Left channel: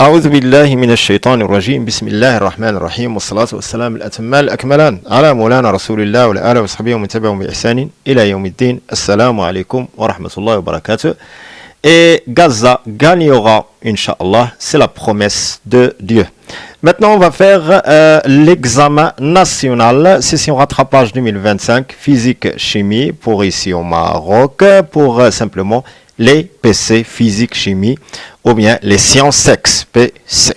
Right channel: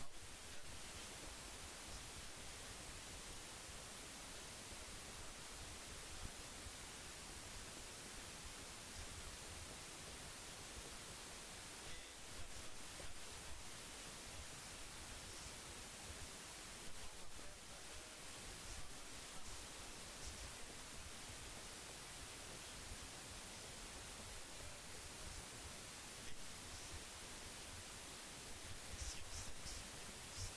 أعوذ بالله من الشيطان الرجيم بسم الله الرحمن الرحيم والصلاة والسلام الأتمان الأكملان على مولانا رسول الله وعلى آله وصحبه ومن تبعهم بإحسان إلى يوم الدين. Assalamu alaikum wa rahmatullahi wa barakatuh. Et Gaza gagnera, Inch'Allah, c'est la promesse de Dieu. Maintenant, on va faire l'examen national, session rattrapage 2025, physique-chimie, pour ici au Maroc, pour simplement les PC, physique-chimie, ou bien les sciences sexe, PC.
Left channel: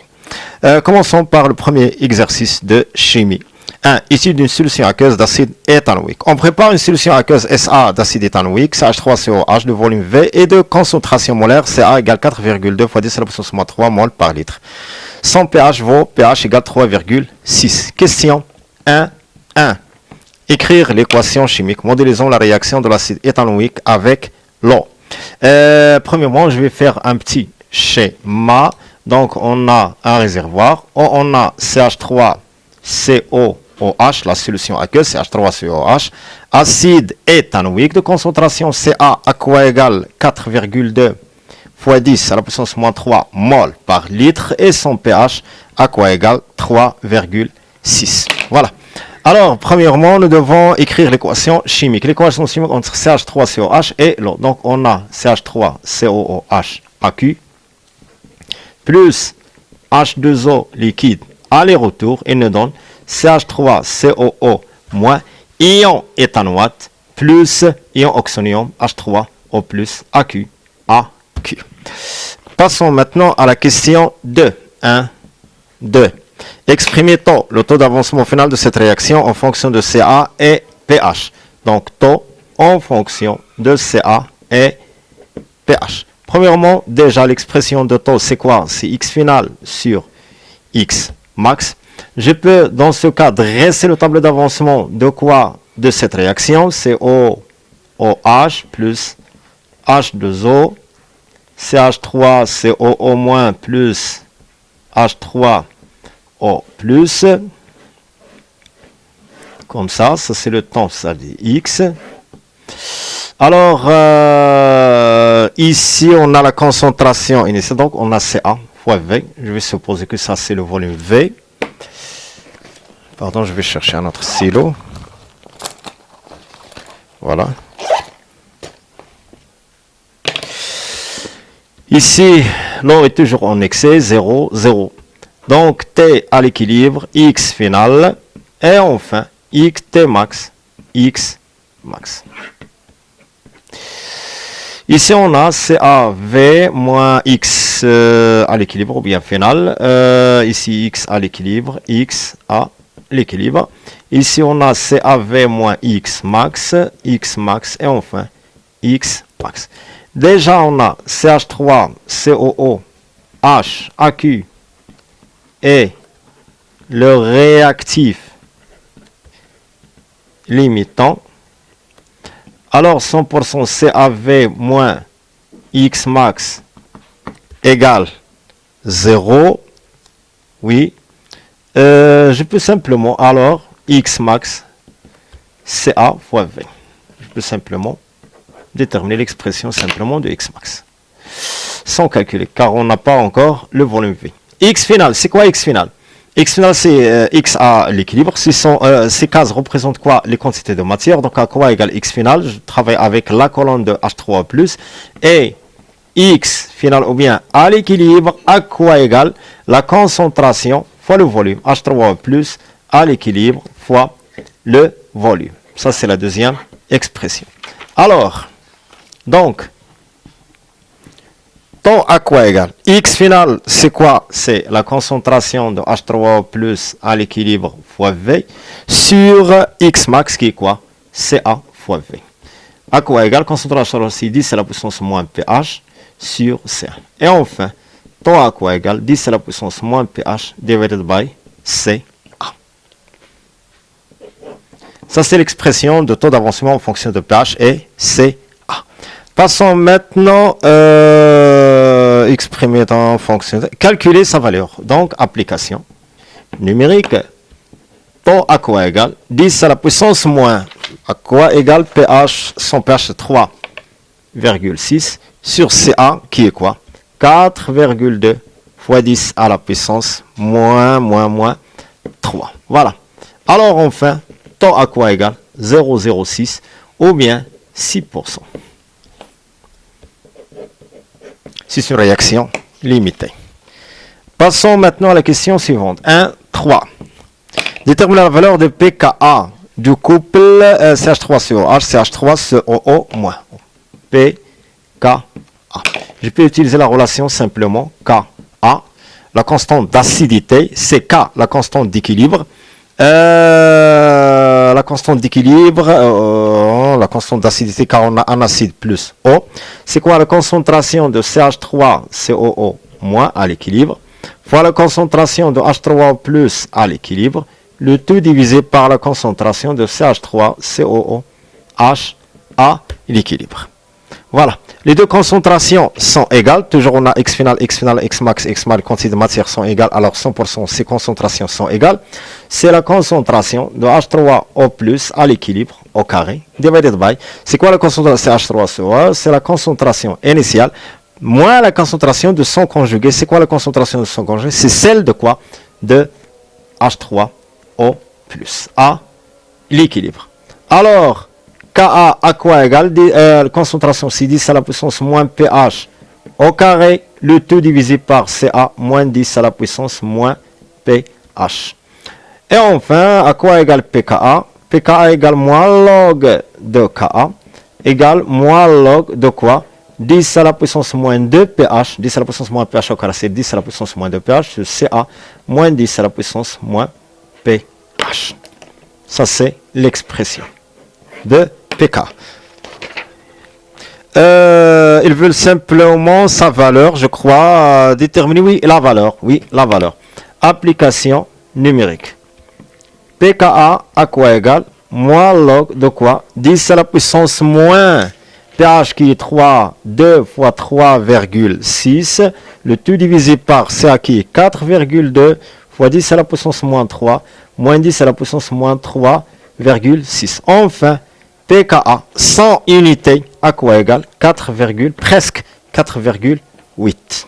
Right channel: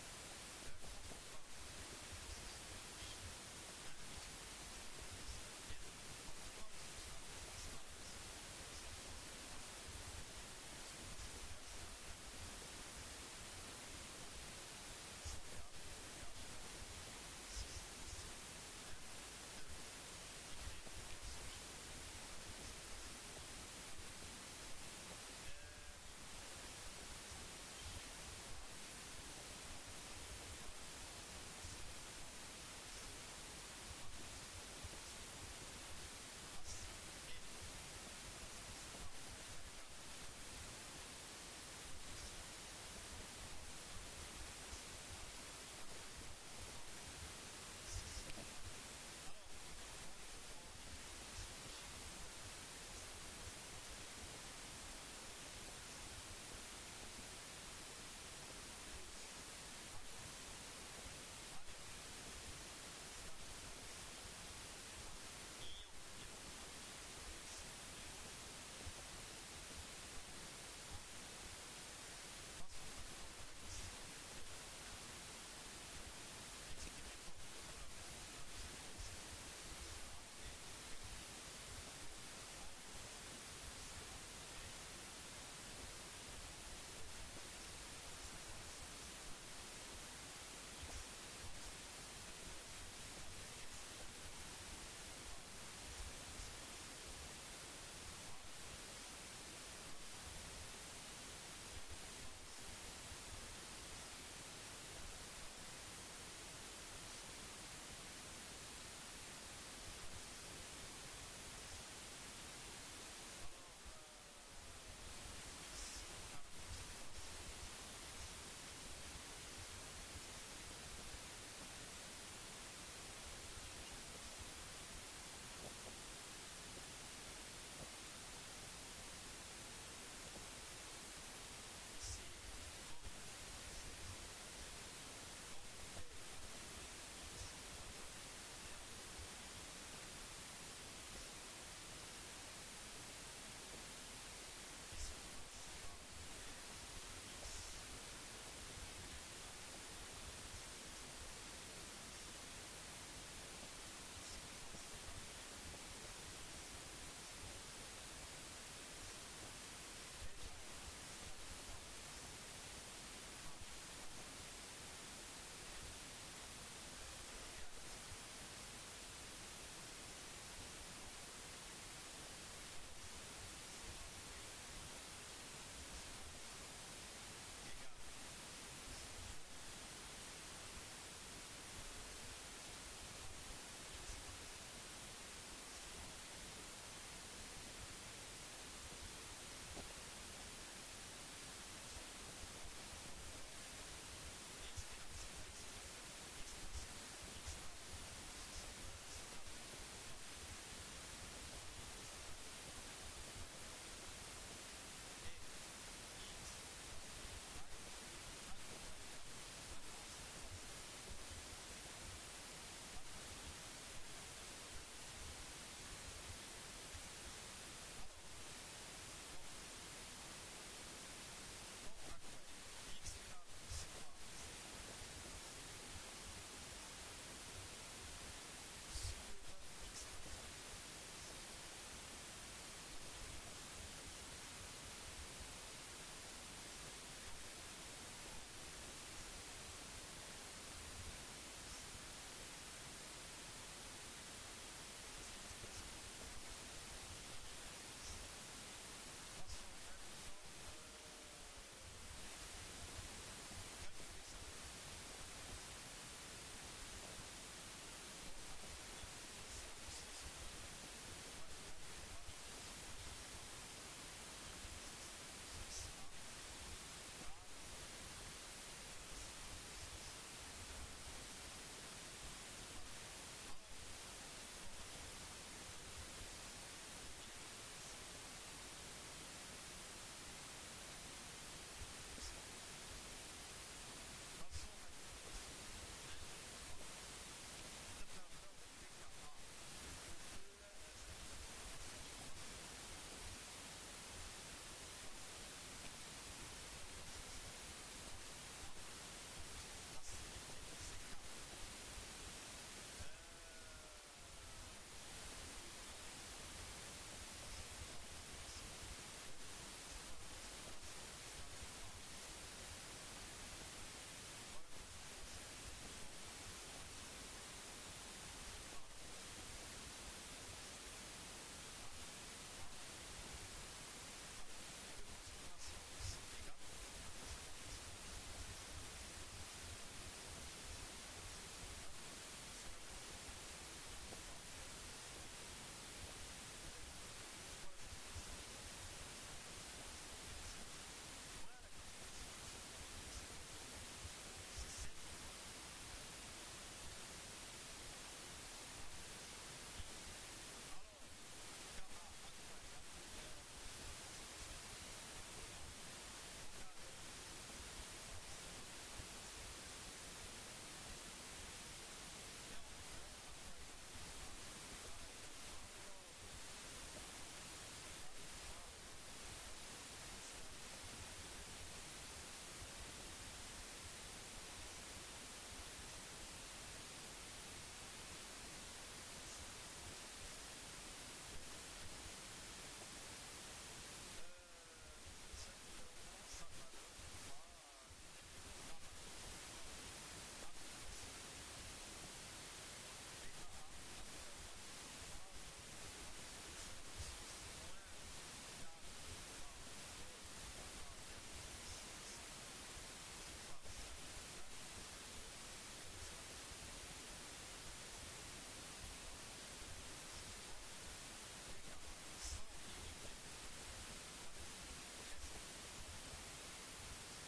Commençons par le premier exercice de chimie. 1. Issu d'une solution aqueuse d'acide éthanoïque. On prépare une solution aqueuse SA d'acide éthanoïque, CH3COH de volume V et de concentration molaire CA égale 4,2 fois 10 à la puissance moins 3 mol par litre. Son pH vaut pH égale 3,6. Question 1. Écrire l'équation chimique. Modélisons la réaction de l'acide éthanoïque avec l'eau. Premièrement, je vais faire un petit schéma. Donc, on a un réservoir. On a CH3COOH, la solution aqueuse, CH3COH. Acide éthanoïque de concentration CA à quoi égale 4,2 fois 10 à la puissance moins 3 mol par litre. Et son pH à quoi égale 3,6. Voilà. Alors, premièrement, nous devons écrire l'équation chimique. L'équation chimique entre CH3COH et l'eau. Donc, on a CH3COOH AQ plus H2O liquide aller-retour et nous donne CH3COO moins ion éthanoate plus ion oxonium H3O plus AQ. Passons maintenant à la question 2. 2. Exprimez le taux d'avancement final de cette réaction en fonction de CA et pH. Donc, taux en fonction de CA et pH. Premièrement, déjà, l'expression de taux, c'est quoi? C'est X final sur X max. Je peux, dans ce cas, dresser le tableau d'avancement de quoi? De cette réaction. C'est OH plus H2O, CH3, COO- plus H3O+, comme ça c'est le temps, ça dit X. Alors, ici, on a la concentration initiale, donc on a CA fois V. Je vais supposer que ça, c'est le volume V. Pardon, je vais chercher un autre stylo. Voilà. Ici, l'eau est toujours en excès, 0, 0. Donc, T à l'équilibre, X final, et enfin, T max, X max. Ici, on a CAV moins X à l'équilibre, ou bien final. Ici, X à l'équilibre, X à l'équilibre. Ici, on a CAV moins X max, et enfin, X max. Déjà, on a CH3, COO, H, AQ et le réactif limitant. Alors, 100% CAV moins X max égale 0. Oui. Je peux simplement, alors, X max, CA fois V. Je peux simplement déterminer l'expression simplement de X max. Sans calculer, car on n'a pas encore le volume V. X final, c'est quoi X final? X final, c'est X à l'équilibre. Ces cases représentent quoi? Les quantités de matière. Donc, à quoi égale X final? Je travaille avec la colonne de H3+. Et X final, ou bien à l'équilibre, à quoi égale la concentration fois le volume. H3+ à l'équilibre fois le volume. Ça, c'est la deuxième expression. Alors, donc, taux à quoi égal? X final, c'est quoi? C'est la concentration de H3O+ à l'équilibre fois V sur X max qui est quoi? CA fois V. À quoi égal? Concentration aussi 10 à la puissance moins pH sur CA. Et enfin, taux à quoi égal? 10 à la puissance moins pH divided by CA. Ça, c'est l'expression de taux d'avancement en fonction de pH et CA. Passons maintenant exprimer en fonction de calculer sa valeur. Donc, application numérique. Taux à quoi égal 10 à la puissance moins à quoi égal pH, son pH 3,6 sur CA qui est quoi 4,2 fois 10 à la puissance moins 3. Voilà. Alors enfin, taux à quoi égal 0,06 ou bien 6%. C'est une réaction limitée. Passons maintenant à la question suivante. 1, 3. Déterminer la valeur de pKa du couple CH3COH, CH3COO-. pKa. Je peux utiliser la relation simplement Ka, la constante d'acidité, c'est K, la constante d'équilibre. La constante d'équilibre, la constante d'acidité car on a un acide plus O. C'est quoi la concentration de CH3COO- à l'équilibre fois la concentration de H3O plus à l'équilibre, le tout divisé par la concentration de CH3COOH à l'équilibre. Voilà. Les deux concentrations sont égales. Toujours on a X final, X max, X mal, quantité de matière sont égales. Alors 100%, ces concentrations sont égales. C'est la concentration de H3O plus à l'équilibre au carré, divided by. C'est quoi la concentration H3CO? C'est la concentration initiale moins la concentration de son conjugué. C'est quoi la concentration de son conjugué? C'est celle de quoi? De H3O plus à l'équilibre. Alors, Ka à quoi égale concentration c'est 10 à la puissance moins pH au carré, le tout divisé par Ca moins 10 à la puissance moins pH. Et enfin, à quoi égale pKa? pKa égale moins log de Ka égale moins log de quoi? 10 à la puissance moins 2 pH. 10 à la puissance moins pH au carré, c'est 10 à la puissance moins 2 pH. C'est Ca moins 10 à la puissance moins pH. Ça, c'est l'expression de pK. Ils veulent simplement sa valeur, je crois, déterminer, oui, la valeur. Application numérique. pKa à quoi égal? Moins log de quoi? 10 à la puissance moins pH qui est 3, 2 fois 3,6, le tout divisé par Ca qui est 4,2 fois 10 à la puissance moins 3, moins 10 à la puissance moins 3,6. Enfin, pKa 100 unités à quoi égal? presque 4,8.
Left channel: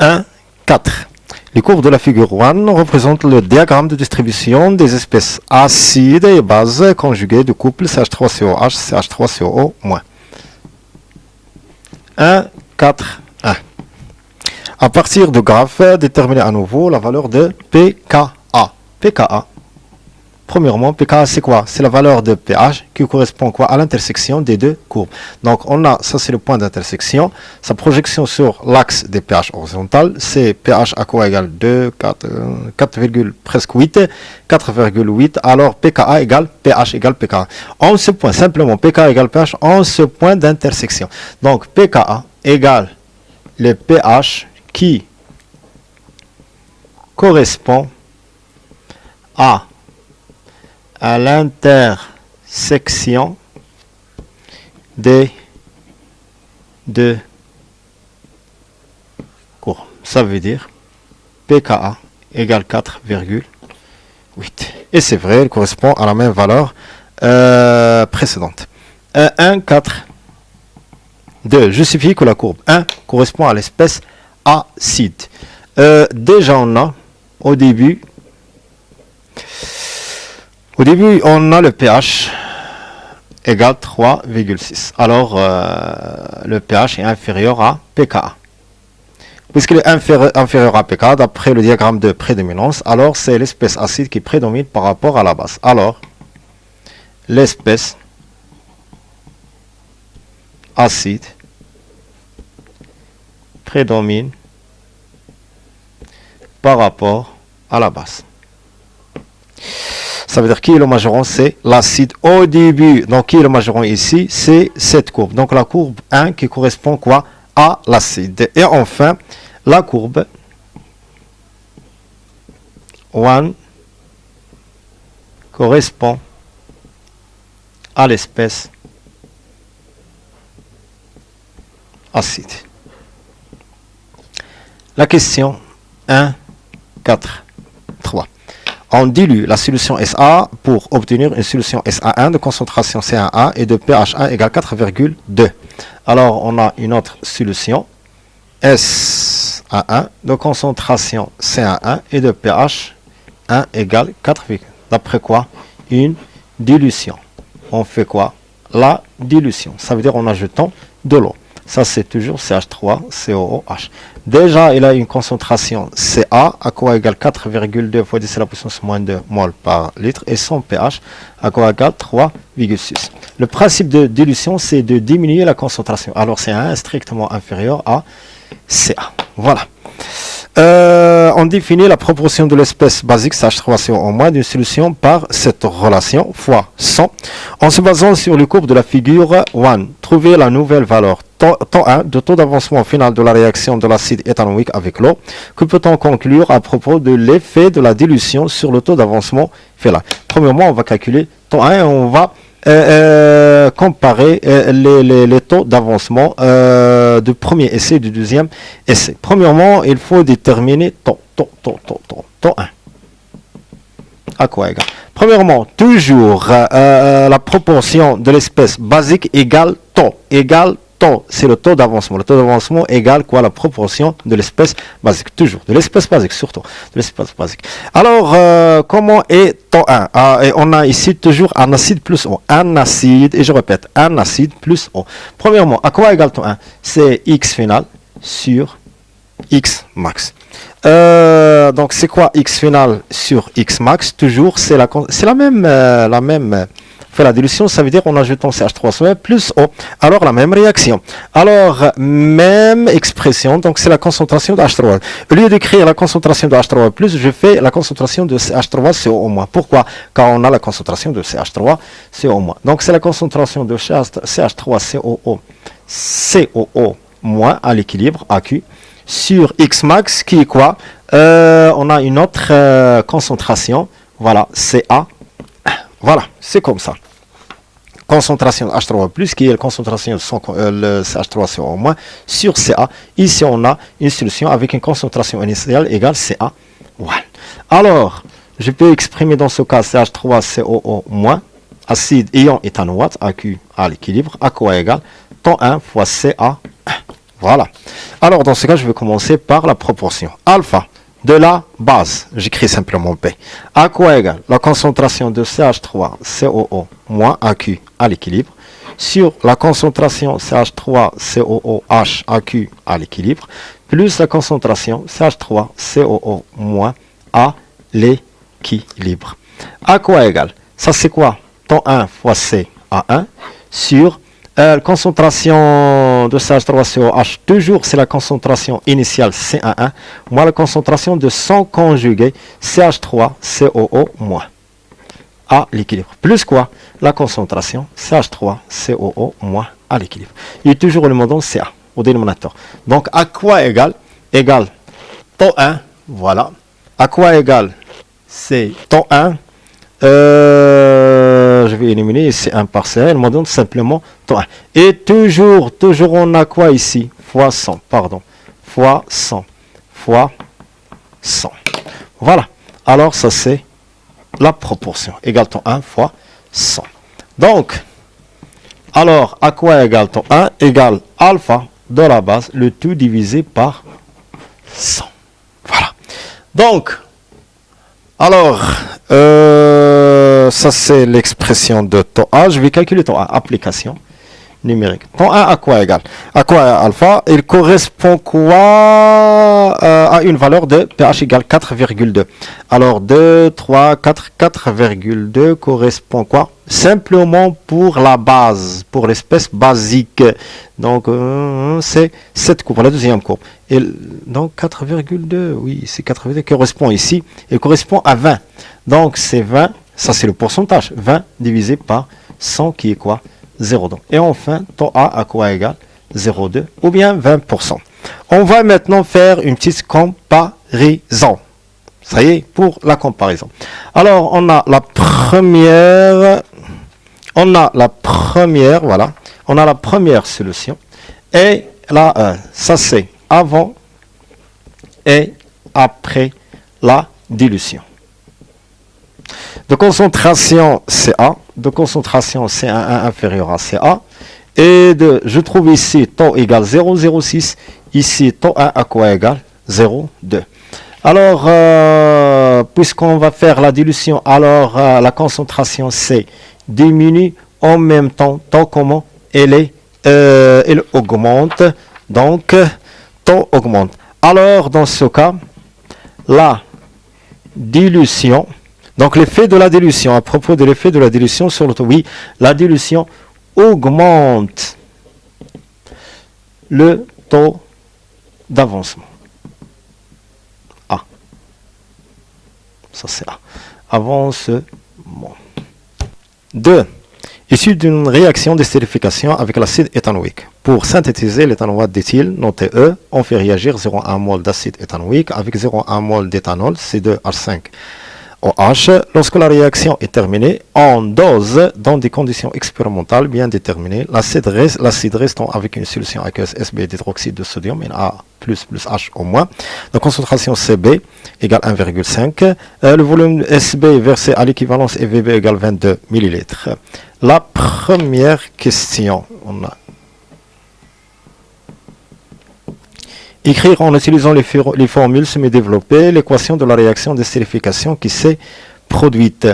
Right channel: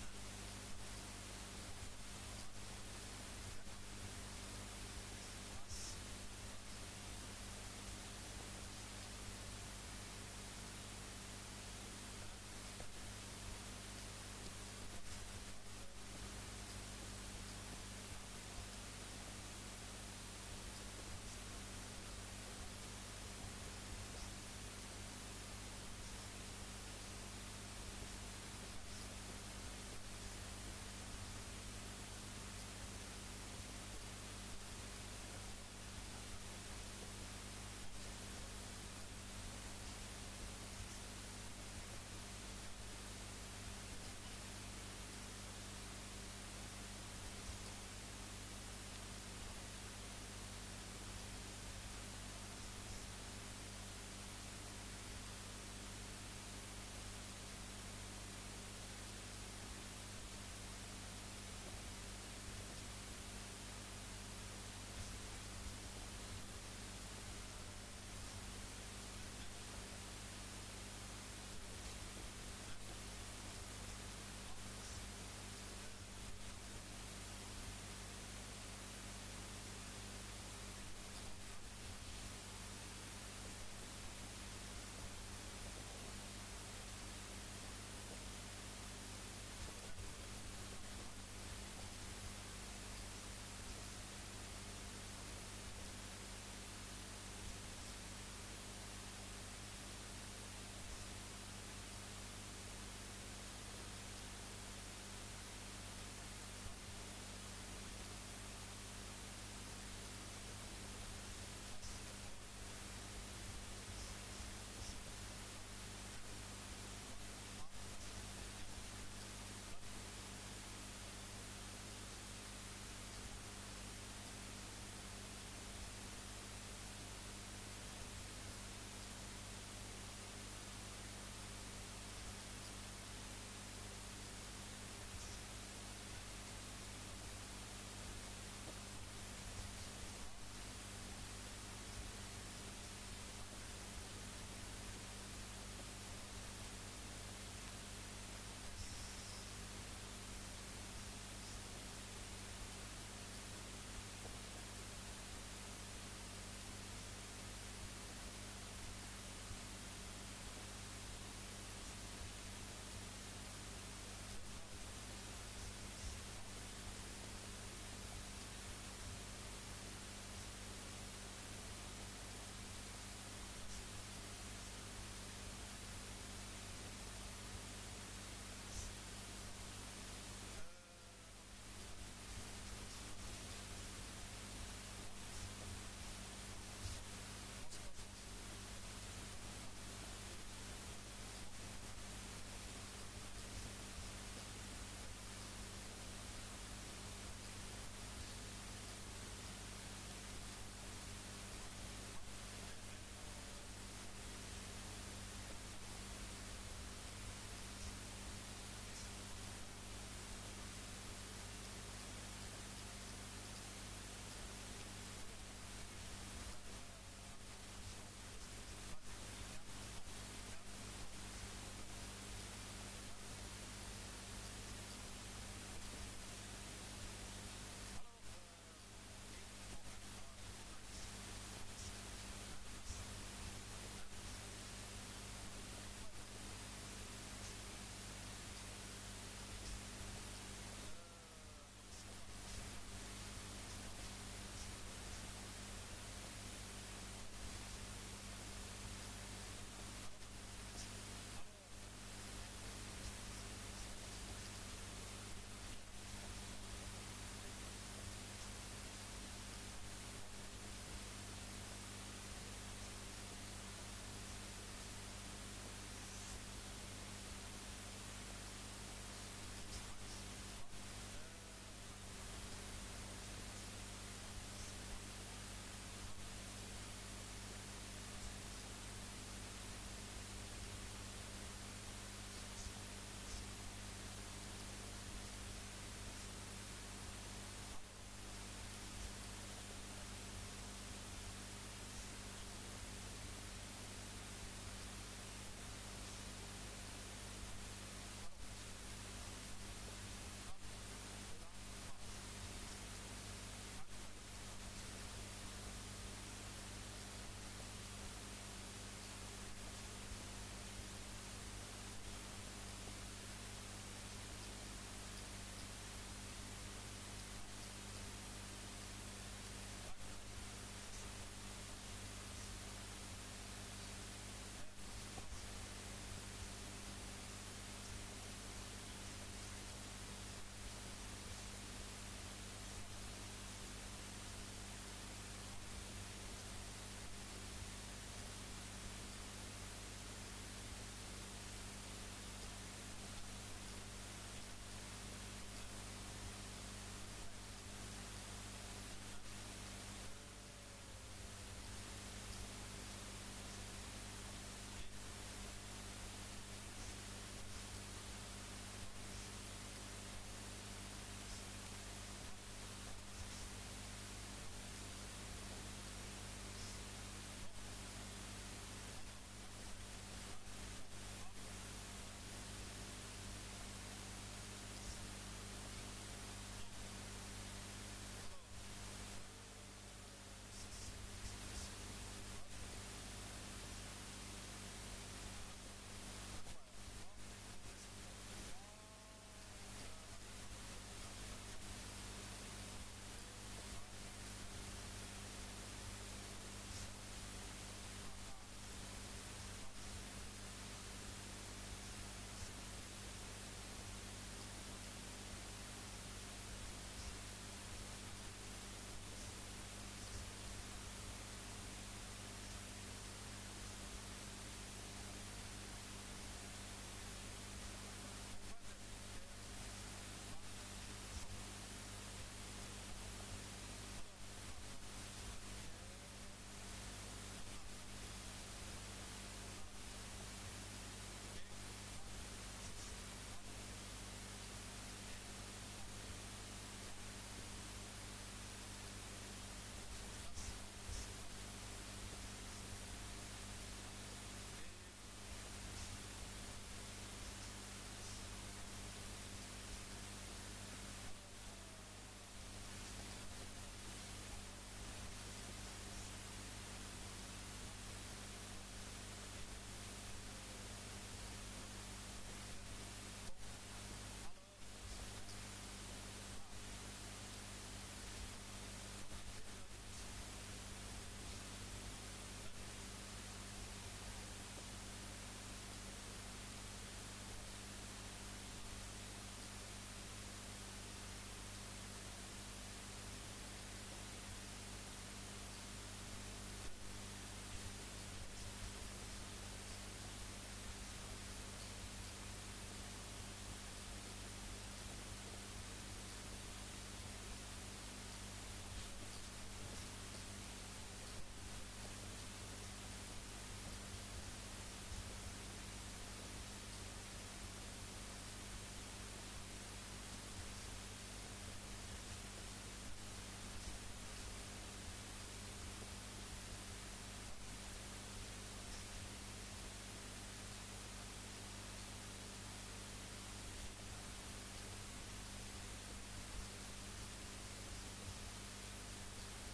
1, 4. Les courbes de la figure 1 représentent le diagramme de distribution des espèces acides et bases conjuguées du couple CH3COH, CH3COO-. 1, 4, 1. À partir du graphe, déterminer à nouveau la valeur de pKa. pKa. Premièrement, pKa c'est quoi? C'est la valeur de pH qui correspond quoi? À l'intersection des deux courbes. Donc on a, ça c'est le point d'intersection, sa projection sur l'axe des pH horizontal, c'est pH à quoi égale 2, 4, presque 8, 4,8, alors pKa égale pH égale pKa. En ce point, simplement pKa égale pH en ce point d'intersection. Donc pKa égale le pH qui correspond à l'intersection des deux courbes. Ça veut dire pKa égale 4,8. Et c'est vrai, elle correspond à la même valeur précédente. 1, 4, 2. Justifie que la courbe 1 correspond à l'espèce acide. Déjà, on a au début, on a le pH égale 3,6. Alors, le pH est inférieur à pKa. Puisqu'il est inférieur à pKa, d'après le diagramme de prédominance, alors c'est l'espèce acide qui prédomine par rapport à la base. Alors, l'espèce acide prédomine par rapport à la base. Ça veut dire qui est le majorant? C'est l'acide au début. Donc qui est le majorant ici? C'est cette courbe. Donc la courbe 1 qui correspond quoi? À l'acide. Et enfin, la courbe 1 correspond à l'espèce acide. La question 1, 4, 3. On dilue la solution SA pour obtenir une solution SA1 de concentration C1A et de pH1 égale 4,2. Alors, on a une autre solution SA1, de concentration CA1 et de pH 1 égale 4, d'après quoi? Une dilution. On fait quoi? La dilution. Ça veut dire en ajoutant de l'eau. Ça, c'est toujours CH3COOH. Déjà, il a une concentration Ca, à quoi égale 4,2 fois 10 à la puissance moins 2 mol par litre, et son pH, à quoi égale 3,6. Le principe de dilution, c'est de diminuer la concentration. Alors, C1 est strictement inférieur à Ca. Voilà. On définit la proportion de l'espèce basique CH3CO- d'une solution par cette relation fois 100 en se basant sur les courbes de la figure 1. Trouver la nouvelle valeur temps 1 de taux d'avancement final de la réaction de l'acide éthanoïque avec l'eau. Que peut-on conclure à propos de l'effet de la dilution sur le taux d'avancement final? Premièrement, on va calculer temps 1 et on va comparer les taux d'avancement du premier essai et du deuxième essai. Premièrement, il faut déterminer temps 1. À quoi égal? Premièrement, toujours la proportion de l'espèce basique égale temps. C'est le taux d'avancement. Le taux d'avancement égale quoi? La proportion de l'espèce basique. Toujours. De l'espèce basique, surtout. De l'espèce basique. Alors, comment est temps 1? Et on a ici toujours un acide plus eau. Un acide, et je répète, un acide plus eau. Premièrement, à quoi égale temps 1? C'est X final sur X max. Donc, c'est quoi X final sur X max? Toujours, c'est la même fait la dilution, ça veut dire en ajoutant CH3 plus eau. Alors la même réaction. Alors même expression, donc c'est la concentration de H3. Au lieu d'écrire la concentration de H3 plus, je fais la concentration de CH3CO-. Pourquoi? Car on a la concentration de CH3CO-. Donc c'est la concentration de CH3COO à l'équilibre AQ sur X max qui est quoi? On a une autre concentration, voilà, CA. Voilà, c'est comme ça. Concentration H3+, qui est la concentration de le CH3CO- sur Ca. Ici, on a une solution avec une concentration initiale égale Ca. Voilà. Alors, je peux exprimer dans ce cas CH3COO-, acide ion éthanoate, AQ à l'équilibre, à quoi égal? Temps 1 fois Ca. Voilà. Alors, dans ce cas, je vais commencer par la proportion. Alpha de la base, j'écris simplement P. À quoi égale la concentration de CH3COO- AQ à l'équilibre sur la concentration CH3COOH AQ à l'équilibre plus la concentration CH3COO- à l'équilibre. À quoi égale? Ça c'est quoi? Temps 1 fois CA1 sur concentration de CH3COH, toujours c'est la concentration initiale CA1, moins la concentration de son conjugué CH3COO- à l'équilibre. Plus quoi? La concentration CH3COO- à l'équilibre. Il y a toujours le mot Ca au dénominateur. Donc à quoi égale? Égale temps 1, voilà. À quoi égale? C'est temps 1. Je vais éliminer ici un partiel, on me donne simplement temps 1. Et toujours on a quoi ici? Fois 100, pardon. Fois 100. Fois 100. Voilà. Alors ça c'est la proportion. Égale temps 1 fois 100. Donc, alors à quoi égale temps 1? Égale alpha de la base, le tout divisé par 100. Voilà. Donc, alors, ça c'est l'expression de temps A. Je vais calculer temps A. Application numérique. Temps A à quoi égal? À quoi alpha? Il correspond quoi à une valeur de pH égale 4,2. Alors 2, 3, 4, 4,2 correspond quoi? Simplement pour la base, pour l'espèce basique. Donc c'est cette courbe, la deuxième courbe. Et donc 4,2, oui, c'est 4,2 qui correspond ici. Il correspond à 20. Donc c'est 20, ça c'est le pourcentage. 20 divisé par 100 qui est quoi? 0,2. Et enfin, temps A à quoi égal? 0,2 ou bien 20%. On va maintenant faire une petite comparaison. Ça y est, pour la comparaison. Alors, on a la première, voilà. On a la première solution. Et là, ça c'est avant et après la dilution. De concentration Ca, de concentration C1 inférieur à Ca, et je trouve ici taux égale 0,06, Ici, taux 1 à quoi égal? 0, 2. Alors, puisqu'on va faire la dilution, alors la concentration C diminue en même temps, tant comment elle augmente, donc taux augmente. Alors, dans ce cas, la dilution, donc l'effet de la dilution, à propos de l'effet de la dilution sur le taux, oui, la dilution augmente le taux d'avancement. A. Ça c'est A. Avancement. 2. Issu d'une réaction d'estérification avec l'acide éthanoïque. Pour synthétiser l'éthanoate d'éthyle, noté E, on fait réagir 0,1 mol d'acide éthanoïque avec 0,1 mol d'éthanol, C2H5OH. Lorsque la réaction est terminée, on dose dans des conditions expérimentales bien déterminées l'acide restant avec une solution aqueuse Sb d'hydroxyde de sodium, Na plus H au moins. La concentration Cb égale 1,5. Le volume Sb versé à l'équivalence est Vb égale 22 ml. La première question, on a écrire en utilisant les formules semi-développées l'équation de la réaction d'estérification qui s'est produite.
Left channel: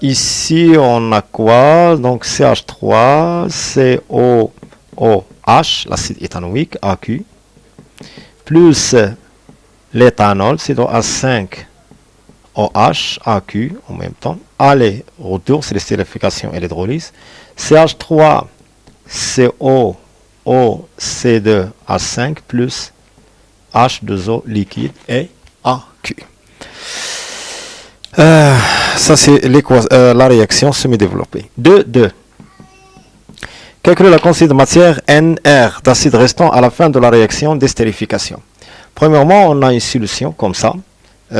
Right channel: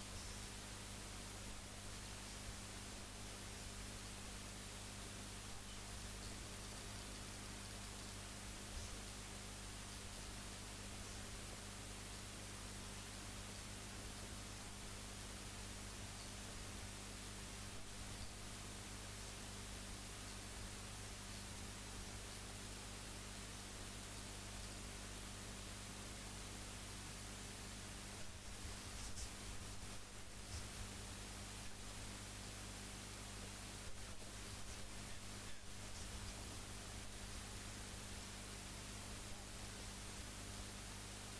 Ici, on a quoi? Donc CH3, COOH, l'acide éthanoïque, AQ, plus l'éthanol, C2H5OH, AQ en même temps. Aller, retour, c'est l'estérification et l'hydrolyse. CH3, CO, OC2H5 plus H2O liquide et AQ. Ça, c'est la réaction semi-développée. 2. Calculer la quantité de matière NR d'acide restant à la fin de la réaction d'estérification. Premièrement, on a une solution comme ça. Et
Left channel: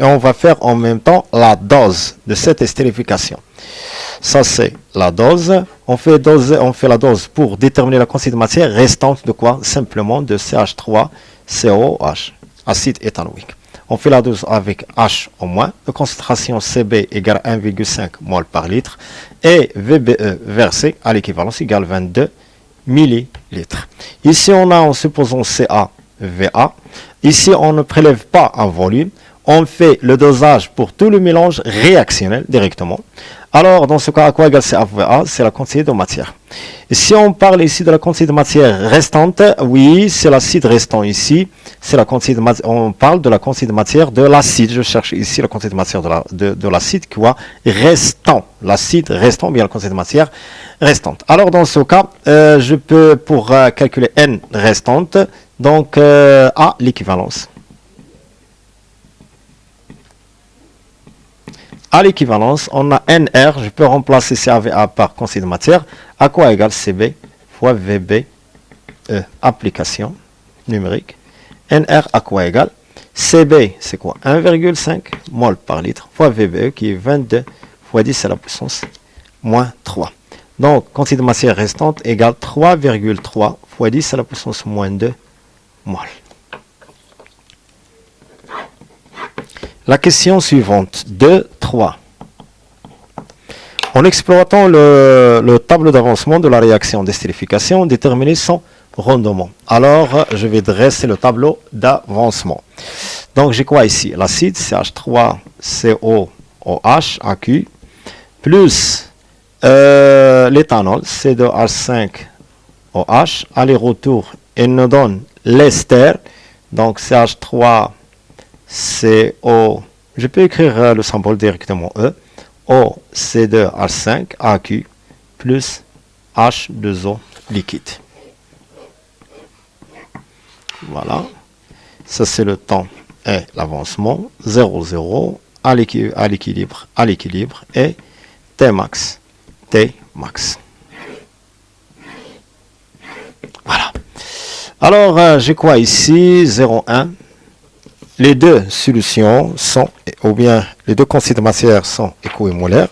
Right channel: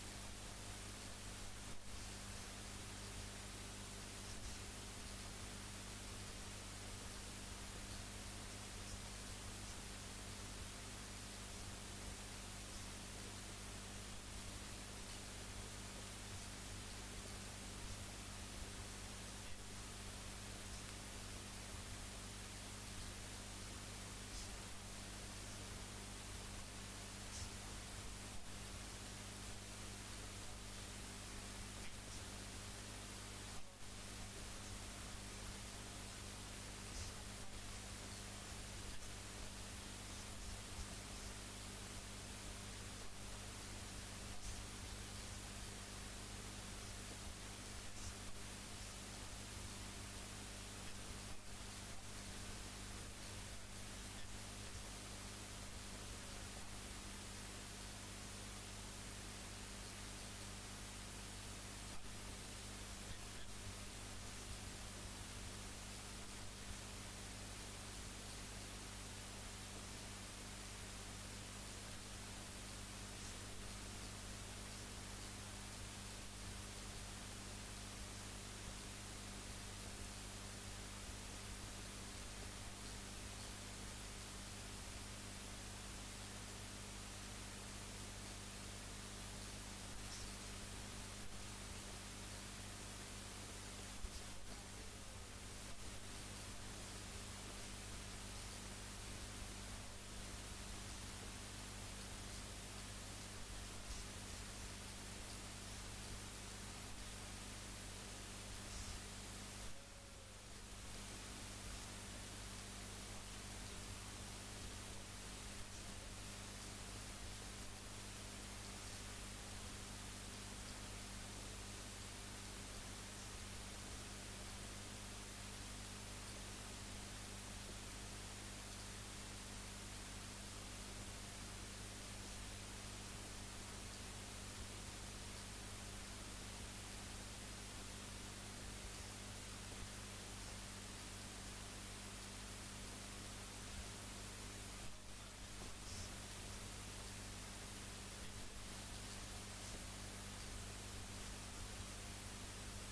on va faire en même temps la dose de cette estérification. Ça, c'est la dose. On fait la dose pour déterminer la quantité de matière restante de quoi? Simplement de CH3COH, acide éthanoïque. On fait la dose avec H au moins. La concentration Cb égale 1,5 mol par litre. Et VBE versé à l'équivalence égale 22 millilitres. Ici, on a en supposant CaVA. Ici, on ne prélève pas un volume. On fait le dosage pour tout le mélange réactionnel directement. Alors, dans ce cas, à quoi égale CaVA? C'est la quantité de matière. Et si on parle ici de la quantité de matière restante, oui, c'est l'acide restant ici. C'est la quantité de matière. On parle de la quantité de matière de l'acide. Je cherche ici la quantité de matière de l'acide, quoi, restant. L'acide restant, bien la quantité de matière restante. Alors, dans ce cas, je peux, pour calculer N restante, donc à l'équivalence. À l'équivalence, on a NR, je peux remplacer CaVA par quantité de matière, à quoi égale Cb fois VB, application numérique. NR à quoi égale? Cb, c'est quoi? 1,5 mol par litre fois VBE qui est 22 fois 10 à la puissance moins 3. Donc, quantité de matière restante égale 3,3 fois 10 à la puissance moins 2 mol. La question suivante, 2, 3. En exploitant le tableau d'avancement de la réaction d'estérification, déterminer son rendement. Alors, je vais dresser le tableau d'avancement. Donc, j'ai quoi ici? L'acide CH3COOH, AQ, plus l'éthanol, C2H5OH, aller-retour, et nous donne l'ester, donc CH3CO, je peux écrire le symbole directement E, OC2H5, AQ, plus H2O liquide. Voilà, ça c'est le temps et l'avancement, 0, 0, à l'équilibre, et T max. Voilà. Alors, j'ai quoi ici? 0,1. Les deux solutions sont, ou bien les deux quantités de matière sont équimolaires.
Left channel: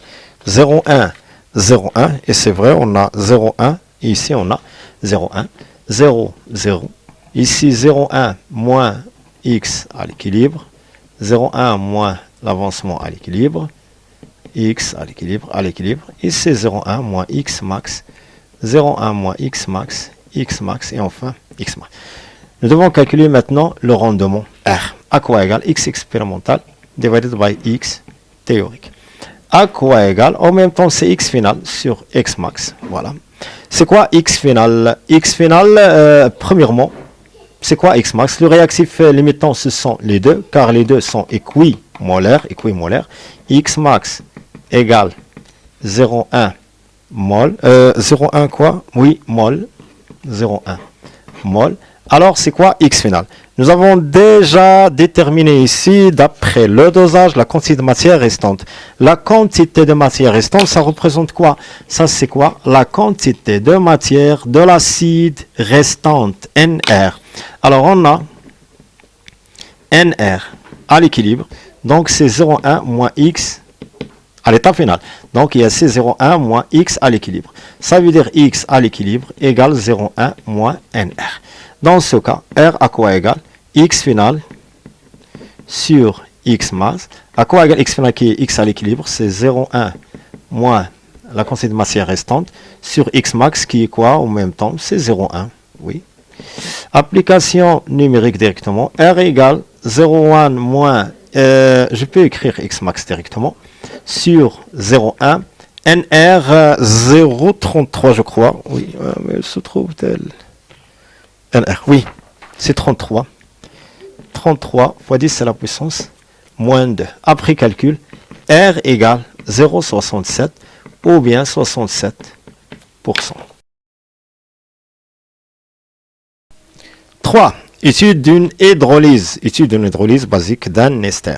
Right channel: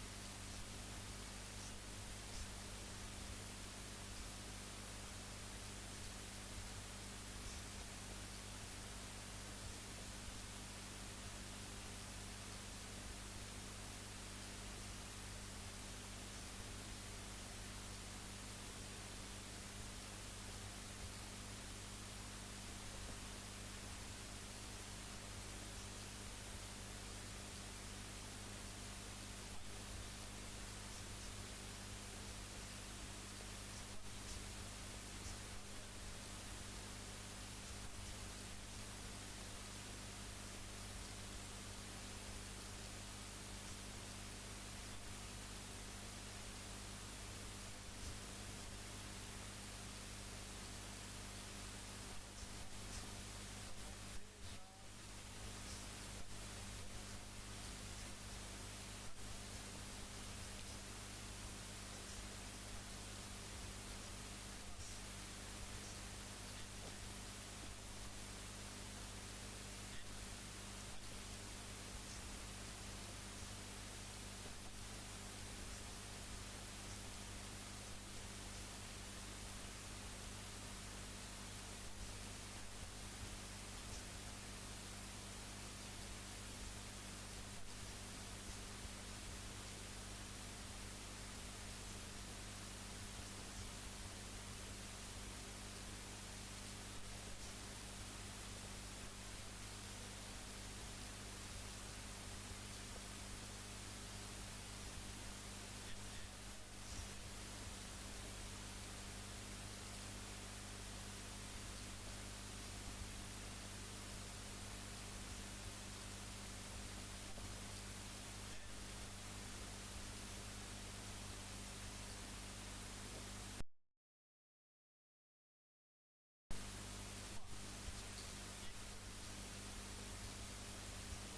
0,1, 0,1, et c'est vrai, on a 0,1, et ici on a 0,1, 0, 0. Ici 0,1 moins x à l'équilibre, 0,1 moins l'avancement à l'équilibre, x à l'équilibre, ici 0,1 moins x max, 0,1 moins x max, X max et enfin X max. Nous devons calculer maintenant le rendement R. À quoi égale X expérimental divided by X théorique. À quoi égale, en même temps, c'est X final sur X max. Voilà. C'est quoi X final? X final, premièrement, c'est quoi X max? Le réactif limitant, ce sont les deux, car les deux sont équimolaires. X max égale 0,1 mol. 0,1 quoi? Oui, mol. 0,1 mol. Alors, c'est quoi X final? Nous avons déjà déterminé ici, d'après le dosage, la quantité de matière restante. La quantité de matière restante, ça représente quoi? Ça, c'est quoi? La quantité de matière de l'acide restante, NR. Alors, on a NR à l'équilibre. Donc, c'est 0,1 moins X à l'état final. Donc, il y a C01 moins X à l'équilibre. Ça veut dire X à l'équilibre égale 0,1 moins NR. Dans ce cas, R à quoi égale? X final sur X max. À quoi égale X final qui est X à l'équilibre? C'est 0,1 moins la quantité de matière restante sur X max qui est quoi en même temps? C'est 0,1. Oui. Application numérique directement. R égale 0,1 moins, je peux écrire X max directement, sur 0,1. NR 0,33 je crois. Oui, mais elle se trouve-t-elle? NR, oui, c'est 33. 33 fois 10 à la puissance moins 2. Après calcul, R égale 0,67 ou bien 67%. 3. Étude d'une hydrolyse. Étude d'une hydrolyse basique d'un ester.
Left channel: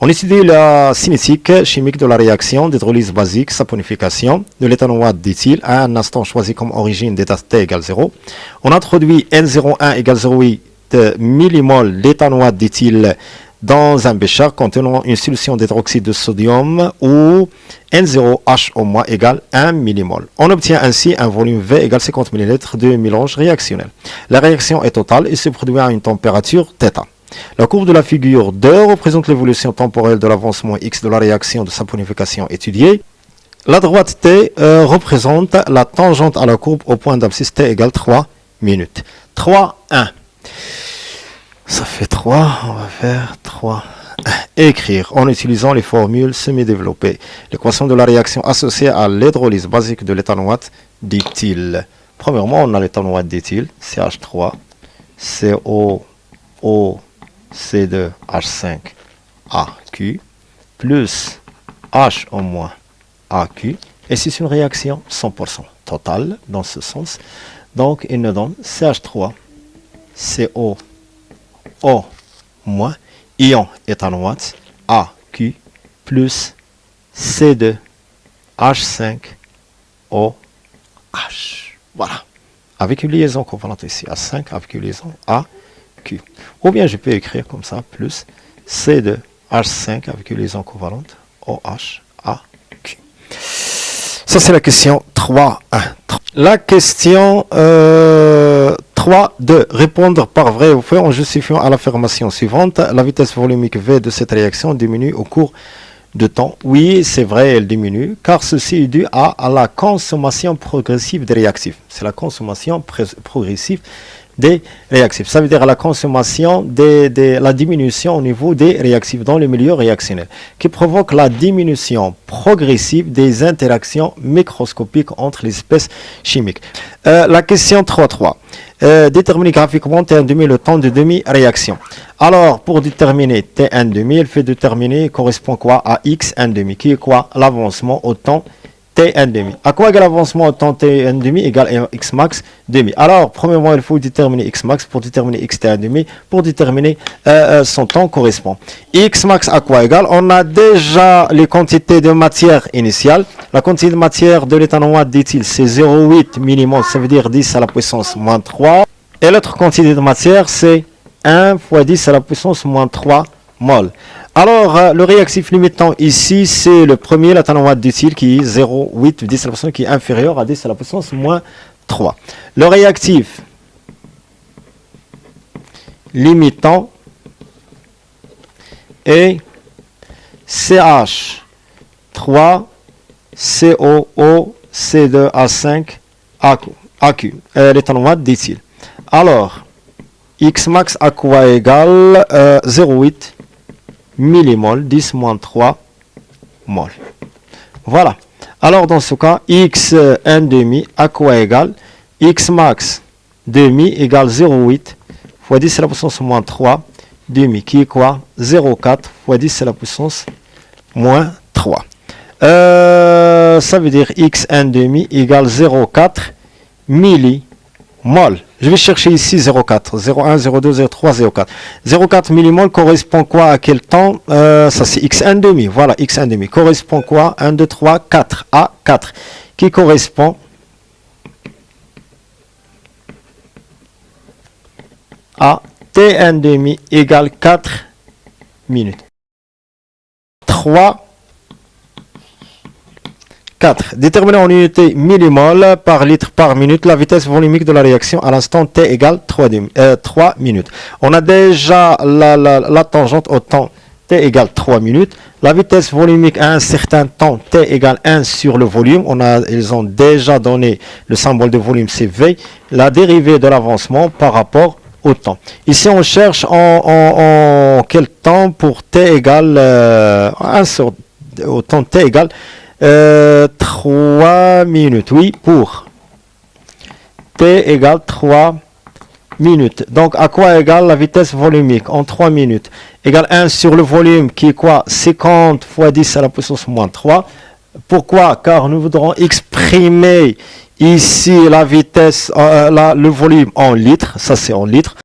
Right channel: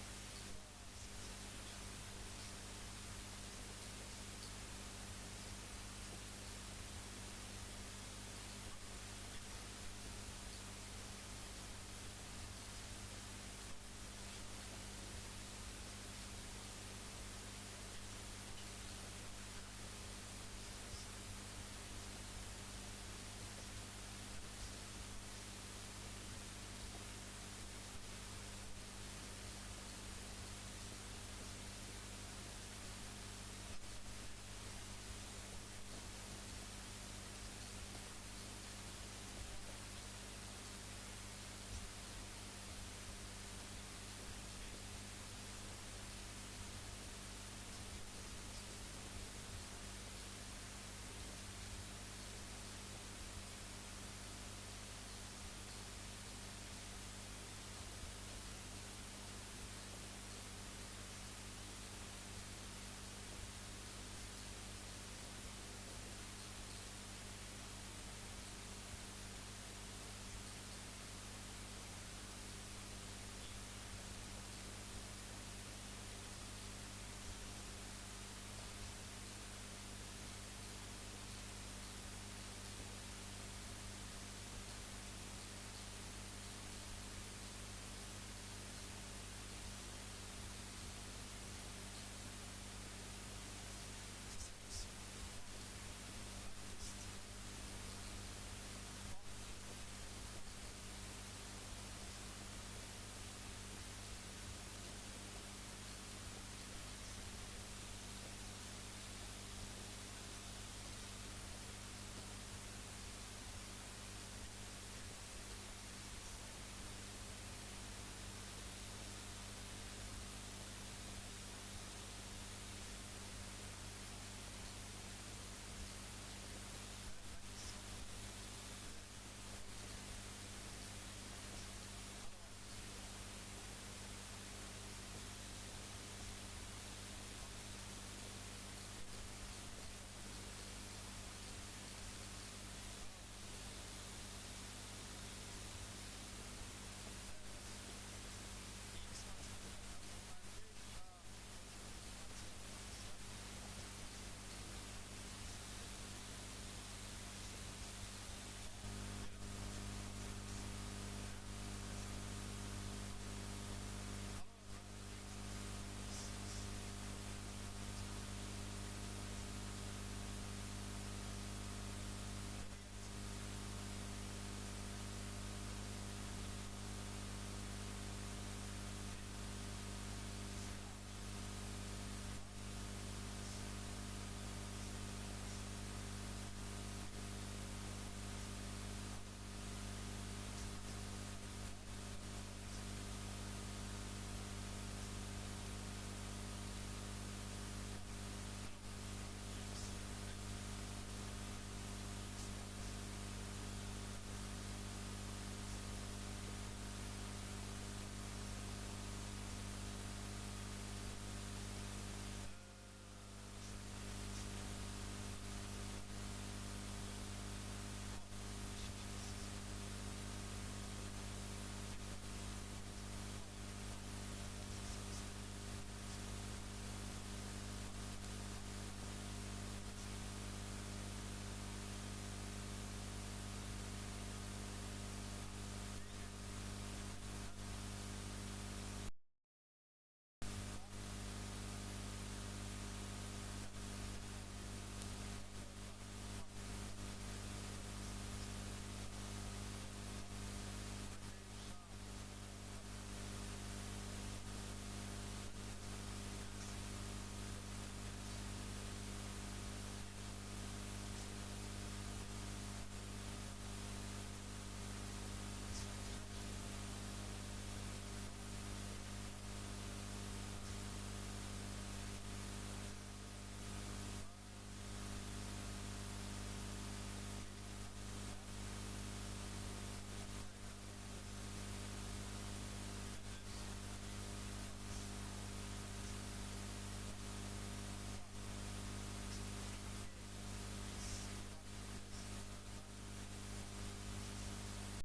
On étudie la cinétique chimique de la réaction d'hydrolyse basique saponification de l'éthanoate d'éthyle à un instant choisi comme origine d'état T égale 0. On introduit N01 égale 0,8 millimol d'éthanoate d'éthyle dans un bécher contenant une solution d'hydroxyde de sodium où N0H au moins égale 1 millimol. On obtient ainsi un volume V égale 50 ml de mélange réactionnel. La réaction est totale et se produit à une température θ. La courbe de la figure 2 représente l'évolution temporelle de l'avancement X de la réaction de saponification étudiée. La droite T représente la tangente à la courbe au point d'abscisse T égale 3 minutes. 3, 1. Ça fait 3, on va faire 3. Écrire en utilisant les formules semi-développées. L'équation de la réaction associée à l'hydrolyse basique de l'éthanoate d'éthyle. Premièrement, on a l'éthanoate d'éthyle, CH3, COO, C2H5AQ, plus H au moins AQ. Et c'est une réaction 100% totale dans ce sens. Donc, il nous donne CH3, CO, O moins, ion éthanoate, AQ, plus C2H5OH. Voilà. Avec une liaison covalente ici, A5, avec une liaison AQ. Ou bien je peux écrire comme ça, plus C2H5 avec une liaison covalente, OH, AQ. Ça, c'est la question 3.1. La question 3.2. Répondre par vrai ou faux en justifiant à l'affirmation suivante. La vitesse volumique V de cette réaction diminue au cours de temps. Oui, c'est vrai, elle diminue, car ceci est dû à la consommation progressive des réactifs. C'est la consommation progressive des réactifs. Ça veut dire la consommation, la diminution au niveau des réactifs dans le milieu réactionnel, qui provoque la diminution progressive des interactions microscopiques entre les espèces chimiques. La question 3.3. Déterminer graphiquement T1,5 le temps de demi-réaction. Alors, pour déterminer T1,5, il fait déterminer, correspond quoi à X1,5, qui est quoi? L'avancement au temps T1,5. À quoi égale l'avancement au temps T1,5 égale X max demi. Alors, premièrement, il faut déterminer X max pour déterminer X T1,5 pour déterminer son temps correspond. X max à quoi égale? On a déjà les quantités de matière initiale. La quantité de matière de l'éthanoate d'éthyle, c'est 0,8 millimol, ça veut dire 10 à la puissance moins 3. Et l'autre quantité de matière, c'est 1 fois 10 à la puissance moins 3 mol. Alors, le réactif limitant ici, c'est le premier, l'éthanoate d'éthyle, qui est 0,8 10 à la puissance, qui est inférieur à 10 à la puissance moins 3. Le réactif limitant est CH3, COO, C2A5, AQ. L'éthanol, dit-il. Alors, X max à quoi égale 0,8 millimol, 10 moins 3 mol. Voilà. Alors, dans ce cas, X 1 demi à quoi égale X max demi égale 0,8 fois 10 à la puissance moins 3 demi, qui est quoi 0,4 fois 10 à la puissance moins 3. Ça veut dire X 1 demi égale 0,4 millimol. Je vais chercher ici 0,4, 0,1, 0,2, 0,3, 0,4. 0,4 millimol correspond quoi à quel temps ça c'est X1 demi, voilà, X1 demi. Correspond quoi 1, 2, 3, 4, à 4. Qui correspond à T1 demi égale 4 minutes. 3, 4. Déterminer en unité millimol par litre par minute la vitesse volumique de la réaction à l'instant t égale 3 minutes. On a déjà la tangente au temps t égale 3 minutes. La vitesse volumique à un certain temps t égale 1 sur le volume. Ils ont déjà donné le symbole de volume, c'est V. La dérivée de l'avancement par rapport au temps. Ici, on cherche en quel temps pour t égale 1 sur au temps t égale 3 minutes, oui, pour t égale 3 minutes. Donc, à quoi égale la vitesse volumique en 3 minutes? Égale 1 sur le volume qui est quoi 50 fois 10 à la puissance moins 3. Pourquoi? Car nous voudrons exprimer ici la vitesse, le volume en litres, ça c'est en litres.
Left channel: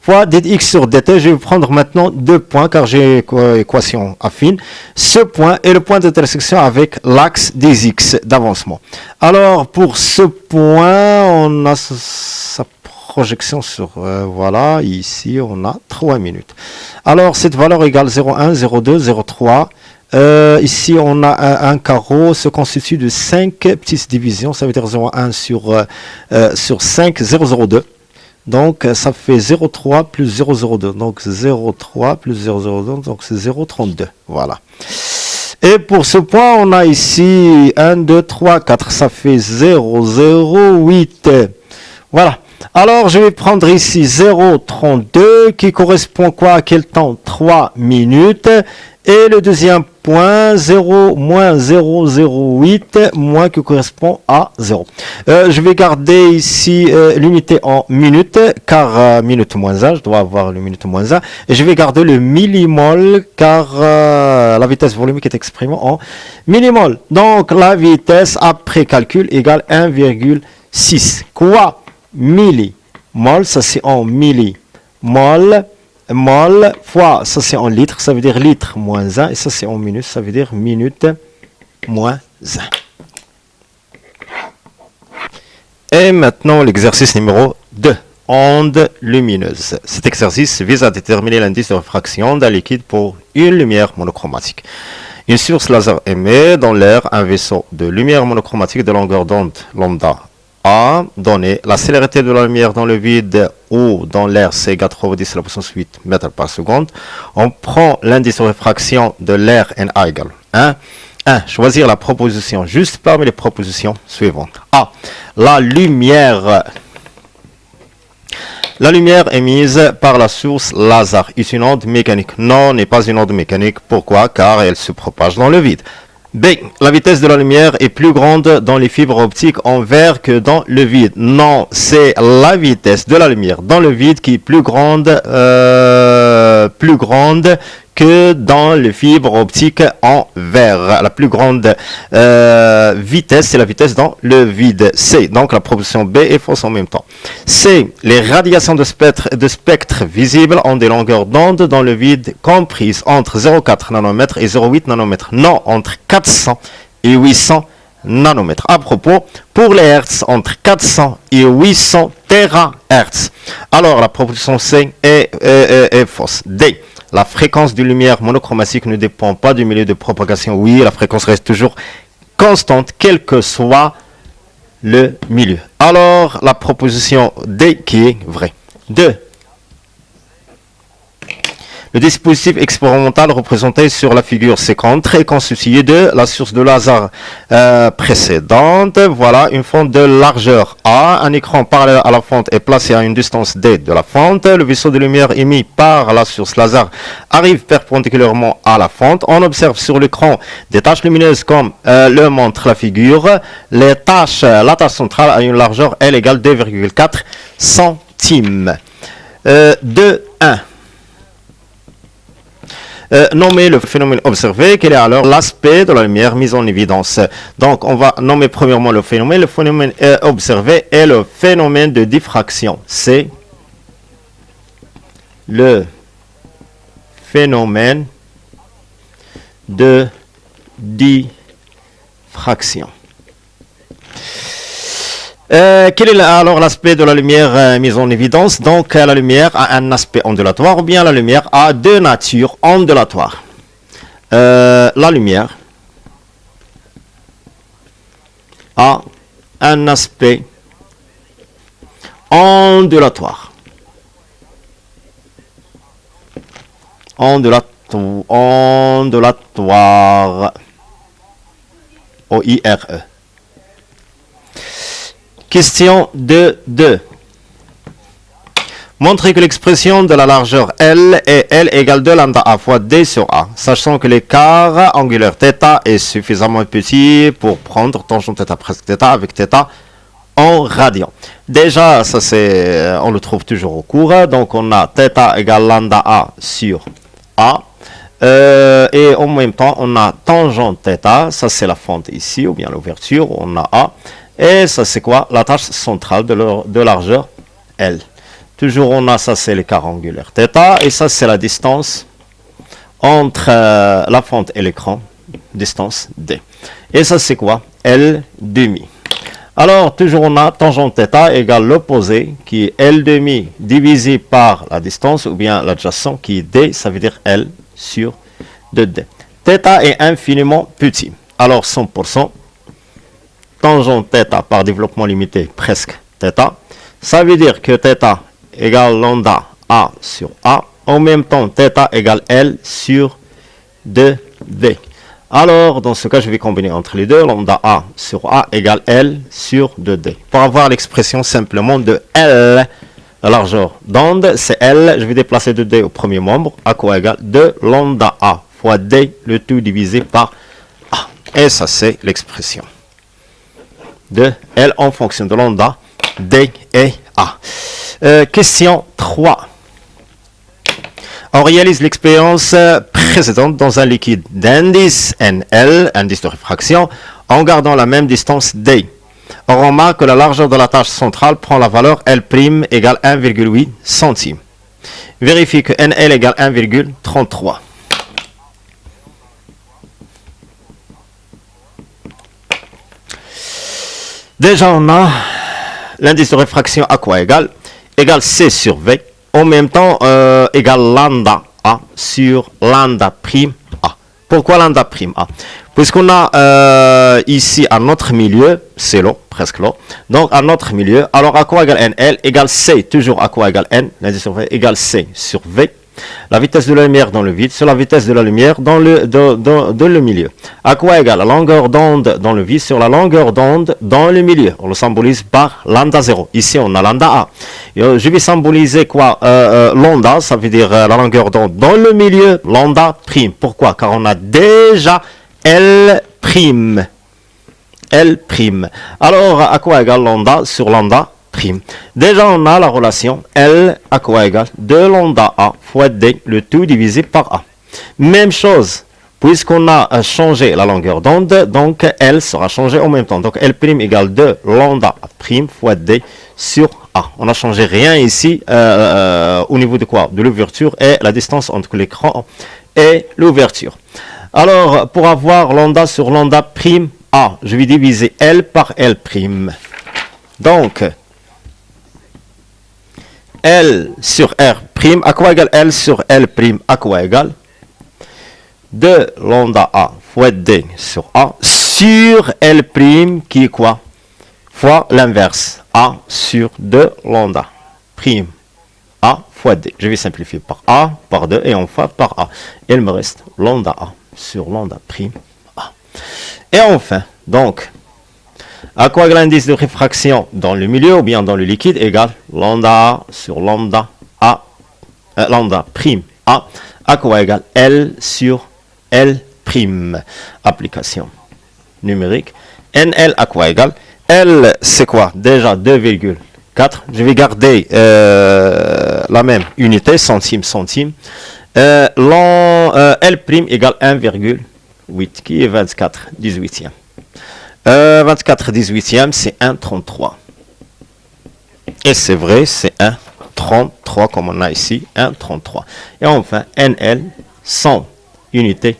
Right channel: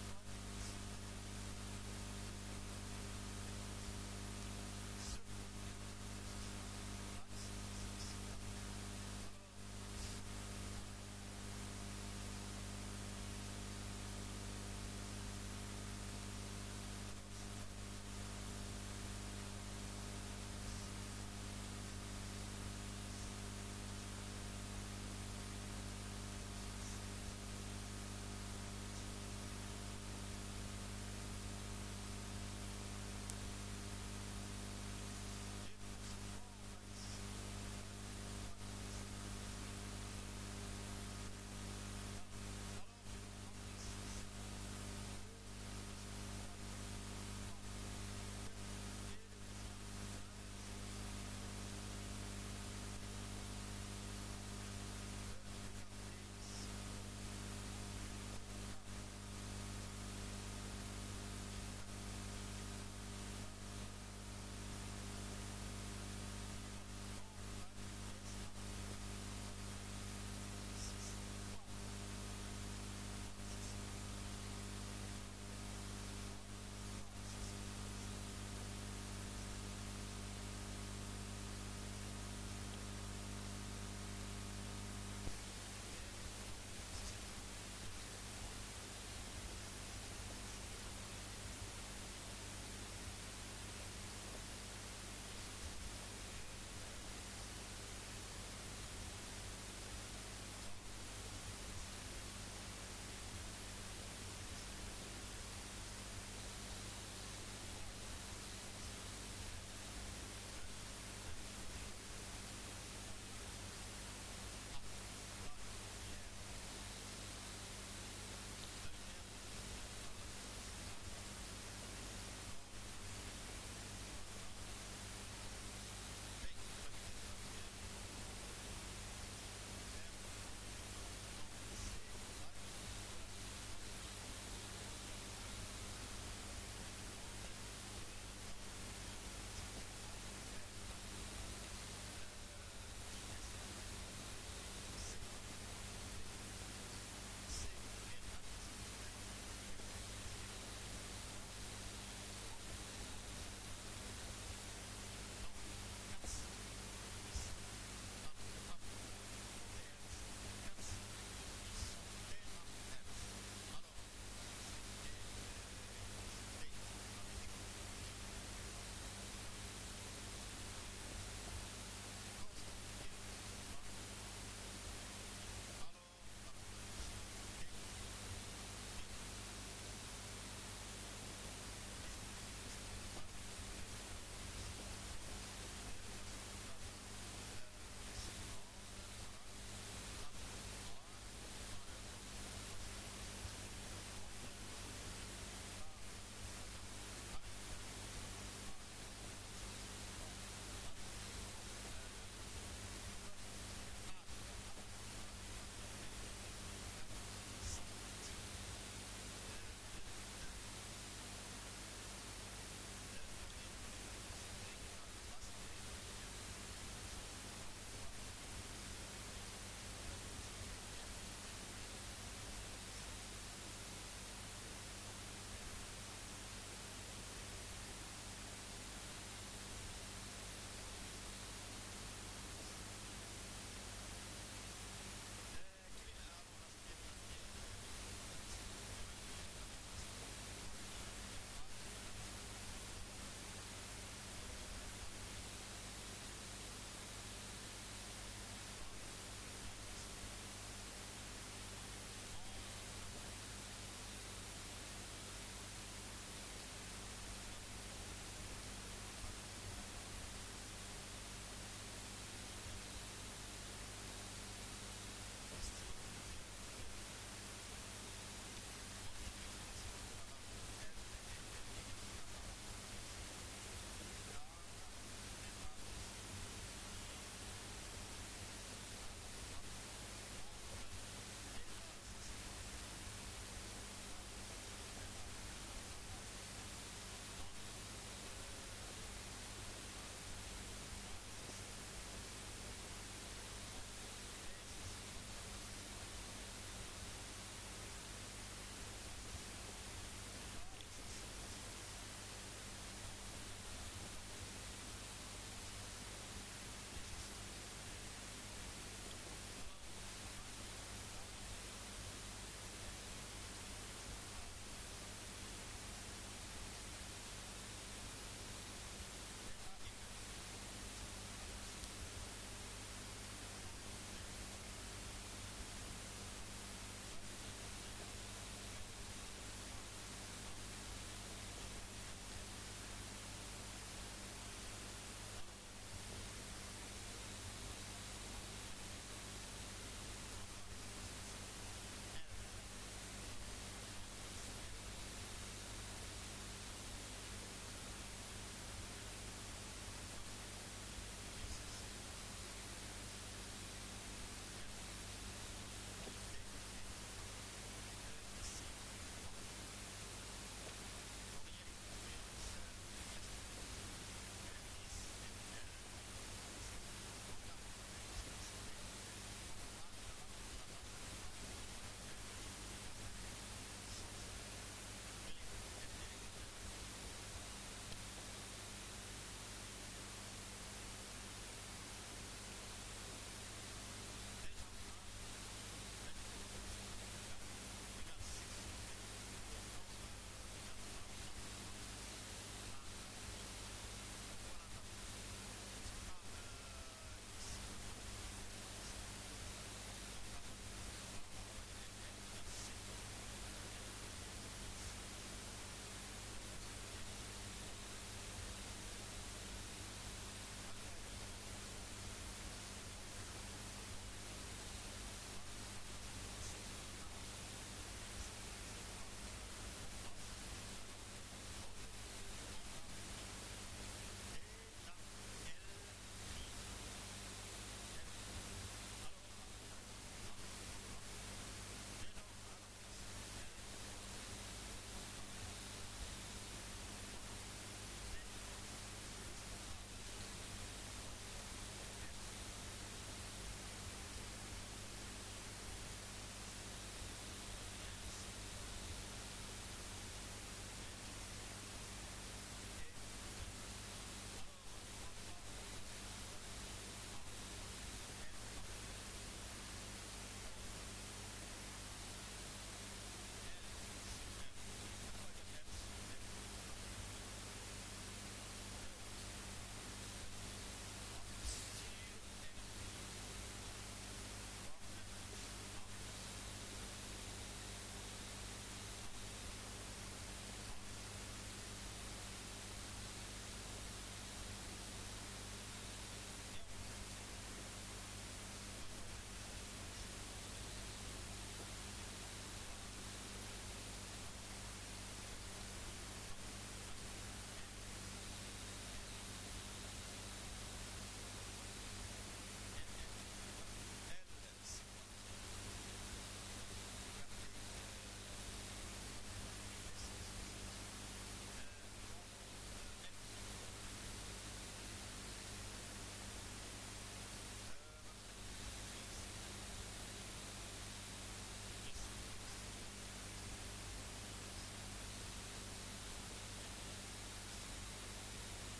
Fois dx sur dt, je vais prendre maintenant 2 points car j'ai équation affine. Ce point est le point d'intersection avec l'axe des x d'avancement. Alors pour ce point, on a sa projection sur, voilà, ici on a 3 minutes. Alors cette valeur égale 0,1, 0,2, 0,3. Ici on a un carreau se constitue de 5 petites divisions, ça veut dire 0,1 sur 5, 0,02. Donc, ça fait 0,3 plus 0,02. Donc, 0,3 plus 0,02. Donc, c'est 0,32. Voilà. Et pour ce point, on a ici 1, 2, 3, 4. Ça fait 0,08. Voilà. Alors, je vais prendre ici 0,32 qui correspond quoi à quel temps 3 minutes. Et le deuxième point, 0 moins 0,08 moins qui correspond à 0. Je vais garder ici l'unité en minutes, car minute moins 1, je dois avoir le minute moins 1. Et je vais garder le millimol, car la vitesse volumique est exprimée en millimol. Donc la vitesse après calcul égale 1,6. Quoi millimol, ça c'est en millimol. Mol fois, ça c'est en litres, ça veut dire litre moins 1, et ça c'est en minutes, ça veut dire minute moins 1. Et maintenant l'exercice numéro 2, onde lumineuse. Cet exercice vise à déterminer l'indice de réfraction d'un liquide pour une lumière monochromatique. Une source laser émet dans l'air un vaisseau de lumière monochromatique de longueur d'onde lambda A donné la célérité de la lumière dans le vide ou dans l'air c'est égale 3 fois 10 à la puissance 8 mètres par seconde. On prend l'indice de réfraction de l'air NA égale 1. 1. Choisir la proposition juste parmi les propositions suivantes. A. La lumière émise par la source laser est une onde mécanique. Non, n'est pas une onde mécanique. Pourquoi? Car elle se propage dans le vide. B. La vitesse de la lumière est plus grande dans les fibres optiques en verre que dans le vide. Non, c'est la vitesse de la lumière dans le vide qui est plus grande que dans les fibres optiques en verre. La plus grande vitesse, c'est la vitesse dans le vide. C. Donc la proposition B est fausse en même temps. C. Les radiations de spectre visibles ont des longueurs d'onde dans le vide comprises entre 0,4 nanomètres et 0,8 nanomètres. Non, entre 400 et 800 nanomètres. À propos, pour les hertz, entre 400 et 800 terahertz. Alors la proposition C est fausse. D. La fréquence de lumière monochromatique ne dépend pas du milieu de propagation. Oui, la fréquence reste toujours constante, quel que soit le milieu. Alors, la proposition D qui est vraie. 2. Le dispositif expérimental représenté sur la figure ci-contre est constitué de la source de laser précédente. Voilà une fente de largeur A. Un écran parallèle à la fente est placé à une distance D de la fente. Le vaisseau de lumière émis par la source laser arrive perpendiculairement à la fente. On observe sur l'écran des taches lumineuses comme le montre la figure. La tache centrale a une largeur L égale 2,4 centimes. 2.1. Nommer le phénomène observé, quel est alors l'aspect de la lumière mise en évidence. Donc on va nommer premièrement le phénomène. Le phénomène observé est le phénomène de diffraction. C'est le phénomène de diffraction. Quel est alors l'aspect de la lumière mise en évidence? Donc la lumière a un aspect ondulatoire ou bien la lumière a deux natures ondulatoires. La lumière a un aspect ondulatoire. Ondulatoire. O-I-R-E. Question 2.2. Montrez que l'expression de la largeur L est L égale 2 lambda A fois D sur A, sachant que l'écart angulaire θ est suffisamment petit pour prendre tangente θ presque θ avec θ en radian. Déjà, ça c'est, on le trouve toujours au cours. Donc on a θ égale lambda A sur A. Et en même temps, on a tangente θ, ça c'est la fente ici, ou bien l'ouverture, on a A. Et ça c'est quoi? La tâche centrale de largeur L. Toujours on a, ça c'est l'écart angulaire θ, et ça c'est la distance entre la fente et l'écran, distance D. Et ça c'est quoi? L demi. Alors toujours on a tangente θ égale l'opposé qui est L demi divisé par la distance ou bien l'adjacent qui est D, ça veut dire L sur 2D. θ est infiniment petit. Alors 100%. Tangente θ par développement limité presque θ. Ça veut dire que θ égale lambda A sur A. En même temps, θ égale L sur 2D. Alors, dans ce cas, je vais combiner entre les deux. Lambda A sur A égale L sur 2D. Pour avoir l'expression simplement de L, la largeur d'onde, c'est L. Je vais déplacer 2D au premier membre. À quoi égale 2 lambda A fois D, le tout divisé par A. Et ça, c'est l'expression de L en fonction de lambda, D et A. Question 3. On réalise l'expérience précédente dans un liquide d'indice NL, indice de réfraction, en gardant la même distance D. On remarque que la largeur de la tâche centrale prend la valeur L' égale 1,8 centimes. Vérifie que NL égale 1,33. Déjà, on a l'indice de réfraction à quoi égal? Égal C sur V. En même temps, égal lambda A sur lambda prime A. Pourquoi lambda prime A? Puisqu'on a ici à notre milieu, c'est l'eau, presque l'eau. Donc à notre milieu, alors à quoi égale NL? Égale C, toujours à quoi égale N? L'indice sur V égale C sur V. La vitesse de la lumière dans le vide sur la vitesse de la lumière dans le milieu. À quoi égale la longueur d'onde dans le vide sur la longueur d'onde dans le milieu? On le symbolise par lambda 0. Ici, on a lambda A. Je vais symboliser quoi? Lambda, ça veut dire la longueur d'onde dans le milieu, lambda prime. Pourquoi? Car on a déjà L prime. L prime. Alors, à quoi égale lambda sur lambda prime? Déjà, on a la relation L à quoi égale 2 lambda A fois D, le tout divisé par A. Même chose, puisqu'on a changé la longueur d'onde, donc L sera changé en même temps. Donc L' égale 2 lambda prime fois D sur A. On n'a changé rien ici au niveau de quoi? De l'ouverture et la distance entre l'écran et l'ouverture. Alors, pour avoir lambda sur lambda prime A, je vais diviser L par L prime. Donc, L sur R prime, à quoi égale L sur L prime, à quoi égale 2 lambda A fois D sur A sur L prime qui est quoi? Fois l'inverse, A sur 2 lambda prime A fois D. Je vais simplifier par A, par 2 et enfin par A. Il me reste lambda A sur lambda prime A. Et enfin, donc, à quoi égale l'indice de réfraction dans le milieu ou bien dans le liquide égale lambda A sur lambda A, lambda prime A, à quoi égale L sur L prime. Application numérique. NL à quoi égale L, c'est quoi? Déjà 2,4. Je vais garder la même unité, centime, centime. L' égale 1,8, qui est 24 18e. 24 18e, c'est 1,33. Et c'est vrai, c'est 1,33 comme on a ici, 1,33. Et enfin, NL, 100 unités.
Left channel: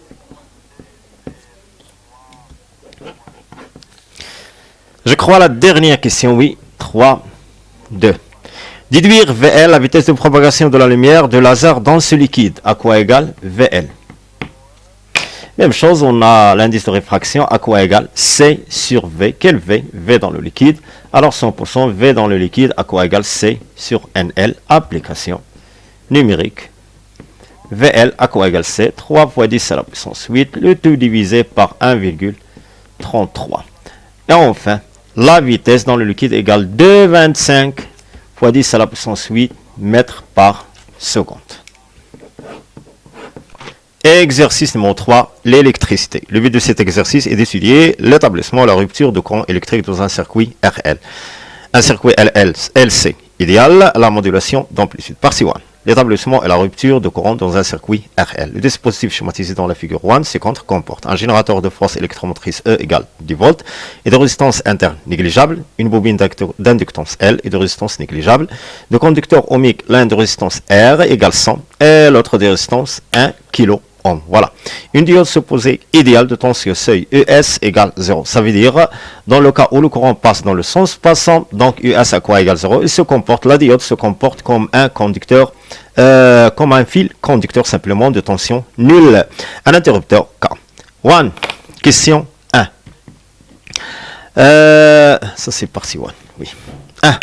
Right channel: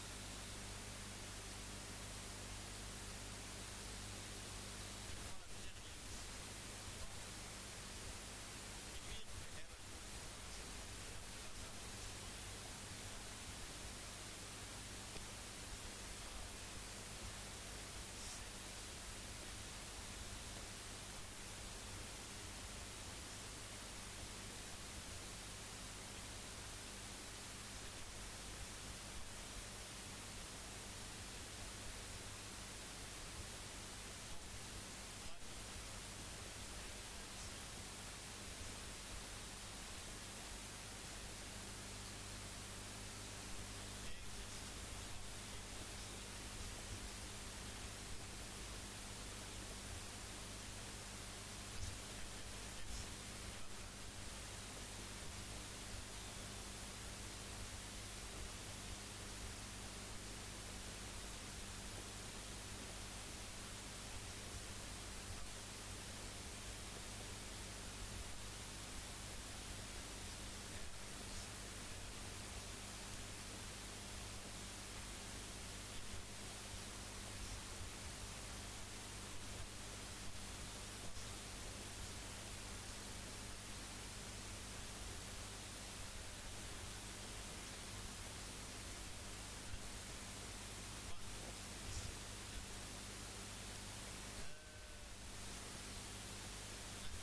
Je crois la dernière question, oui. 3, 2. Déduire VL, la vitesse de propagation de la lumière de laser dans ce liquide. À quoi égale VL? Même chose, on a l'indice de réfraction. À quoi égale C sur V? Quel V? V dans le liquide. Alors 100% V dans le liquide. À quoi égale C sur NL? Application numérique. VL à quoi égale C? 3 fois 10 à la puissance 8. Le tout divisé par 1,33. Et enfin, la vitesse dans le liquide égale 2,25 fois 10 à la puissance 8 mètres par seconde. Exercice numéro 3, l'électricité. Le but de cet exercice est d'étudier l'établissement et la rupture de courant électrique dans un circuit RL. Un circuit LC, idéal, la modulation d'amplitude. Partie 1. L'établissement et la rupture de courant dans un circuit RL. Le dispositif schématisé dans la figure 1 ci-contre comporte un générateur de force électromotrice E égale 10 volts et de résistance interne négligeable, une bobine d'inductance L et de résistance négligeable, de conducteurs ohmiques, l'un de résistance R égale 100 et l'autre de résistance 1 kilo. Voilà. Une diode supposée idéale de tension seuil ES égale 0. Ça veut dire, dans le cas où le courant passe dans le sens passant, donc ES à quoi égale 0, la diode se comporte comme un conducteur, comme un fil conducteur simplement de tension nulle. Un interrupteur K. 1. Question 1. Ça c'est partie 1. Oui. 1.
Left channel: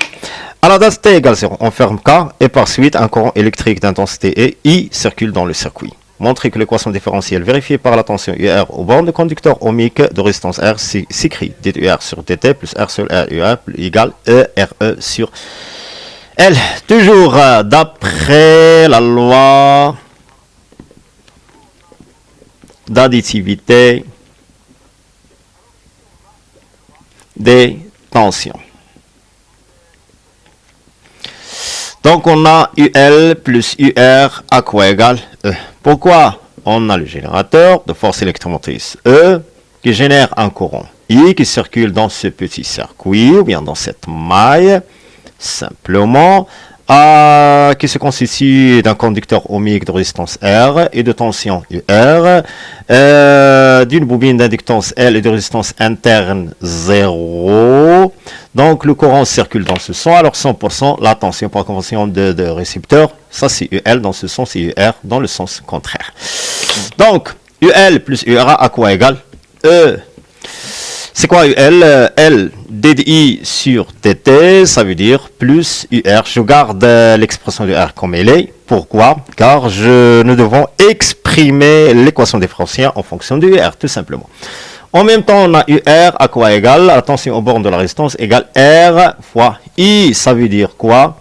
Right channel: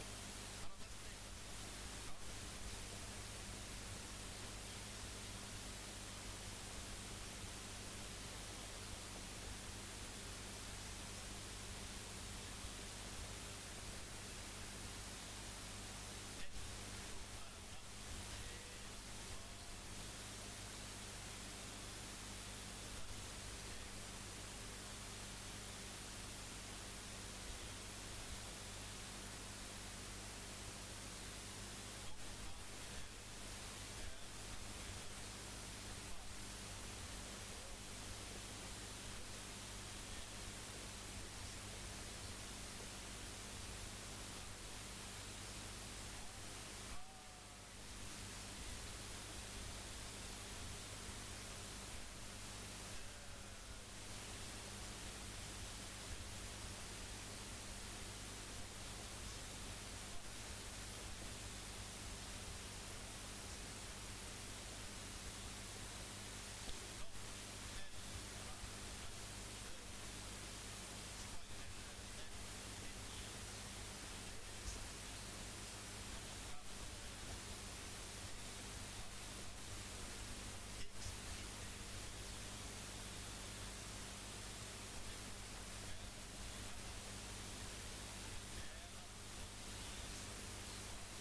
À la date T égale 0, on ferme K et par suite un courant électrique d'intensité E, I circule dans le circuit. Montrer que l'équation différentielle vérifiée par la tension UR aux bornes de conducteur ohmique de résistance R s'écrit DUR sur DT plus R sur R UR égale ERE sur L. Toujours d'après la loi d'additivité des tensions. Donc on a UL plus UR à quoi égale E. Pourquoi? On a le générateur de force électromotrice E qui génère un courant I qui circule dans ce petit circuit ou bien dans cette maille simplement qui se constitue d'un conducteur ohmique de résistance R et de tension UR, d'une bobine d'inductance L et de résistance interne 0. Donc le courant circule dans ce sens, alors 100% la tension par convention de récepteur, ça c'est UL dans ce sens et UR dans le sens contraire. Donc UL plus URA à quoi égale E. C'est quoi UL? L DDI sur DT, ça veut dire plus UR. Je garde l'expression de R comme elle est. Pourquoi? Car nous devons exprimer l'équation différentielle en fonction de UR, tout simplement. En même temps, on a UR à quoi égale? La tension aux bornes de la résistance égale R fois I. Ça veut dire quoi?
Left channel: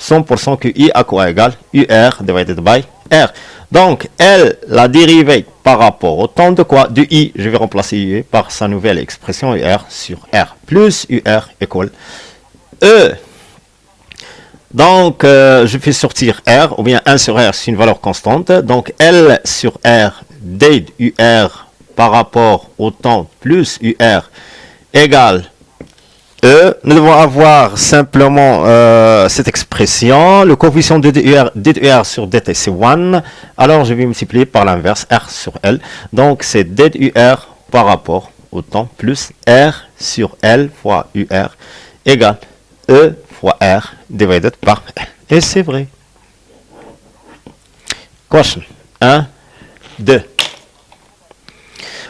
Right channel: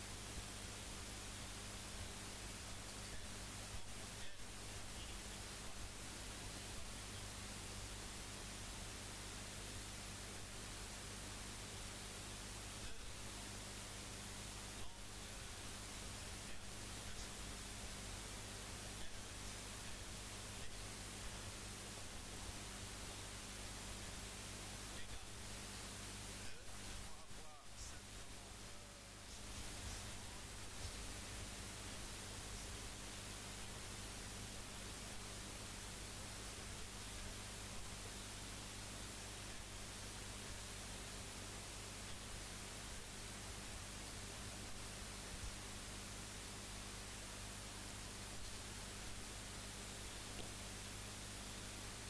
100% que I à quoi égale? UR divided by R. Donc, L, la dérivée par rapport au temps de quoi? De I, je vais remplacer I par sa nouvelle expression UR sur R. Plus UR égale E. Donc, je fais sortir R, ou bien 1 sur R, c'est une valeur constante. Donc, L sur R, D UR par rapport au temps plus UR égale E. Nous devons avoir simplement cette expression. Le coefficient de DUR sur DT, c'est 1. Alors, je vais multiplier par l'inverse, R sur L. Donc, c'est DUR par rapport au temps plus R sur L fois UR égale E fois R divided par L. Et c'est vrai. Question 1, 2.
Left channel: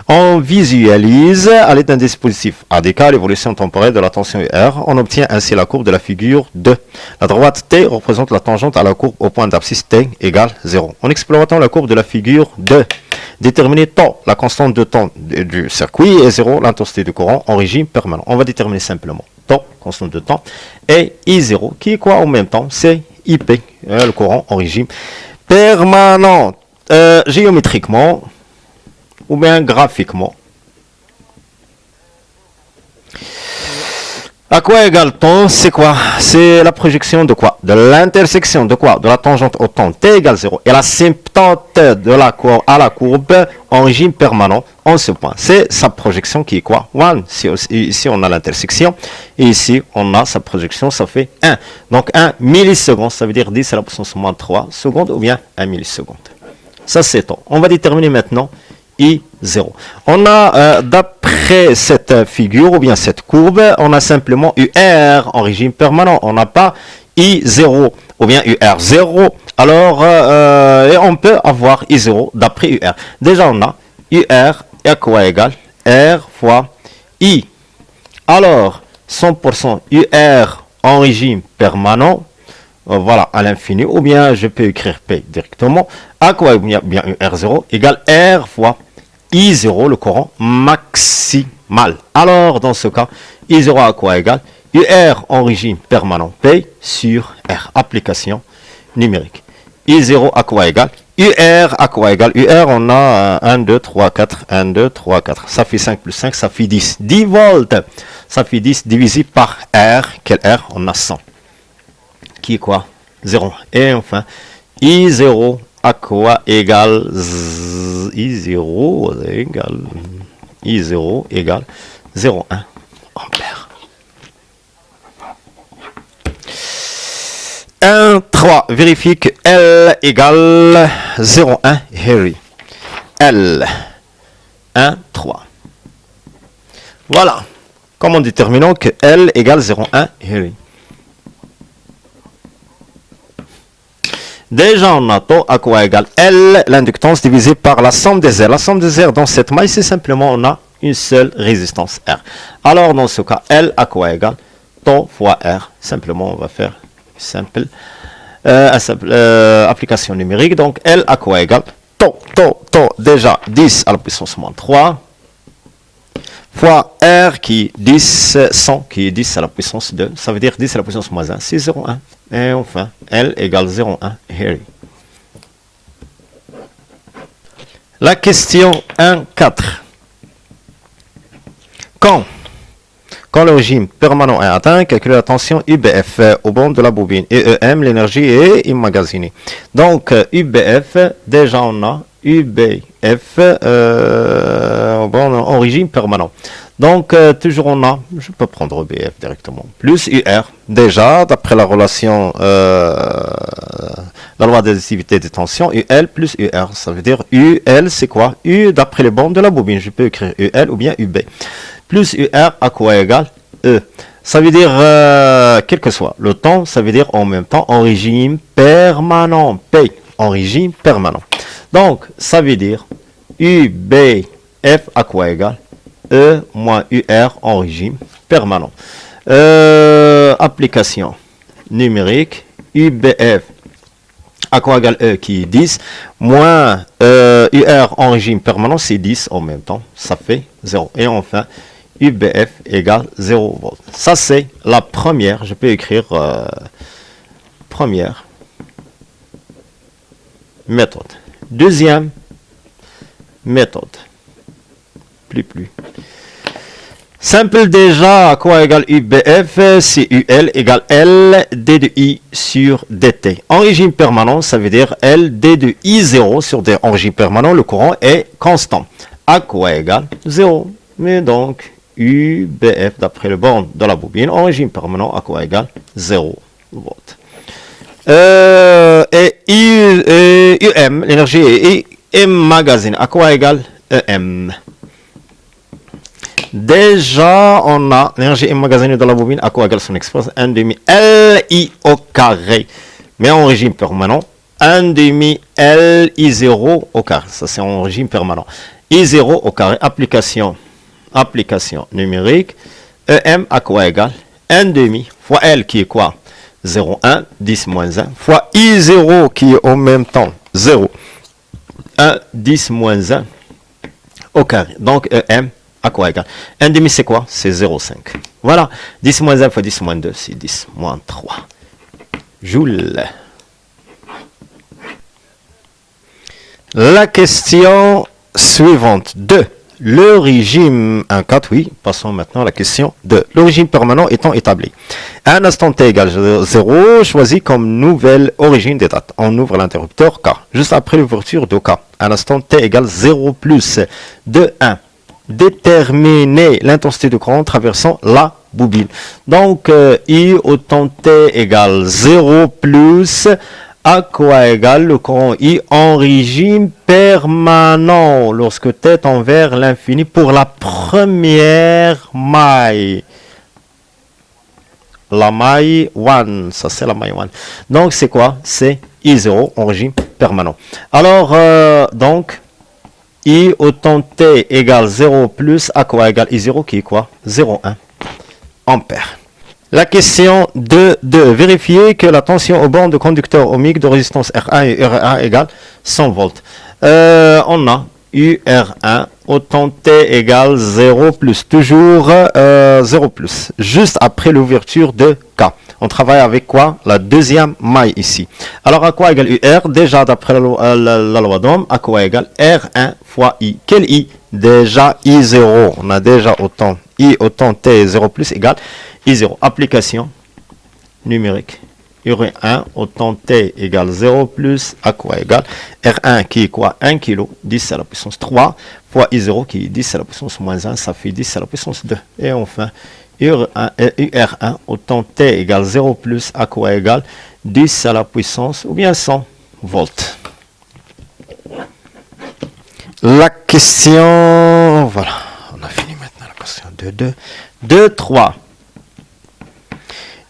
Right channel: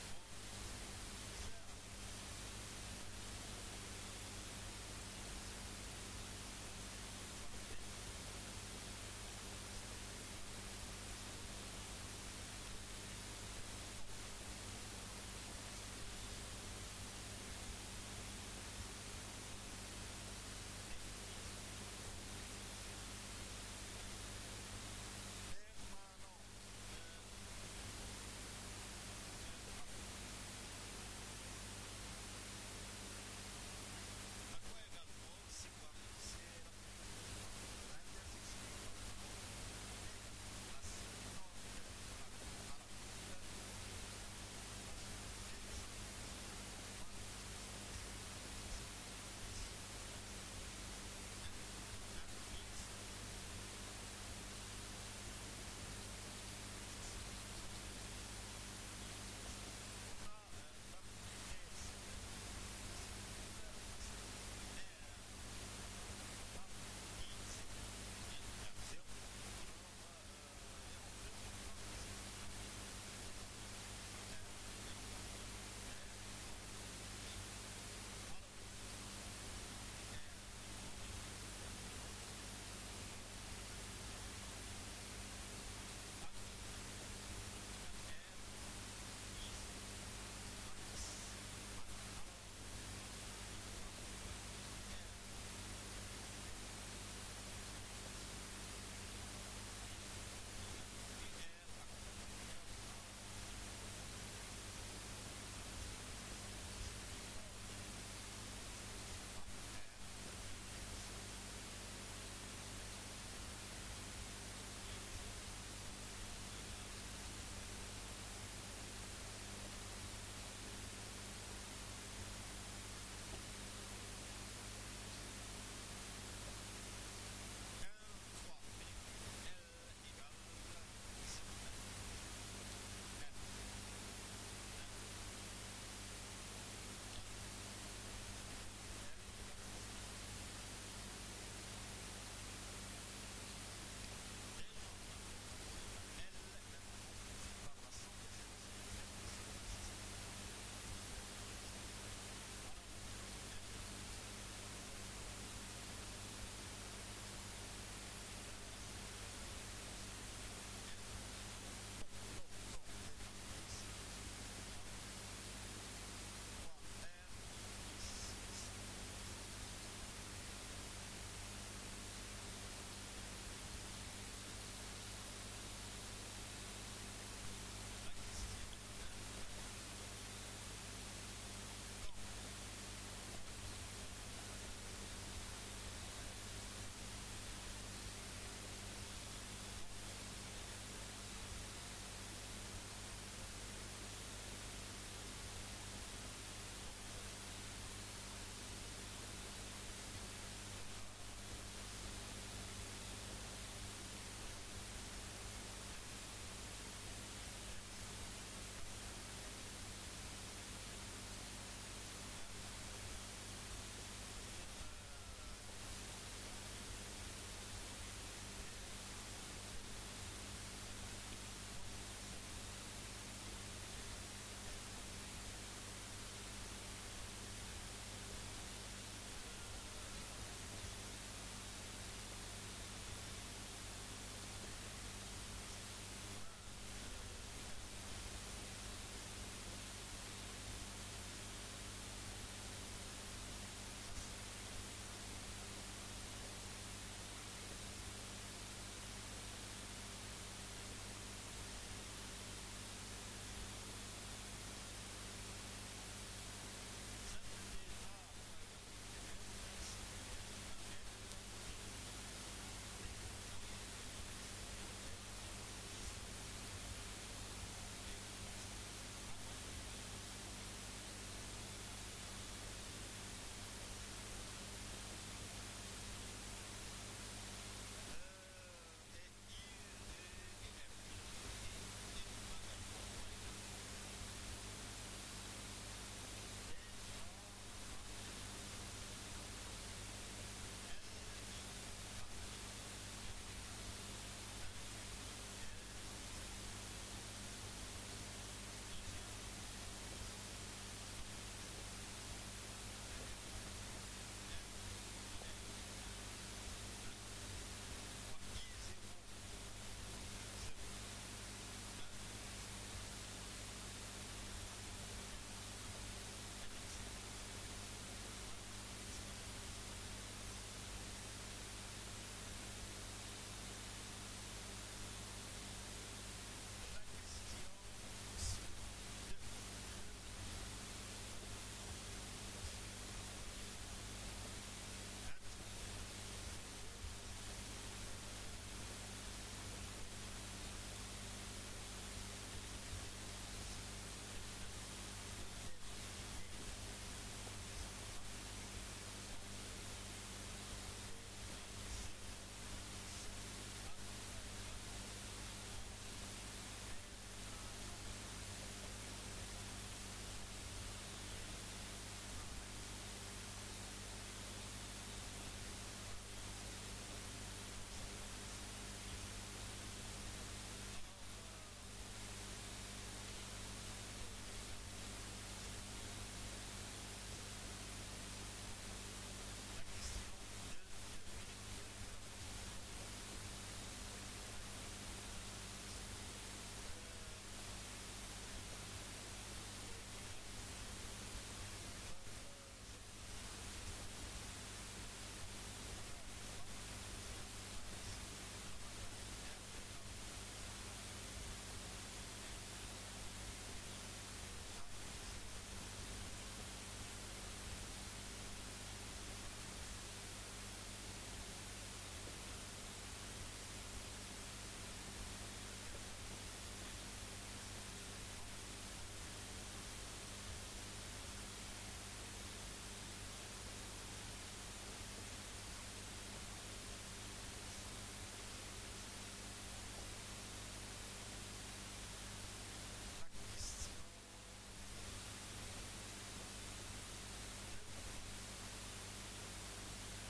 On visualise à l'aide d'un dispositif ADK l'évolution temporelle de la tension UR. On obtient ainsi la courbe de la figure 2. La droite T représente la tangente à la courbe au point d'abscisse T égale 0. En exploitant la courbe de la figure 2, déterminer tau, la constante de temps du circuit, et 0, l'intensité du courant en régime permanent. On va déterminer simplement tau, constante de temps, et I0, qui est quoi en même temps? C'est IP, le courant en régime permanent. Géométriquement, ou bien graphiquement. À quoi égale temps? C'est quoi? C'est la projection de quoi? De l'intersection de quoi? De la tangente au temps t égale 0 et l'asymptote de la courbe à la courbe en régime permanent en ce point. C'est sa projection qui est quoi? 1. Ici on a l'intersection et ici on a sa projection, ça fait 1. Donc 1 milliseconde, ça veut dire 10 à la puissance moins 3 secondes ou bien 1 milliseconde. Ça c'est temps. On va déterminer maintenant I0. On a, d'après cette figure ou bien cette courbe, on a simplement UR en régime permanent. On n'a pas I0 ou bien UR0. Alors, et on peut avoir I0 d'après UR. Déjà, on a UR est à quoi égal? R fois I. Alors, 100% UR en régime permanent, voilà, à l'infini, ou bien je peux écrire P directement, à quoi bien UR0 égale R fois I0, le courant maximal. Alors, dans ce cas, I0 à quoi égale UR en régime permanent, P sur R, application numérique. I0 à quoi égale UR à quoi égale UR, on a 1, 2, 3, 4, 1, 2, 3, 4. Ça fait 5 plus 5, ça fait 10. 10 volts. Ça fait 10 divisé par R. Quel R? On a 100. Qui est quoi? 0. Et enfin, I0 à quoi égale I0 égale 0,1 ampère. 1, 3. Vérifie que L égale 0,1 Henry. L 1, 3. Voilà. Comment déterminons que L égale 0,1 Henry? Déjà, on a taux à quoi égale L, l'inductance divisée par la somme des R. La somme des R dans cette maille, c'est simplement, on a une seule résistance R. Alors, dans ce cas, L à quoi égale taux fois R. Simplement, on va faire simple, application numérique. Donc, L à quoi égale taux, déjà 10 à la puissance moins 3 fois R qui est 10, 100 qui est 10 à la puissance 2. Ça veut dire 10 à la puissance moins 1, c'est 0,1. Et enfin, L égale 0,1 Henry. La question 1.4. Quand le régime permanent est atteint, calculez la tension UBF au bord de la bobine. Et EM, l'énergie est immagasinée. Donc, UBF, déjà on a UBF en régime permanent. Donc, toujours on a, je peux prendre EBF directement, plus UR. Déjà, d'après la relation, la loi d'additivité des tensions, UL plus UR. Ça veut dire UL, c'est quoi? U d'après les bornes de la bobine. Je peux écrire UL ou bien UB. Plus UR à quoi égale E. Ça veut dire, quel que soit le temps, ça veut dire en même temps en régime permanent. P en régime permanent. Donc, ça veut dire UBF à quoi égale E moins UR en régime permanent. Application numérique, UBF à quoi égale E qui est 10, moins UR en régime permanent, c'est 10 en même temps, ça fait 0. Et enfin, UBF égale 0 volts. Ça, c'est la première, je peux écrire première méthode. Deuxième méthode. Plus. Simple déjà, à quoi égale UBF? C'est UL égale L D de I sur DT. En régime permanent, ça veut dire L D de I0 sur D. En régime permanent, le courant est constant. À quoi égale 0. Mais donc, UBF, d'après le borne de la bobine, en régime permanent, à quoi égale 0 volts. Et UM, l'énergie est emmagasinée. À quoi égale EM? Déjà, on a l'énergie emmagasinée dans la bobine, à quoi égale son expression 1 demi LI au carré. Mais en régime permanent, 1 demi LI0 au carré. Ça, c'est en régime permanent. I0 au carré, application numérique, EM à quoi égal 1 demi fois L qui est quoi 0,1, 10 moins 1, fois I0 qui est en même temps 0, 1, 10 moins 1 au carré. Donc EM à quoi égal 1 demi c'est quoi c'est 0,5. Voilà, 10 moins 1 fois 10 moins 2, c'est 10 moins 3 joules. La question suivante 2. Le régime 1,4, oui, passons maintenant à la question 2. Le régime permanent étant établi. À un instant t égale 0, choisis comme nouvelle origine des dates. On ouvre l'interrupteur K. Juste après l'ouverture de K. À un instant t égale 0 plus de 1. Déterminer l'intensité de courant traversant la bobine. Donc, I autant t égale 0 plus à quoi égale le courant I en régime permanent lorsque t tend vers l'infini pour la première maille. La maille 1, ça c'est la maille 1. Donc c'est quoi? C'est I0 en régime permanent. Alors, donc, I autant t égale 0 plus à quoi égale I0 qui est quoi? 0,1 ampères. La question 2. Vérifier que la tension aux bornes de conducteur ohmique de résistance R1 et R1 égale 100 volts. On a UR1 autant T égale 0 plus. Toujours 0 plus. Juste après l'ouverture de K. On travaille avec quoi? La deuxième maille ici. Alors à quoi égale UR? Déjà d'après la loi d'Ohm, à quoi égale R1 fois I? Quel I? Déjà I0. On a déjà autant I autant T 0 plus égale I0. Application numérique. UR1 autant T égale 0 plus à quoi égale R1 qui est quoi 1 kg, 10 à la puissance 3 fois I0 qui est 10 à la puissance moins 1, ça fait 10 à la puissance 2. Et enfin, UR1 autant T égale 0 plus à quoi égale 10 à la puissance ou bien 100 volts. La question, voilà, on a fini maintenant la question 2, 3.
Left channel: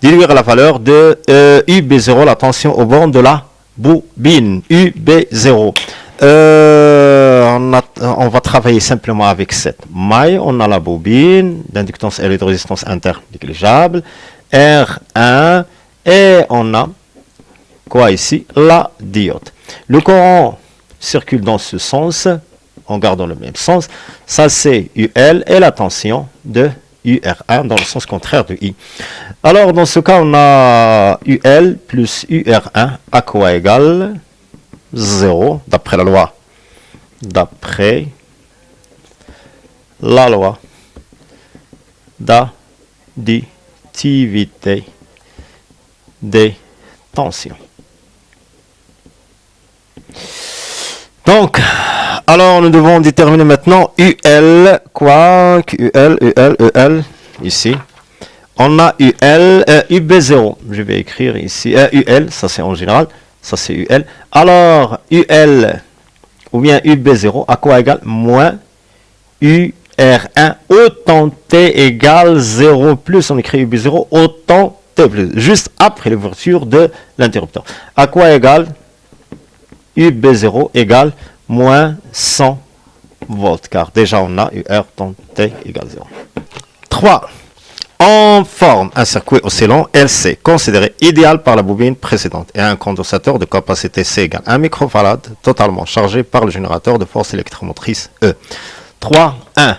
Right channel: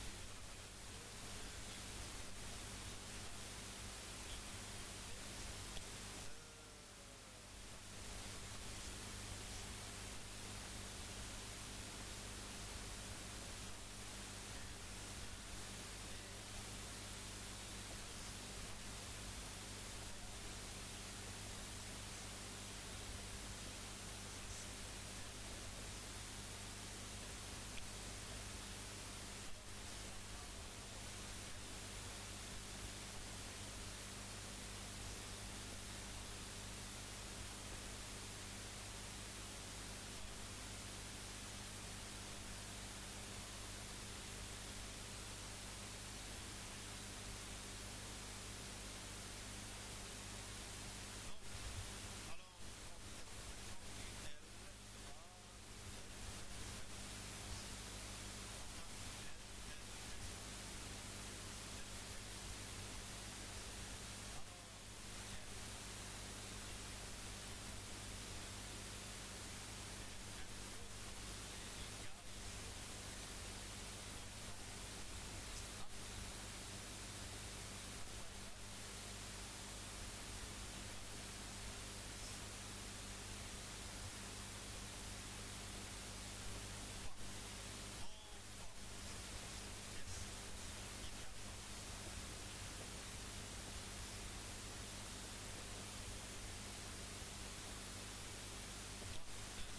Déduire la valeur de UB0, la tension aux bornes de la bobine. UB0. On va travailler simplement avec cette maille. On a la bobine, d'inductance et de résistance interne négligeable. R1. Et on a quoi ici? La diode. Le courant circule dans ce sens, en gardant le même sens. Ça, c'est UL et la tension de UR1 dans le sens contraire de I. Alors, dans ce cas, on a UL plus UR1 à quoi égale 0, d'après la loi. D'après la loi d'additivité des tensions. Donc, alors nous devons déterminer maintenant UL, quoi? UL, ici. On a UL, UB0, je vais écrire ici, UL, ça c'est en général, ça c'est UL. Alors, UL, ou bien UB0, à quoi égale? Moins UR1, autant T égale 0 plus, on écrit UB0, autant T plus, juste après l'ouverture de l'interrupteur. À quoi égale? UB0 égale moins 100 volts, car déjà on a UR tant T égale 0. 3. On forme un circuit oscillant LC, considéré idéal par la bobine précédente, et un condensateur de capacité C égale 1 microfarad, totalement chargé par le générateur de force électromotrice E. 3, 1.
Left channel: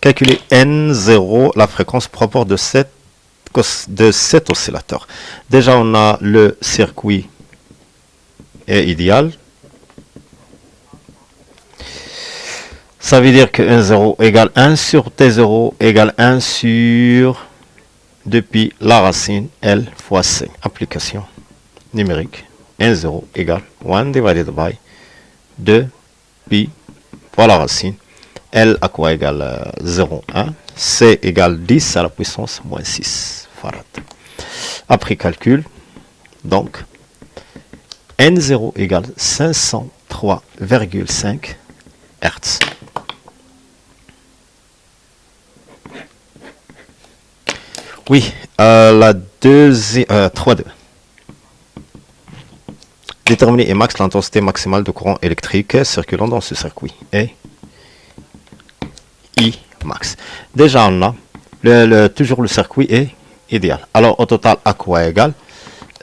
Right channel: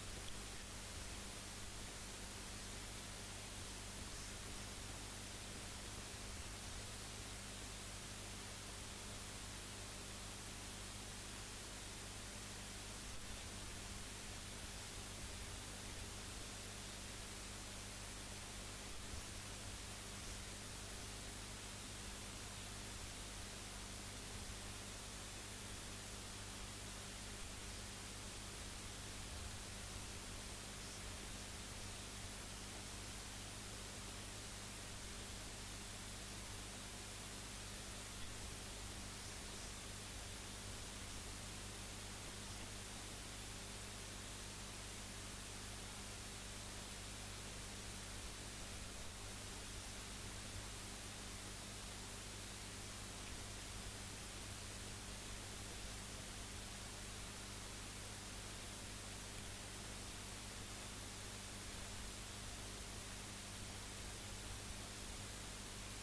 Calculer N0, la fréquence propre de cet oscillateur. Déjà, on a le circuit est idéal. Ça veut dire que N0 égale 1 sur T0 égale 1 sur depuis la racine L fois C. Application numérique. N0 égale 1 divided by 2 pi fois la racine. L à quoi égale 0,1. C égale 10 à la puissance moins 6 farad. Après calcul, donc, N0 égale 503,5 Hz. Oui, la deuxième, 3-2. Déterminer Emax l'intensité maximale de courant électrique circulant dans ce circuit. Et Imax. Déjà, on a toujours le circuit est idéal. Alors, au total, à quoi égal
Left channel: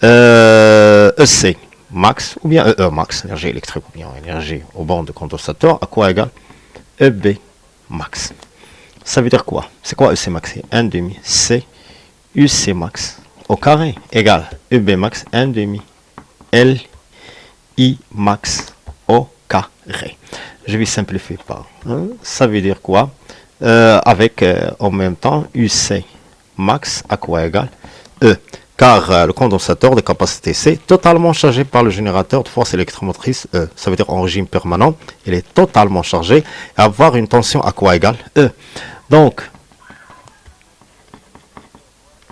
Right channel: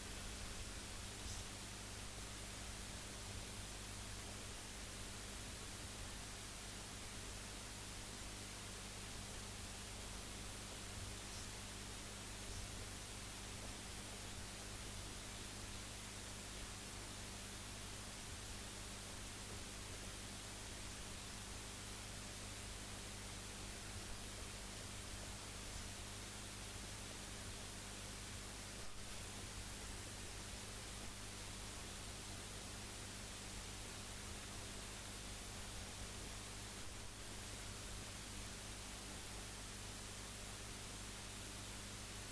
EC max ou bien EE max, énergie électrique ou bien énergie au bord de condensateur, à quoi égal EB max. Ça veut dire quoi? C'est quoi EC max? 1 demi C UC max au carré égale EB max 1 demi L I max au carré. Je vais simplifier par ça veut dire quoi? Avec en même temps UC max à quoi égal E, car le condensateur de capacité C totalement chargé par le générateur de force électromotrice E, ça veut dire en régime permanent, il est totalement chargé et avoir une tension à quoi égal E. Donc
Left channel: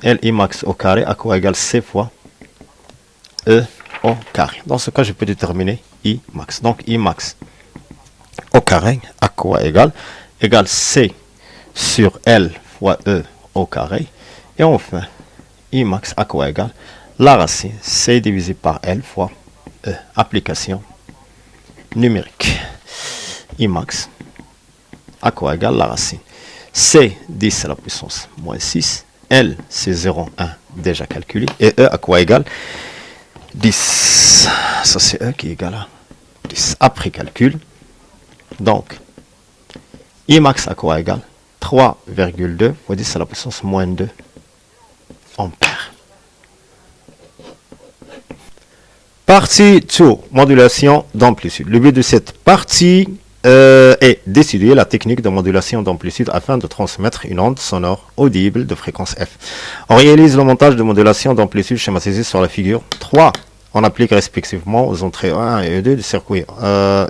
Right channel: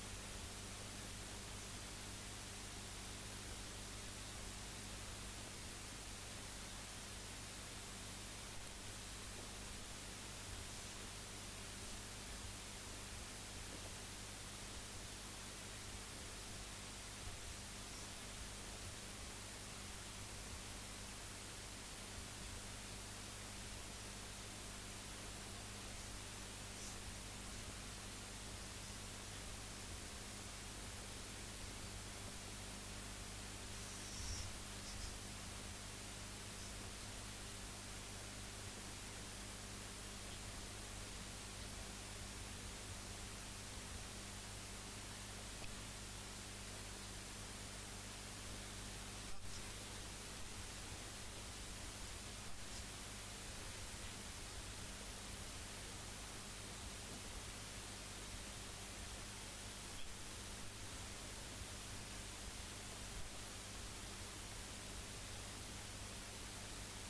Li max au carré à quoi égal C fois E au carré. Dans ce cas, je peux déterminer I max. Donc I max au carré à quoi égal C sur L fois E au carré. Et enfin, I max à quoi égal la racine C divisé par L fois E. Application numérique. I max à quoi égal la racine C 10 à la puissance moins 6. L c'est 0,1 déjà calculé. Et E à quoi égal 10. Ça c'est E qui est égal à 10. Après calcul. Donc, I max à quoi égal 3,2 fois 10 à la puissance moins 2 ampères. Partie 2, modulation d'amplitude. Le but de cette partie est d'étudier la technique de modulation d'amplitude afin de transmettre une onde sonore audible de fréquence F. On réalise le montage de modulation d'amplitude schématisé sur la figure 3. On applique respectivement aux entrées 1 et 2 du circuit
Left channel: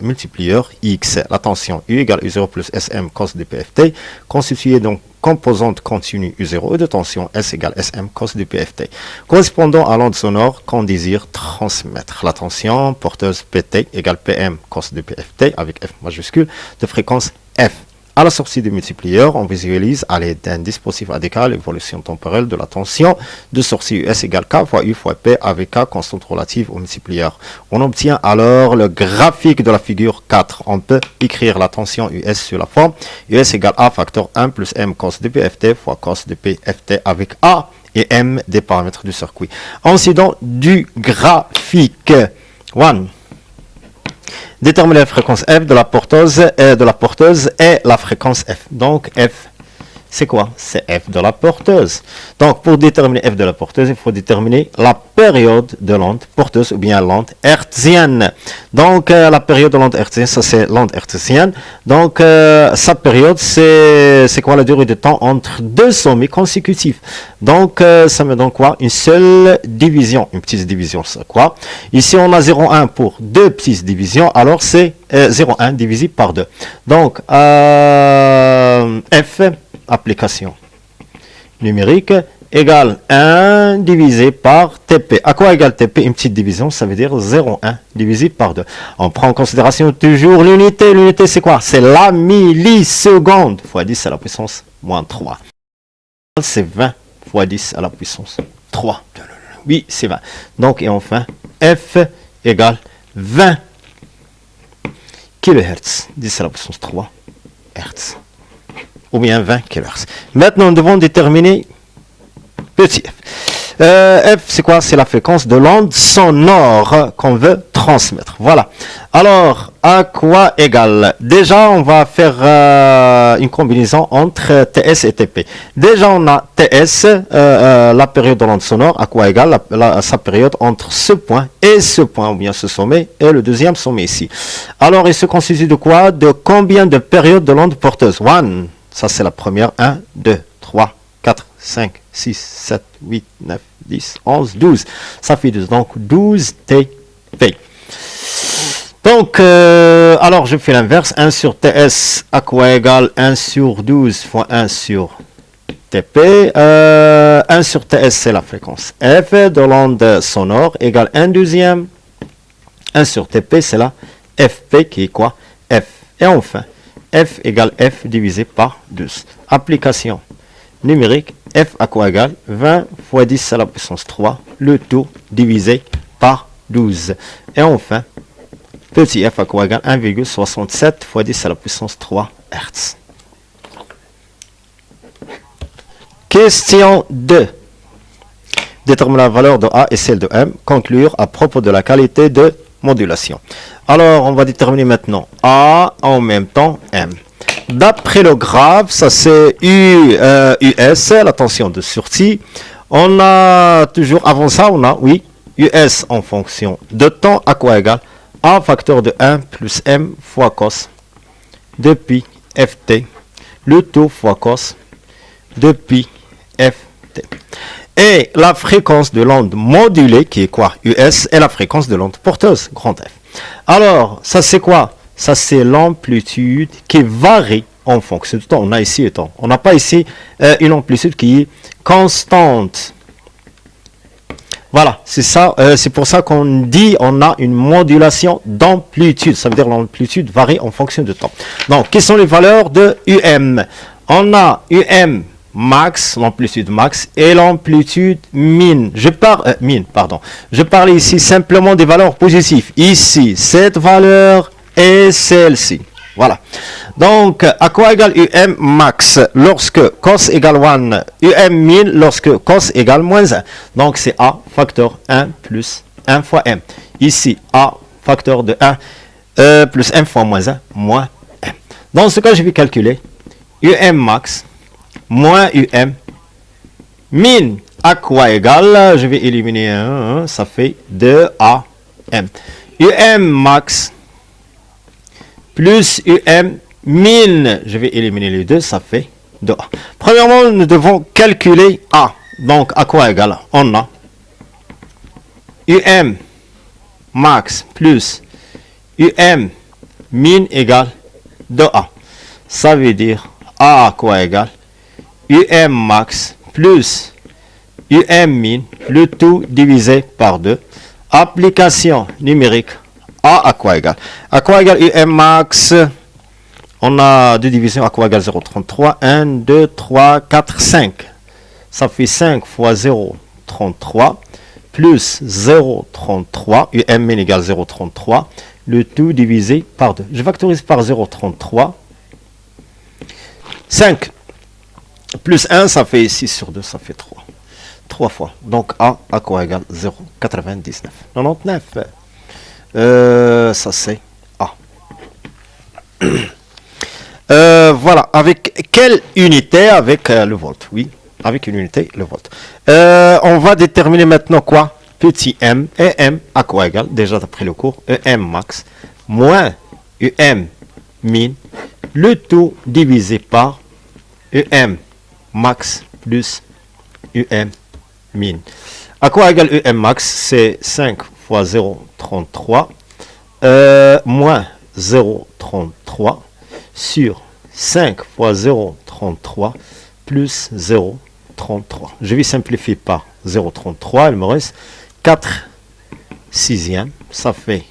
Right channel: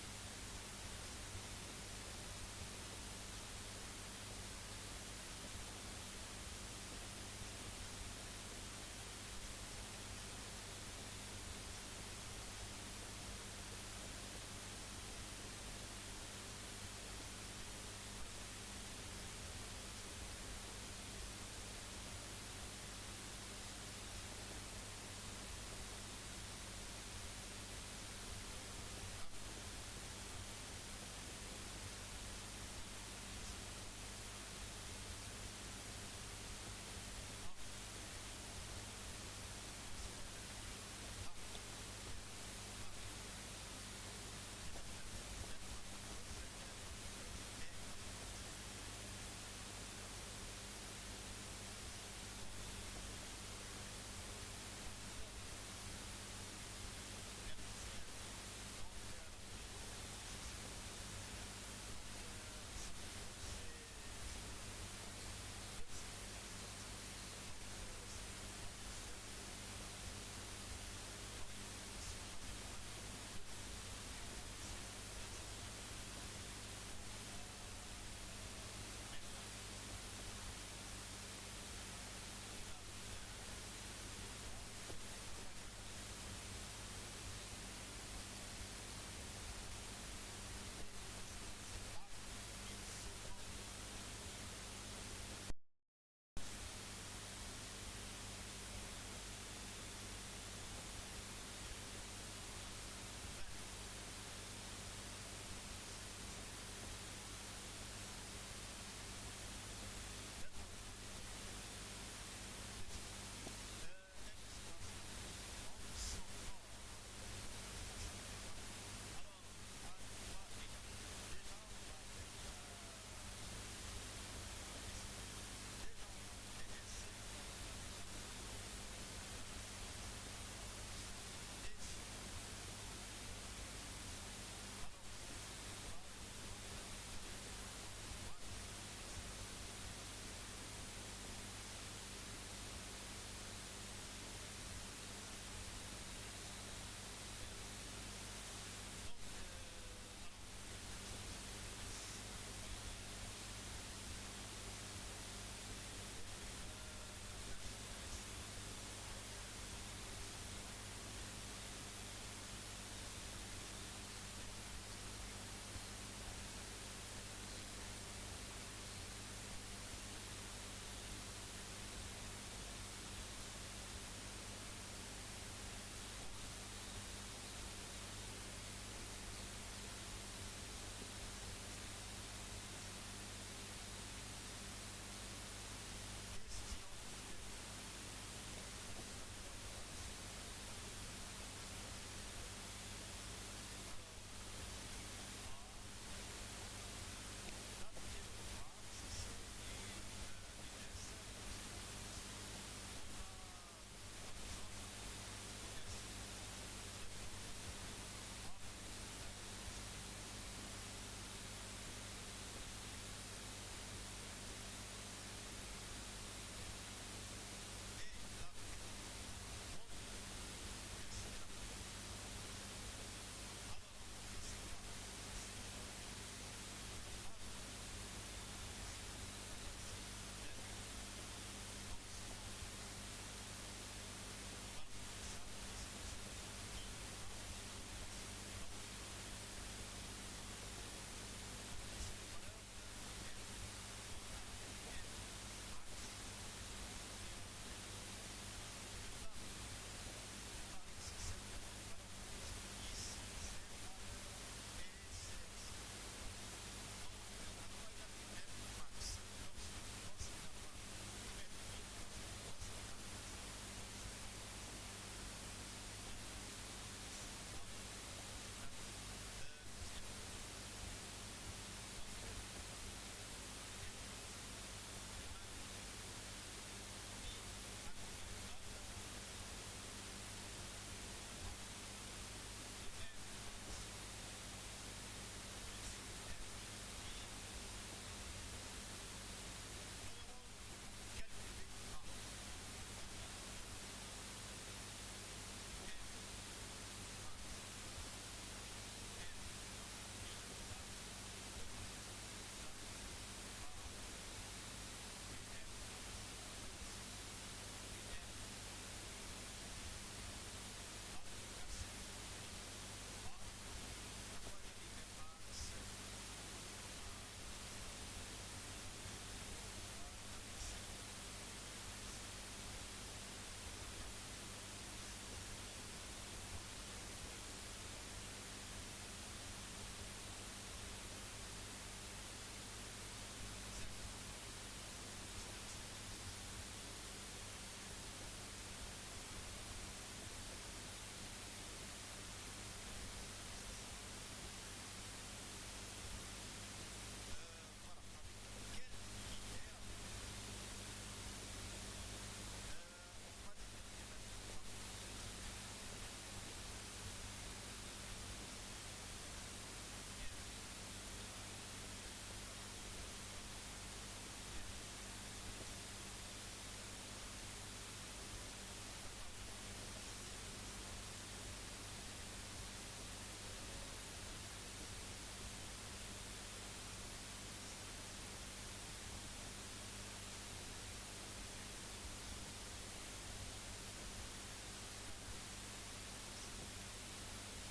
multiplieur X la tension U égale U0 plus SM cos de PFT, constituée donc composante continue U0 et de tension S égale SM cos de PFT, correspondant à l'onde sonore qu'on désire transmettre. La tension porteuse PT égale PM cos de PFT avec F majuscule de fréquence F. À la sortie du multiplieur, on visualise à l'aide d'un dispositif ADK l'évolution temporelle de la tension de sortie US égale K fois U fois P avec K constante relative au multiplieur. On obtient alors le graphique de la figure 4. On peut écrire la tension US sur la forme US égale A facteur 1 plus M cos de PFT fois cos de PFT avec A et M des paramètres du circuit. Incident du graphique. 1. Déterminer la fréquence F de la porteuse et la fréquence F. Donc F, c'est quoi? C'est F de la porteuse. Donc pour déterminer F de la porteuse, il faut déterminer la période de l'onde porteuse ou bien l'onde hertzienne. Donc la période de l'onde hertzienne, ça c'est l'onde hertzienne. Donc sa période, c'est quoi la durée de temps entre deux sommets consécutifs. Donc ça me donne quoi? Une seule division, une petite division, c'est quoi? Ici on a 0,1 pour deux petites divisions, alors c'est 0,1 divisé par 2. Donc F, application numérique, égale 1 divisé par TP. À quoi égale TP? Une petite division, ça veut dire 0,1 divisé par 2. On prend en considération toujours l'unité. L'unité, c'est quoi? C'est la milliseconde fois 10 à la puissance moins 3. C'est 20 fois 10 à la puissance 3. Oui, c'est 20. Donc, et enfin, F égale 20 kHz. 10 à la puissance 3 Hz. Ou bien 20 kHz. Maintenant, nous devons déterminer petit f. F, c'est quoi? C'est la fréquence de l'onde sonore qu'on veut transmettre. Voilà. Alors, à quoi égale? Déjà, on va faire une combinaison entre TS et TP. Déjà, on a TS, la période de l'onde sonore, à quoi égale sa période entre ce point et ce point, ou bien ce sommet, et le deuxième sommet ici. Alors, il se constitue de quoi? De combien de périodes de l'onde porteuse? 1. Ça, c'est la première. 1, 2, 3, 4, 5, 6, 7, 8, 9, 10, 11, 12. Ça fait 12. Donc, 12 TP. Donc, alors, je fais l'inverse. 1 sur TS, à quoi égale 1 sur 12 fois 1 sur TP. 1 sur TS, c'est la fréquence F de l'onde sonore, égale 1 deuxième. 1 sur TP, c'est la FP qui est quoi? F. Et enfin, F égale F divisé par 12. Application numérique, F à quoi égale 20 fois 10 à la puissance 3, le tout divisé par 12. Et enfin, petit f à quoi égale 1,67 fois 10 à la puissance 3 Hz. Question 2. Déterminer la valeur de A et celle de M. Conclure à propos de la qualité de modulation. Alors, on va déterminer maintenant A en même temps M. D'après le graphe, ça c'est US, la tension de sortie. On a toujours, avant ça, on a, oui, US en fonction de temps, à quoi égal A facteur de 1 plus M fois cos de pi ft, le tout fois cos de pi ft. Et la fréquence de l'onde modulée, qui est quoi? US, est la fréquence de l'onde porteuse, grand F. Alors, ça c'est quoi? Ça c'est l'amplitude qui varie en fonction du temps. On a ici le temps. On n'a pas ici une amplitude qui est constante. Voilà, c'est ça. C'est pour ça qu'on dit on a une modulation d'amplitude. Ça veut dire l'amplitude varie en fonction du temps. Donc, quelles sont les valeurs de UM? On a UM max, l'amplitude max, et l'amplitude min. Je parle ici simplement des valeurs positives. Ici, cette valeur et celle-ci. Voilà. Donc, à quoi égale UM max lorsque cos égale 1, UM min lorsque cos égale moins 1. Donc, c'est A facteur 1 plus 1 fois M. Ici, A facteur de 1 plus M fois moins 1, moins M. Dans ce cas, je vais calculer UM max moins UM min à quoi égale, je vais éliminer 1, ça fait 2AM. UM max plus UM min, je vais éliminer les deux, ça fait 2A. Premièrement, nous devons calculer A. Donc, à quoi égale? On a UM max plus UM min égale 2A. Ça veut dire A à quoi égale? UM max plus UM min, le tout divisé par 2. Application numérique. A à quoi égale? À quoi égale UM max? On a deux divisions. À quoi égale 0,33? 1, 2, 3, 4, 5. Ça fait 5 fois 0,33 plus 0,33. UM min égale 0,33. Le tout divisé par 2. Je factorise par 0,33. 5 plus 1, ça fait 6 sur 2, ça fait 3. 3 fois. Donc A à quoi égale 0,99. 99. Ça c'est A. Voilà. Avec quelle unité? Avec le volt. Oui, avec une unité, le volt. On va déterminer maintenant quoi? Petit m. Et m à quoi égale? Déjà d'après le cours. EM max moins UM min. Le tout divisé par UM max plus UM min. À quoi égale UM max? C'est 5 fois 0,33 moins 0,33 sur 5 fois 0,33 plus 0,33. Je vais simplifier par 0,33. Il me reste 4 sixièmes. Ça fait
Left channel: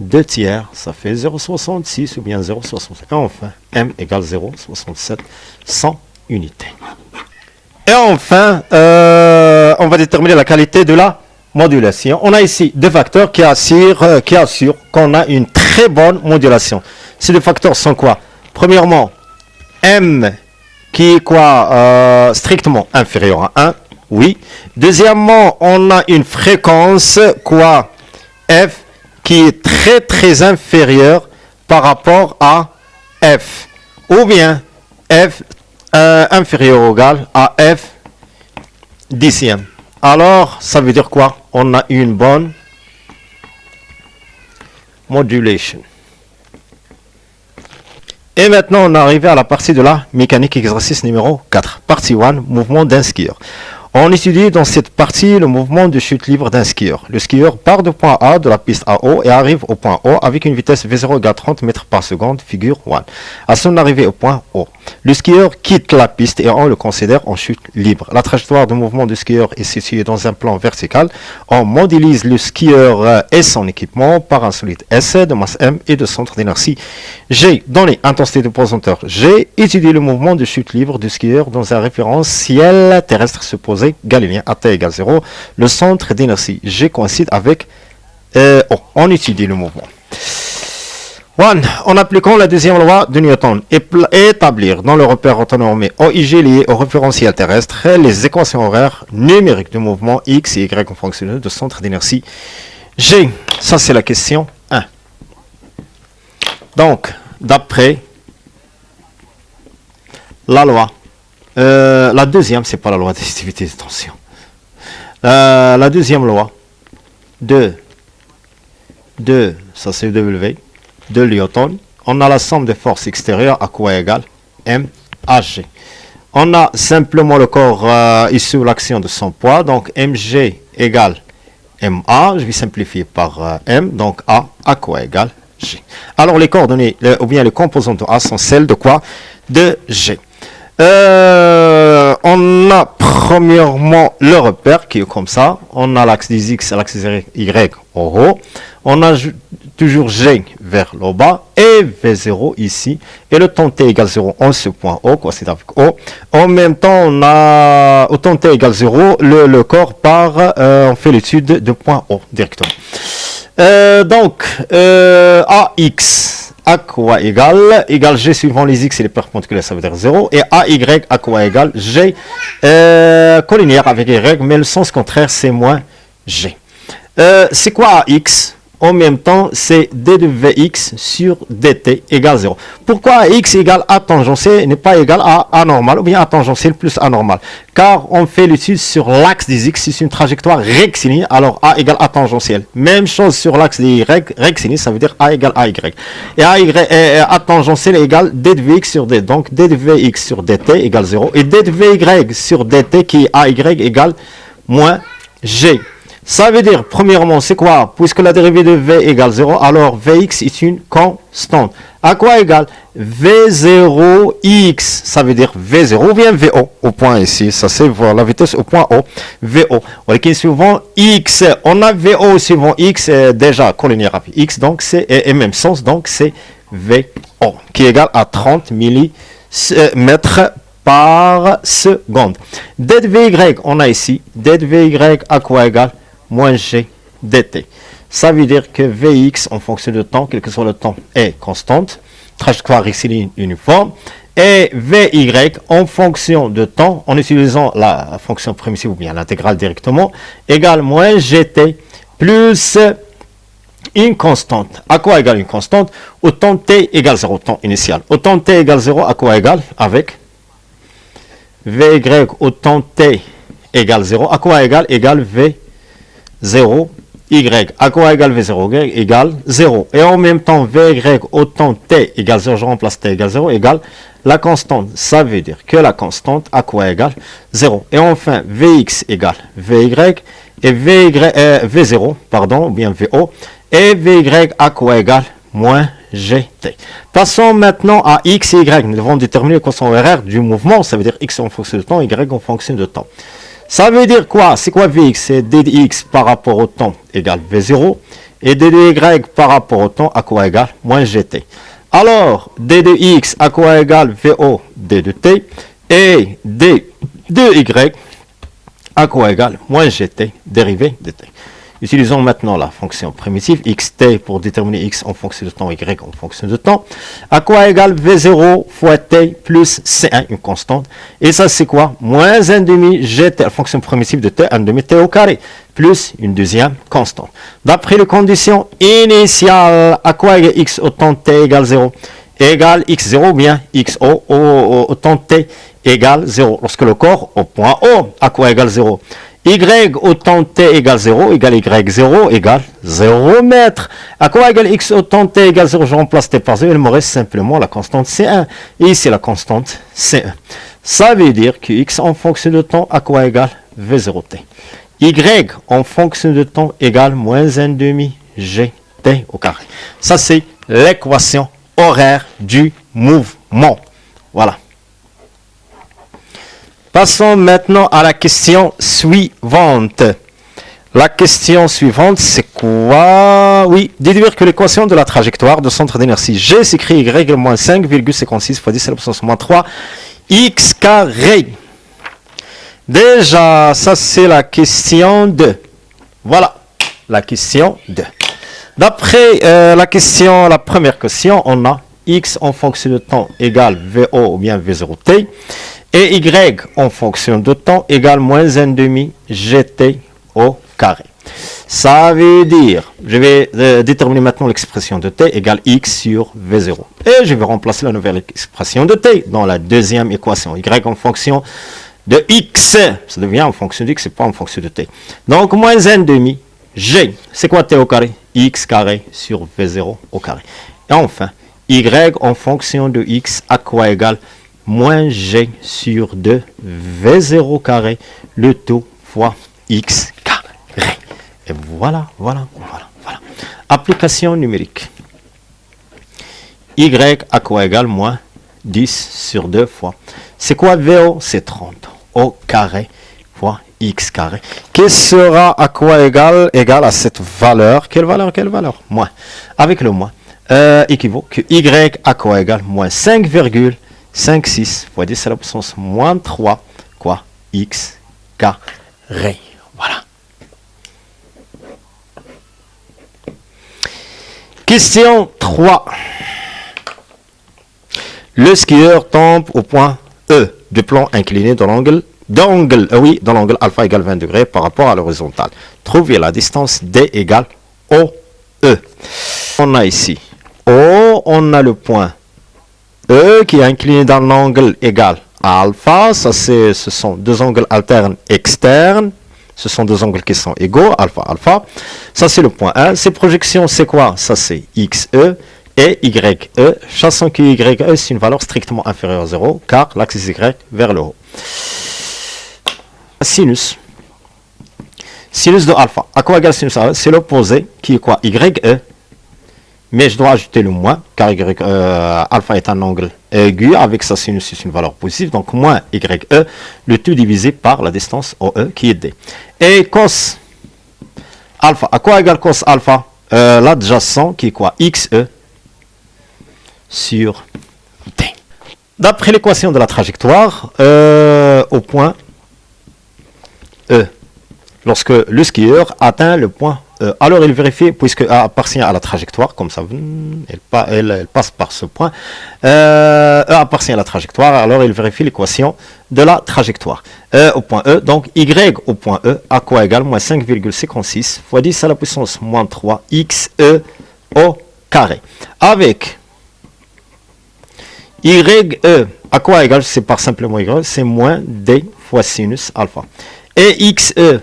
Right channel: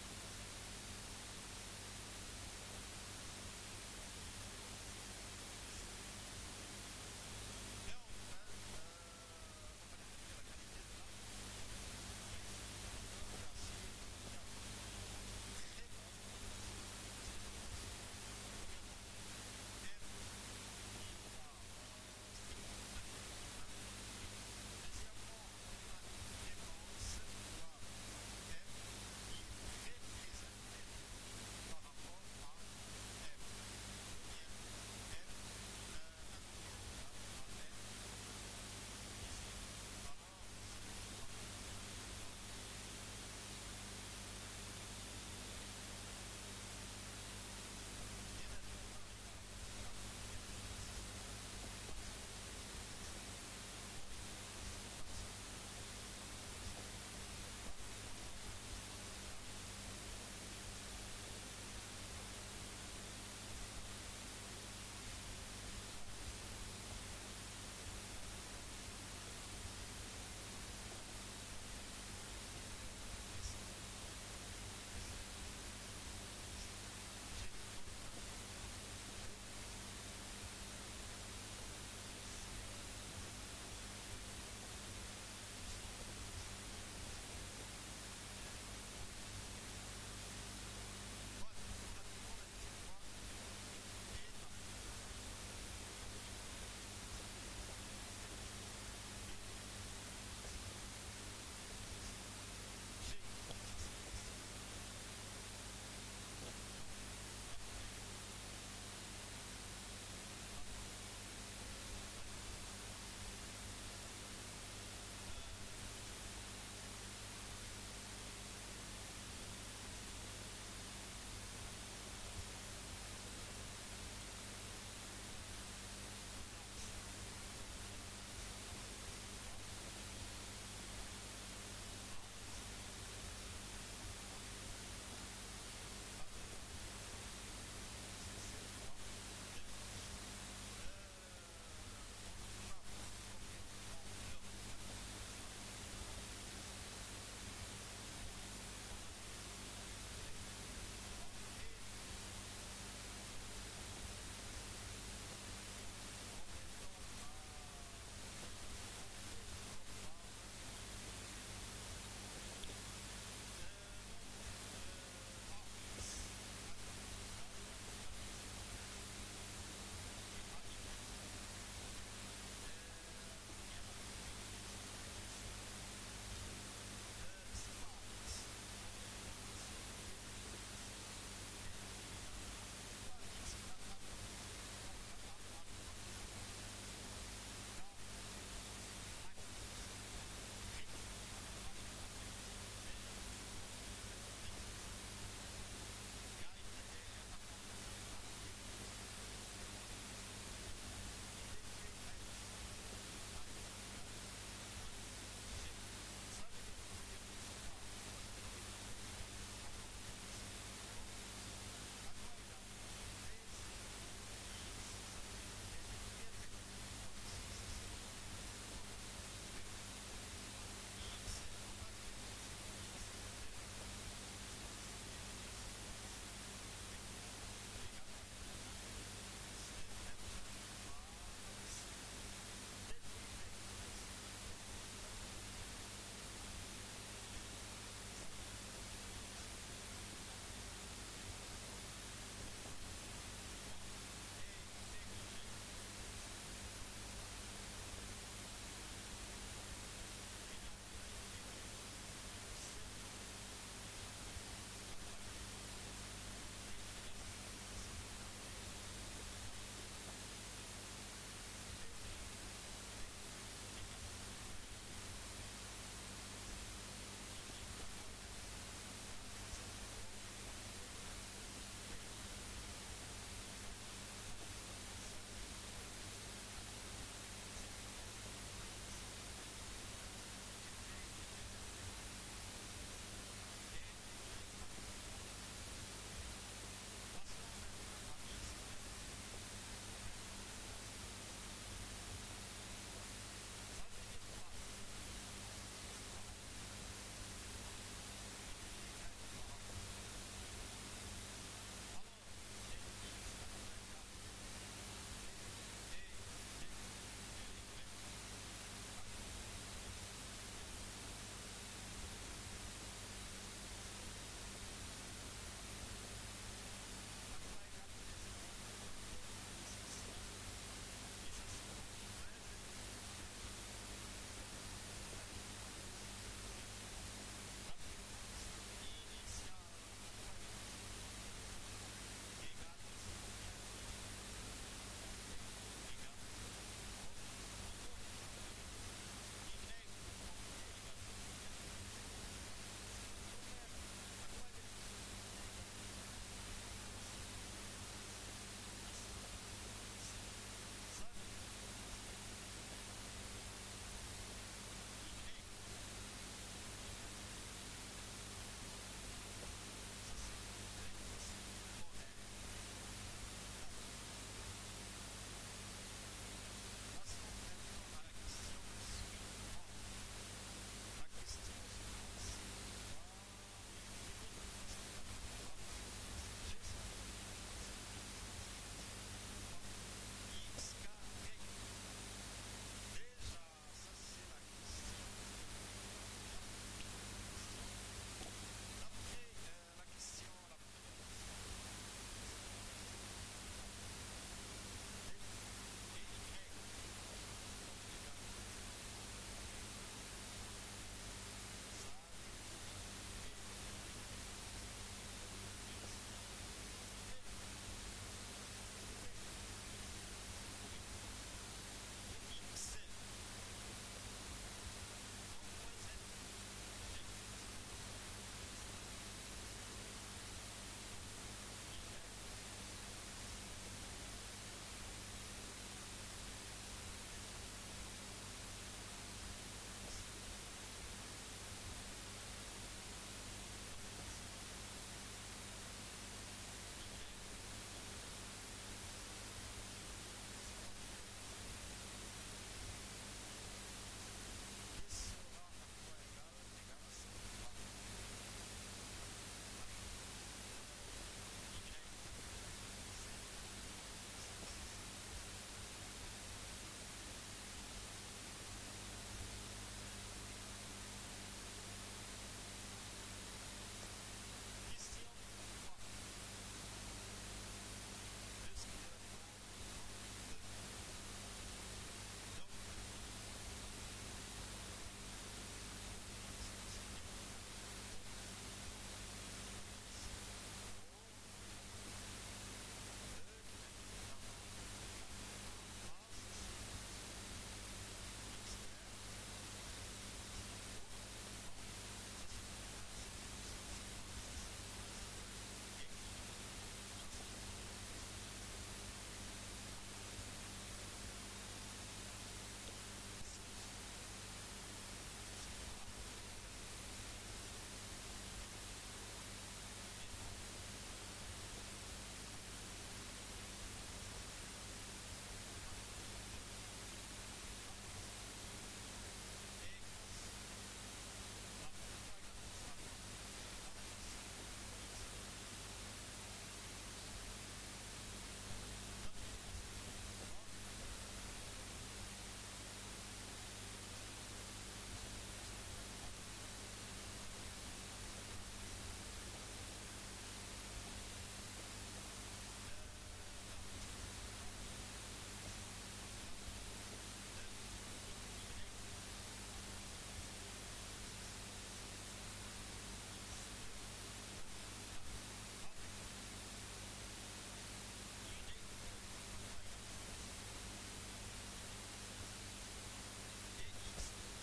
2 tiers. Ça fait 0,66 ou bien 0,65. Enfin, M égale 0,67 100 unités. Et enfin, on va déterminer la qualité de la modulation. On a ici deux facteurs qui assurent qu'on a une très bonne modulation. Ces deux facteurs sont quoi? Premièrement, M qui est quoi? Strictement inférieur à 1. Oui. Deuxièmement, on a une fréquence quoi? F qui est très très inférieure par rapport à F. Ou bien F inférieur ou égal à F dixième. Alors, ça veut dire quoi? On a une bonne modulation. Et maintenant, on est arrivé à la partie de la mécanique exercice numéro 4. Partie 1, mouvement d'un skieur. On étudie dans cette partie le mouvement de chute libre d'un skieur. Le skieur part du point A de la piste à O et arrive au point O avec une vitesse V0 égale 30 mètres par seconde, figure 1. À son arrivée au point O, le skieur quitte la piste et on le considère en chute libre. La trajectoire de mouvement du skieur est située dans un plan vertical. On modélise le skieur et son équipement par un solide S de masse M et de centre d'inertie G. Donné intensité de posanteur G, étudie le mouvement de chute libre du skieur dans un référentiel terrestre supposé galiléen à t égale 0. Le centre d'inertie G coïncide avec O. On étudie le mouvement. En appliquant la deuxième loi de Newton, établir dans le repère orthonormé OIG lié au référentiel terrestre les équations horaires numériques du mouvement X et Y en fonction de centre d'inertie G. Ça, c'est la question 1. Donc, d'après la loi, la deuxième, c'est pas la loi d'additivité, attention. La deuxième loi de ça c'est W, de Newton, on a la somme des forces extérieures à quoi égale M à G. On a simplement le corps issu de l'action de son poids, donc mg égale ma, je vais simplifier par m, donc a à quoi égale G. Alors les coordonnées, ou bien les composantes de A sont celles de quoi? De G. On a premièrement le repère qui est comme ça. On a l'axe des X et l'axe des Y au haut. On a toujours G vers le bas et V0 ici. Et le temps T égale 0, on ce point O, quoi, c'est avec O. En même temps, on a au temps T égale 0, le corps part, on fait l'étude de point O directement. Donc, AX. À quoi égale G suivant les X et les perpendiculaires, ça veut dire 0. Et AY à quoi égale G collinéaire avec Y, mais le sens contraire, c'est moins G. C'est quoi AX? En même temps, c'est d de Vx sur dt égale 0. Pourquoi x égale a tangentiel n'est pas égal à a normal ou bien a tangentiel plus a normal? Car on fait l'étude sur l'axe des x, c'est une trajectoire rectiligne, alors a égale a tangentiel. Même chose sur l'axe des y, rectiligne, ça veut dire a égale a y. Et a tangentiel égale d de vx sur d. Donc d de vx sur dt égale 0. Et d de vy sur dt qui est ay égale moins g. Ça veut dire, premièrement, c'est quoi? Puisque la dérivée de V égale 0, alors Vx est une constante. À quoi égale? V0x, ça veut dire V0 ou bien VO, au point ici, ça c'est la vitesse au point O, VO. Ok, suivant X, on a VO suivant X, déjà collinéaire avec X, donc c'est, et même sens, donc c'est VO, qui est égal à 30 millimètres par seconde. D de Vy, on a ici, D de Vy à quoi égale? Moins g dt. Ça veut dire que Vx en fonction de temps, quel que soit le temps, est constante, trajectoire rectiligne uniforme, et Vy en fonction de temps, en utilisant la fonction primitive ou bien l'intégrale directement, égale moins gt plus une constante. À quoi égale une constante? Au temps t égale 0, temps initial. Au temps t égale 0, à quoi égale? Avec Vy au temps t égale 0, à quoi égale? Égale V 0, y, à quoi égale V0, y égale 0. Et en même temps, Vy au temps t égale 0, je remplace t égale 0, égale la constante. Ça veut dire que la constante, à quoi égale 0. Et enfin, Vx égale Vy, et V0, pardon, ou bien VO, et Vy à quoi égale moins gt. Passons maintenant à x et y. Nous devons déterminer l'équation horaire du mouvement. Ça veut dire x en fonction de temps, y en fonction de temps. Ça veut dire quoi? C'est quoi Vx? C'est d de x par rapport au temps égale V0. Et d de y par rapport au temps à quoi égale moins gt. Alors, d de x à quoi égale VO d de t. Et d de y à quoi égale moins gt dérivé de t. Utilisons maintenant la fonction primitive xt pour déterminer x en fonction de temps, y en fonction de temps. À quoi égale V0 fois t plus C1, une constante. Et ça, c'est quoi? Moins 1 demi gt, la fonction primitive de t, 1 demi t au carré, plus une deuxième constante. D'après les conditions initiales, à quoi égale x au temps t égale 0? Égale x0 ou bien x au temps t égale 0. Lorsque le corps au point O, à quoi égale 0? Y au temps t égale 0, égale y0 égale 0 mètres. À quoi égale x au temps t égale 0? Je remplace t par 0, il me reste simplement la constante C1. Et ici la constante C1. Ça veut dire que x en fonction de temps, à quoi égale V0t. Y en fonction de temps égale moins 1 demi gt au carré. Ça c'est l'équation horaire du mouvement. Voilà. Passons maintenant à la question suivante. La question suivante, c'est quoi? Oui, déduire que l'équation de la trajectoire de centre d'inertie G s'écrit y moins 5,56 fois 10 à la puissance moins 3 x carré. Déjà, ça c'est la question 2. Voilà, la question 2. D'après la première question, on a x en fonction de temps égale VO ou bien V0t et y en fonction de temps égale moins 1 demi GT au carré. Ça veut dire, je vais déterminer maintenant l'expression de t égale x sur V0. Et je vais remplacer la nouvelle expression de t dans la deuxième équation. Y en fonction de x, ça devient en fonction de x et pas en fonction de t. Donc moins 1 demi g, c'est quoi t au carré? X carré sur V0 au carré. Et enfin, y en fonction de x à quoi égale moins g sur 2 V0 carré, le tout fois x carré. Et voilà. Application numérique. Y à quoi égale moins 10 sur 2 fois. C'est quoi VO? C'est 30 au carré fois x carré. Qui sera à quoi égal à cette valeur? Quelle valeur? Moins. Avec le moins, équivaut que y à quoi égale moins 5,56 fois 10 à la puissance moins 3, quoi, x carré. Voilà. Question 3. Le skieur tombe au point E du plan incliné dans l'angle alpha égale 20 degrés par rapport à l'horizontale. Trouvez la distance D égale OE. On a ici O, on a le point E qui est incliné dans l'angle égal à alpha. Ce sont deux angles alternes externes. Ce sont deux angles qui sont égaux, alpha. Ça, c'est le point 1. Ces projections, c'est quoi? Ça, c'est XE et YE. Sachant que YE, c'est une valeur strictement inférieure à 0, car l'axe Y vers le haut. Sinus de alpha. À quoi égale sinus alpha? C'est l'opposé, qui est quoi? YE. Mais je dois ajouter le moins, car alpha est un angle aigu. Avec sa sinus, c'est une valeur positive. Donc, moins YE, le tout divisé par la distance OE, qui est D. Et cos alpha. À quoi égale cos alpha? L'adjacent, qui est quoi? XE sur D. D'après l'équation de la trajectoire, au point E, lorsque le skieur atteint le point E, alors il vérifie, puisque A appartient à la trajectoire, comme ça, elle passe par ce point, E appartient à la trajectoire, alors il vérifie l'équation de la trajectoire. Au point E, donc Y au point E, à quoi égale moins 5,56 fois 10 à la puissance moins 3 XE au carré. Avec YE, à quoi égale, c'est par simplement Y, c'est moins D fois sinus alpha. Et XE,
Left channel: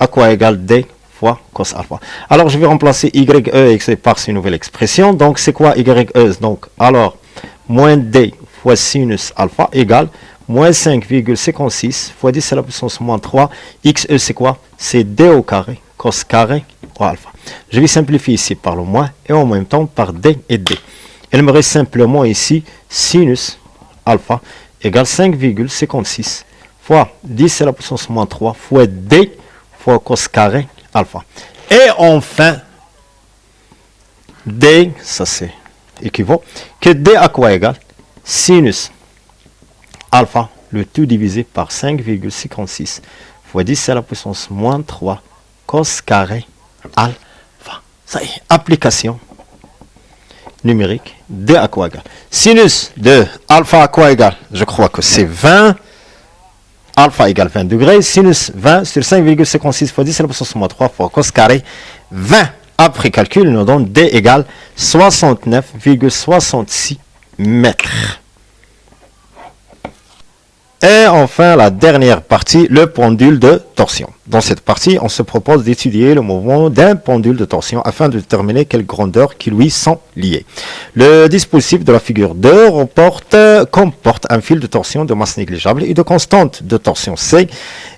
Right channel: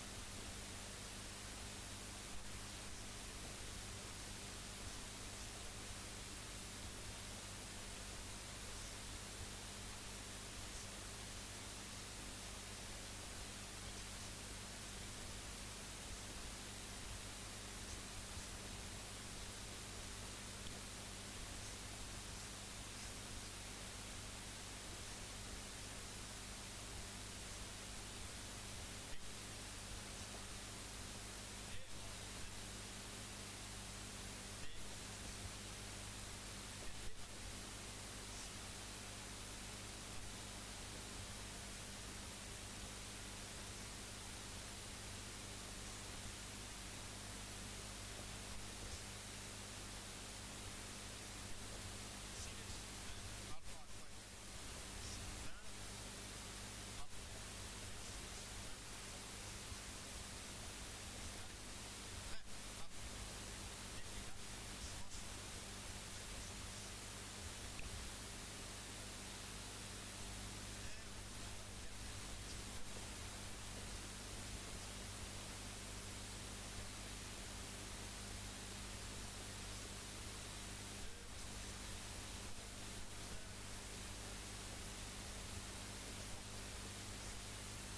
à quoi égale D fois cos alpha. Alors, je vais remplacer YE et XE par cette nouvelle expression. Donc, c'est quoi YE? Donc, alors, moins D fois sinus alpha égale moins 5,56 fois 10 à la puissance moins 3. XE, c'est quoi? C'est D au carré, cos carré au alpha. Je vais simplifier ici par le moins et en même temps par D et D. Il me reste simplement ici sinus alpha égale 5,56 fois 10 à la puissance moins 3 fois D fois cos carré alpha. Et enfin, D, ça c'est équivaut, que D à quoi égale? Sinus alpha, le tout divisé par 5,56 fois 10 à la puissance moins 3 cos carré alpha. Ça y est, application numérique, D à quoi égale? Sinus de alpha à quoi égale? Je crois que c'est 20. Alpha égale 20 degrés. Sinus 20 sur 5,56 fois 10 à la puissance moins 3 fois cos carré 20. Après calcul, il nous donne D égale 69,66 mètres. Et enfin, la dernière partie, le pendule de torsion. Dans cette partie, on se propose d'étudier le mouvement d'un pendule de torsion afin de déterminer quelle grandeur qui lui sont liées. Le dispositif de la figure 2 comporte un fil de torsion de masse négligeable et de constante de torsion C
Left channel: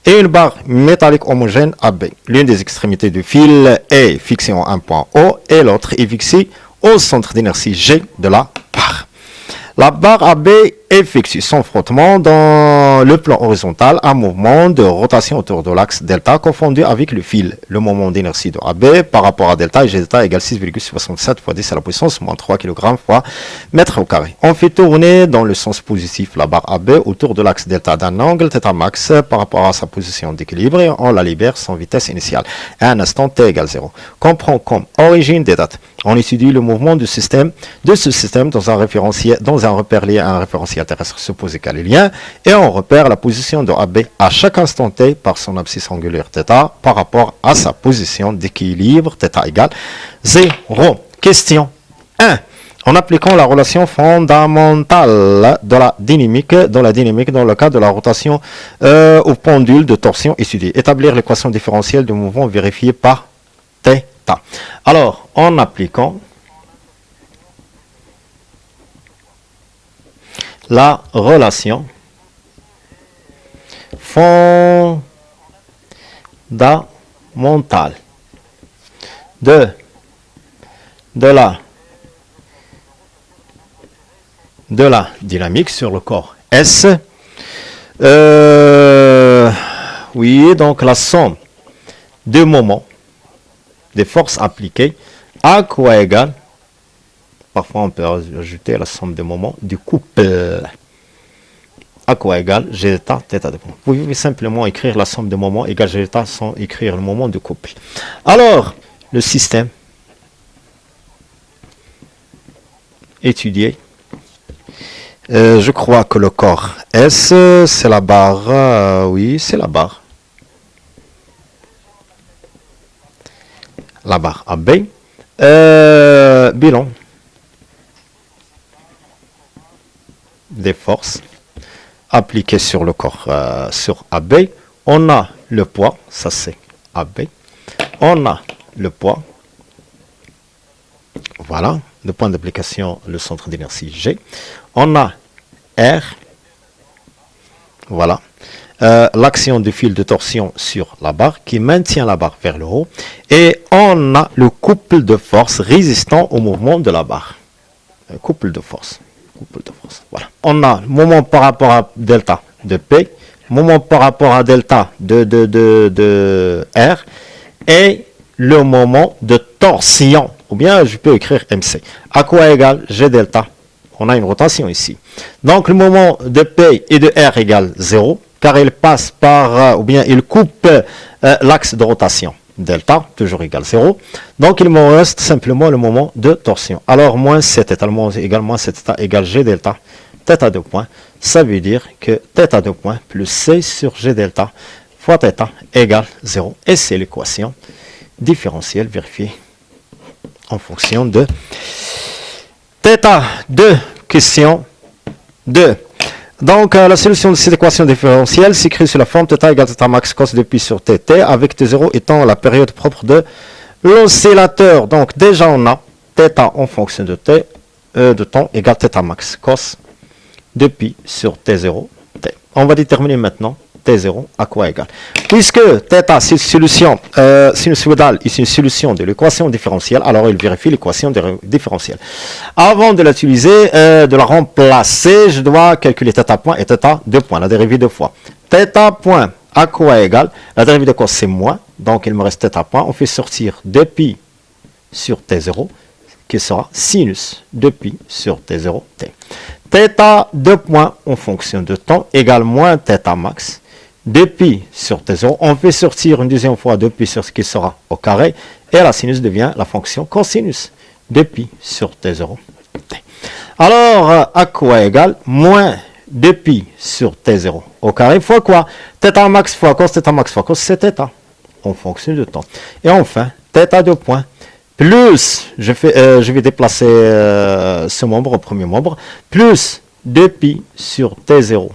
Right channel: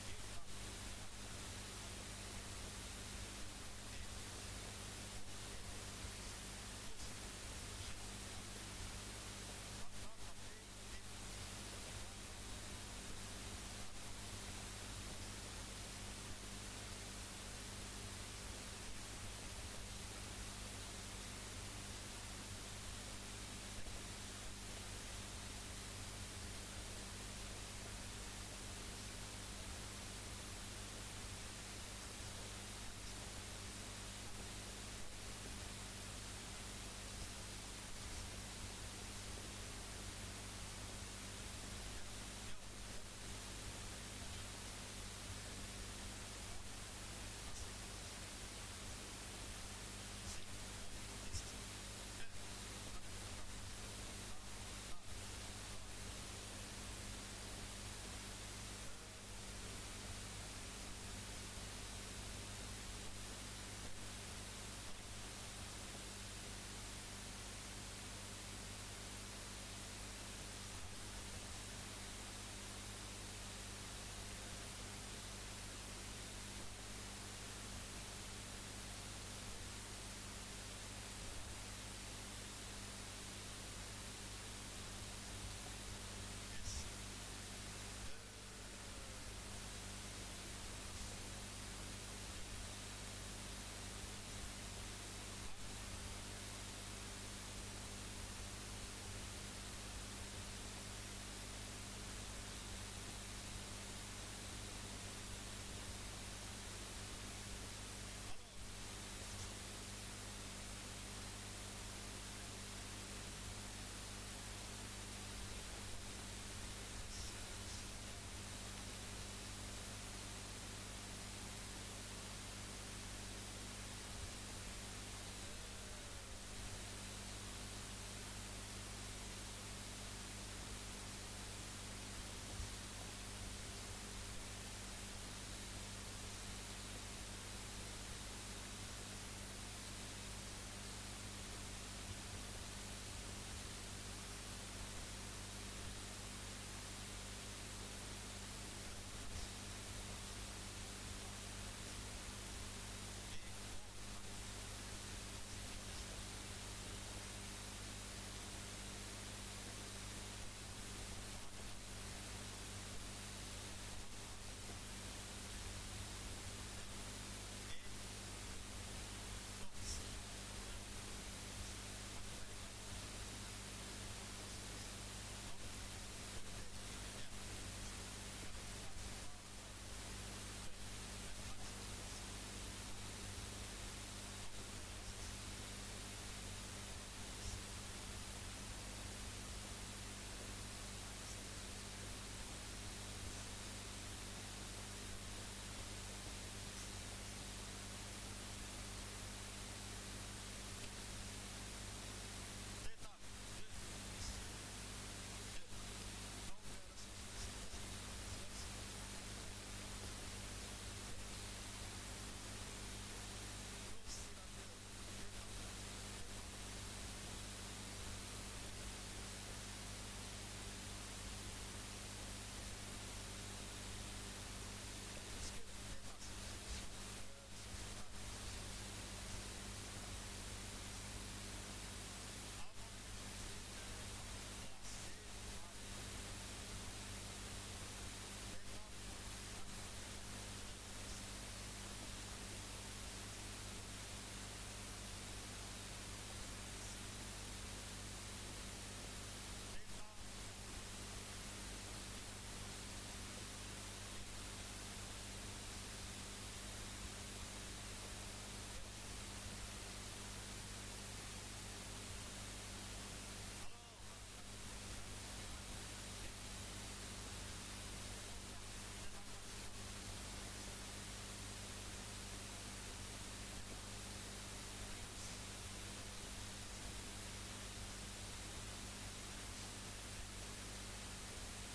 et une barre métallique homogène AB. L'une des extrémités du fil est fixée en un point O et l'autre est fixée au centre d'inertie G de la barre. La barre AB effectue son frottement dans dans le plan horizontal un mouvement de rotation autour de l'axe delta confondu avec le fil. Le moment d'inertie de AB par rapport à delta et G delta égale 6,67 fois 10 à la puissance moins 3 kg fois mètre au carré. On fait tourner dans le sens positif la barre AB autour de l'axe delta d'un angle θ max par rapport à sa position d'équilibre et on la libère sans vitesse initiale à un instant t égale 0. Qu'on prend comme origine des dates. On étudie le mouvement de ce système dans un repère lié à un référentiel terrestre supposé galiléen et on repère la position de AB à chaque instant t par son abscisse angulaire θ par rapport à sa position d'équilibre θ égale 0. Question 1. En appliquant la relation fondamentale de la dynamique dans le cas de la rotation au pendule de torsion étudiée. Établir l'équation différentielle du mouvement vérifié par θ. Alors, en appliquant la relation fondamentale de la dynamique sur le corps S. Oui, donc la somme de moments, des forces appliquées, à quoi égale, parfois on peut ajouter la somme de moments du couple, à quoi égale G delta θ de point. Vous pouvez simplement écrire la somme de moments égale G delta sans écrire le moment du couple. Alors, le système étudié, je crois que le corps S, c'est la barre, oui, c'est la barre. La barre AB. Bilan des forces appliquées sur le corps, sur AB. On a le poids, ça c'est AB. On a le poids. Voilà, le point d'application, le centre d'inertie G. On a R, voilà, l'action du fil de torsion sur la barre qui maintient la barre vers le haut. Et on a le couple de force résistant au mouvement de la barre. Couple de force. Voilà. On a moment par rapport à delta de P, moment par rapport à delta de R et le moment de torsion. Ou bien je peux écrire MC. À quoi égale G delta? On a une rotation ici. Donc le moment de P et de R égale 0, car il passe par, ou bien il coupe l'axe de rotation. Delta, toujours égal 0. Donc il me reste simplement le moment de torsion. Alors moins cet état, égal moins cet état égale G delta, θ de point. Ça veut dire que θ de point plus C sur G delta fois θ égale 0. Et c'est l'équation différentielle vérifiée en fonction de θ. 2. Question 2. Donc, la solution de cette équation différentielle s'écrit sous la forme θ égale θ max cos de pi sur tt, avec t0 étant la période propre de l'oscillateur. Donc, déjà, on a θ en fonction de t, de temps égale θ max cos de pi sur t0, t. On va déterminer maintenant t0 à quoi égale. Puisque θ, c'est une solution sinusoïdale et c'est une solution de l'équation différentielle, alors il vérifie l'équation différentielle. Avant de l'utiliser, de la remplacer, je dois calculer θ point et θ de point, la dérivée de fois. θ point à quoi égale? La dérivée de cos c'est moins, donc il me reste θ point. On fait sortir 2 pi sur t0, qui sera sinus de pi sur t0, t. θ de point en fonction de temps égale moins θ max. 2 pi sur t0, on fait sortir une deuxième fois 2 pi sur ce qui sera au carré, et la sinus devient la fonction cosinus 2 pi sur t0. T. Alors, à quoi égale moins 2 pi sur t0 au carré fois quoi? θ max fois cos, c'est θ en fonction de temps. Et enfin, θ de point plus, je vais déplacer ce membre au premier membre, plus 2 pi sur t0